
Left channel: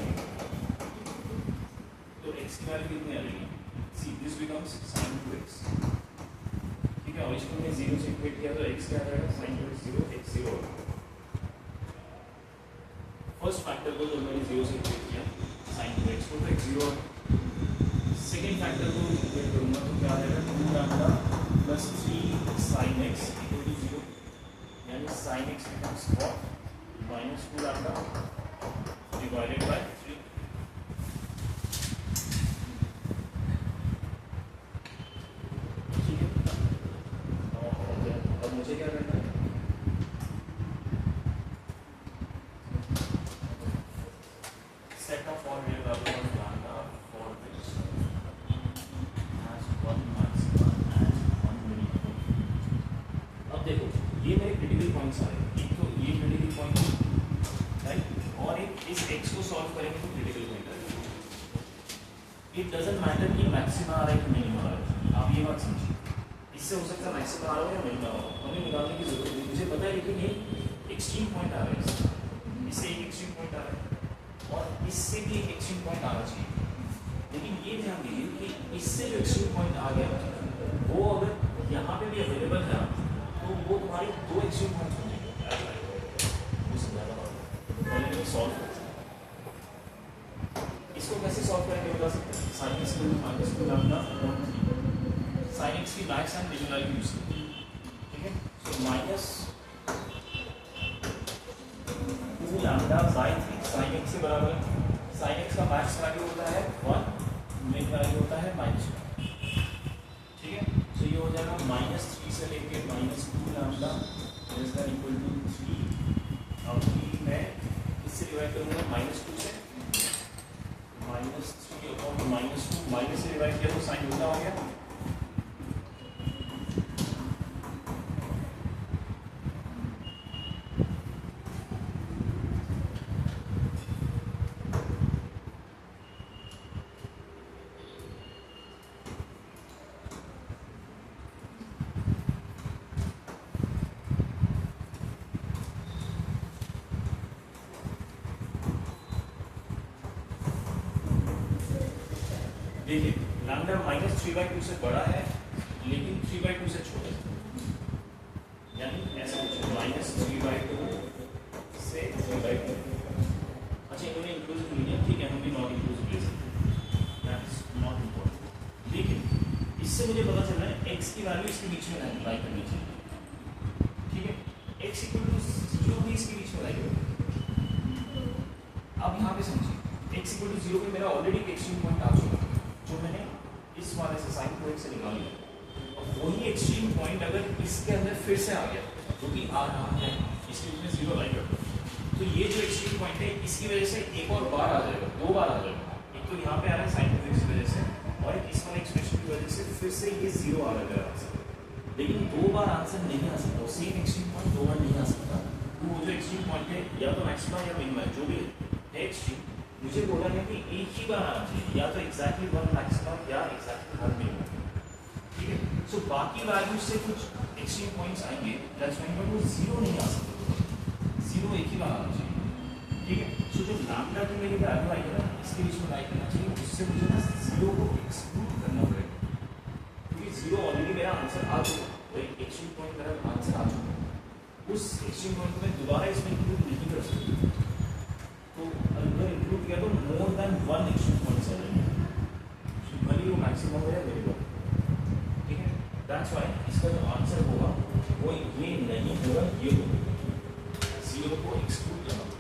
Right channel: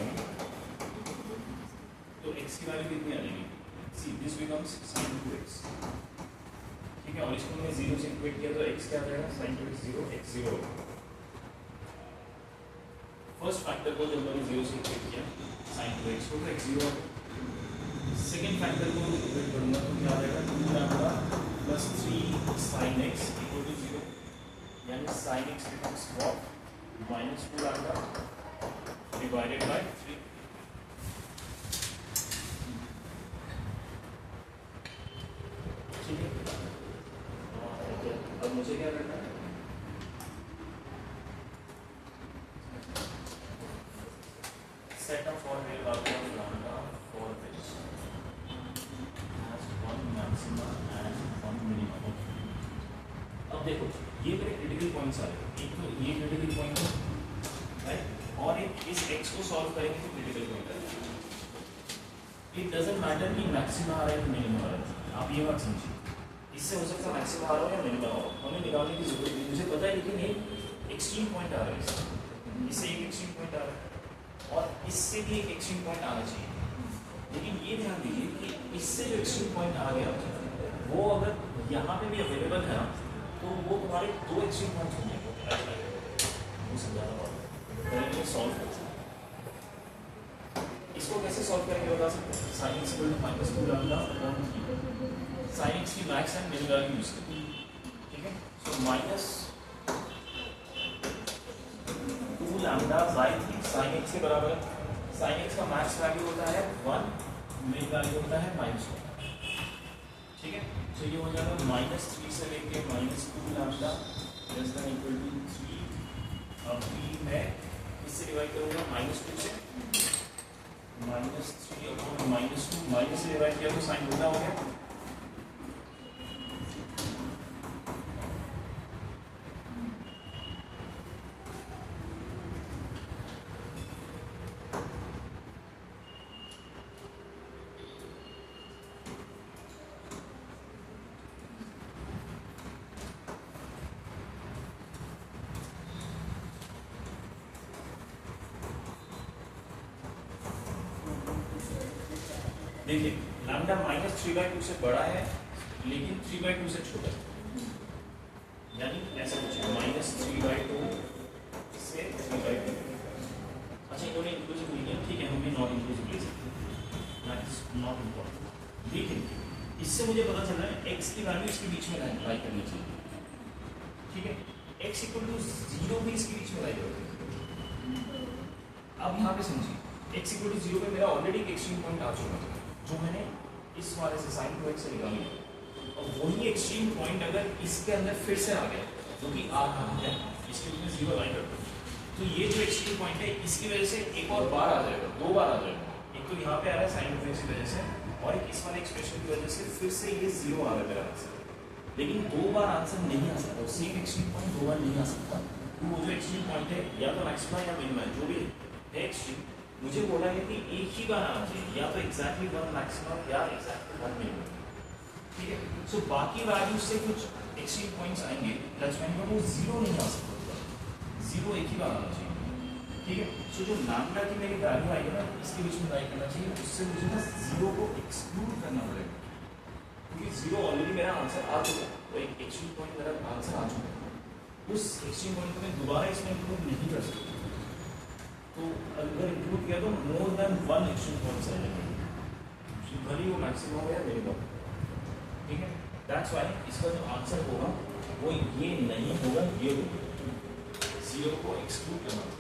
तो x की वैल्यू कितनी आ जाएगी, see this becomes sin 2x, ठीक है। और इसको मैंने 0 से इक्वेट किया तो x क्या आएगा, sin 2x 0 x 0। First factor को जब मैंने 0 से इक्वेट किया sin 2x को तो x 0, सेकेंड फैक्टर को इक्वेट करूंगा तो क्या आ जाएगा, 2 lambda plus 3 sin x equal to 0, यानी sin x becomes what, -2 lambda divided by 3, ठीक है। अब मुझे क्या करना है, set of all real values of lambda for x has one maxima and one minimum। अब देखो ये मेरे क्रिटिकल पॉइंट्स आ रहे हैं, एक तो ये क्रिटिकल पॉइंट है राइट, और एक इस x को सॉल्व करेंगे तो क्रिटिकल पॉइंट है। इट डजंट मैटर कि मैक्सिमा आ रहा है कि मिनिमम आ रहा है, आप ये मत समझिए, इससे हो सकता है मैक्सिमा आ रहा हो या मिनिमम आ रहा हो, हमें निकालने की जरूरत नहीं, मुझे पता है। लेकिन ये एक्सट्रीम पॉइंट आ रहा है, इससे एक एक्सट्रीम पॉइंट आ रहा है और इससे भी एक एक्सट्रीम पॉइंट आना चाहिए। लेकिन ये ध्यान दीजिए कि इससे जो एक्सट्रीम पॉइंट आ गया वो अगर यहाँ पे भी अवेलेबल है तो वो तुम्हारे दो एक्सट्रीम पॉइंट्स होंगे, वो समझाना होगा। सॉल्व इसको कैसे सॉल्व करेंगे बता सकते हैं, sin x -2 lambda sin x की max and minimum value use करते हैं, ठीक है। सो -2 lambda by 3 sin x के बराबर है, sin x का मैक्स वैल्यू होता है 1, मिन वैल्यू होता है -1, ठीक है। तो ये हो जाएगा -3 से लेके -2 lambda less than equal to 3। अब मैं इससे डिवाइड करूंगा -2 से, -3 अपॉन -2 माइनस से डिवाइड किया तो साइन उल्टा हो गया, देखिए लैम्डा -3/2 से बड़ा है लेकिन 3/2 से छोटा है, यानी ऐसा कुछ है -3/2 से 3/2। अच्छा इन्होंने इंक्लूसिव नहीं है, ठीक है, हम भी नॉट इंक्लूसिव ले सकते हैं, दैट्स नॉट इम्पोर्टेंट। लेकिन इससे मुझे पता चल रहा है x की वैल्यू इसके बीच में लाई करनी चाहिए, ठीक है। x = 0 भी इसके बीच में लाई करेगा, अब यहाँ पे समझिए x इक्वल टू 0 पे मेरा ऑलरेडी एक एक्सट्रीम पॉइंट आ चुका है जो मैंने इस वाले से sin 2x से निकाल लिया। अब वही एक्सट्रीम पॉइंट अगर इसके अंदर फिर से आ गया जो कि आ रहा है, इसके लिए 0 लाइन रखो, तो ये जो एक्सट्रीम पॉइंट है इसकी वजह से एक और बार आ जाएगा, दो बार आ जाएगा। एक तो यहाँ पे आ रहा है sin 2x की वजह से, और एक इस वाले एक्सप्रेशन की वजह से फिर से ये 0 आ रहा है आंसर। लेकिन दो बार आंसर नहीं आ सकता, सेम एक्सट्रीम पॉइंट दो बार नहीं आ सकता। तो वो जो एक्सट्रीम पॉइंट है या तो मैक्सिमा या मिनिमा जो भी है एक्सट्रीम, मुझे बोला है कि एक ही बार आना चाहिए, या तो एग्जैक्टली वन मैक्सिमा या एग्जैक्टली वन मिनिमम। ठीक है, सो बाकी वैल्यू से कुछ एक्सट्रीम पॉइंट्स आएंगे, दैट्स व्हाई वो 0 नहीं आ सकता, 0 एक ही बार आना चाहिए। ठीक है, सो जो लैम्डा की मेरी वैल्यू आएगी ना, इसके बीच में ट्राई करना चाहिए, उससे मुझे ना 0 को एक्सक्लूड करना पड़ेगा, क्योंकि 0 ऑलरेडी मेरा आंसर आ चुका है, वो एक एक्सट्रीम पॉइंट मेरा आंसर आ चुका है। उस एक्सट्रीम पॉइंट को मैं दोबारा इसमें इंक्लूड नहीं कर सकता, तो अगर इंक्लूड किया तो more than one extreme points आ जाएंगे, भले वो मैक्सिमम हो या मिनिमम। ठीक है, दैट्स व्हाई इसका जो आंसर होगा वो ये नहीं होगा, ये होगा, 0 को एक्सक्लूड करना।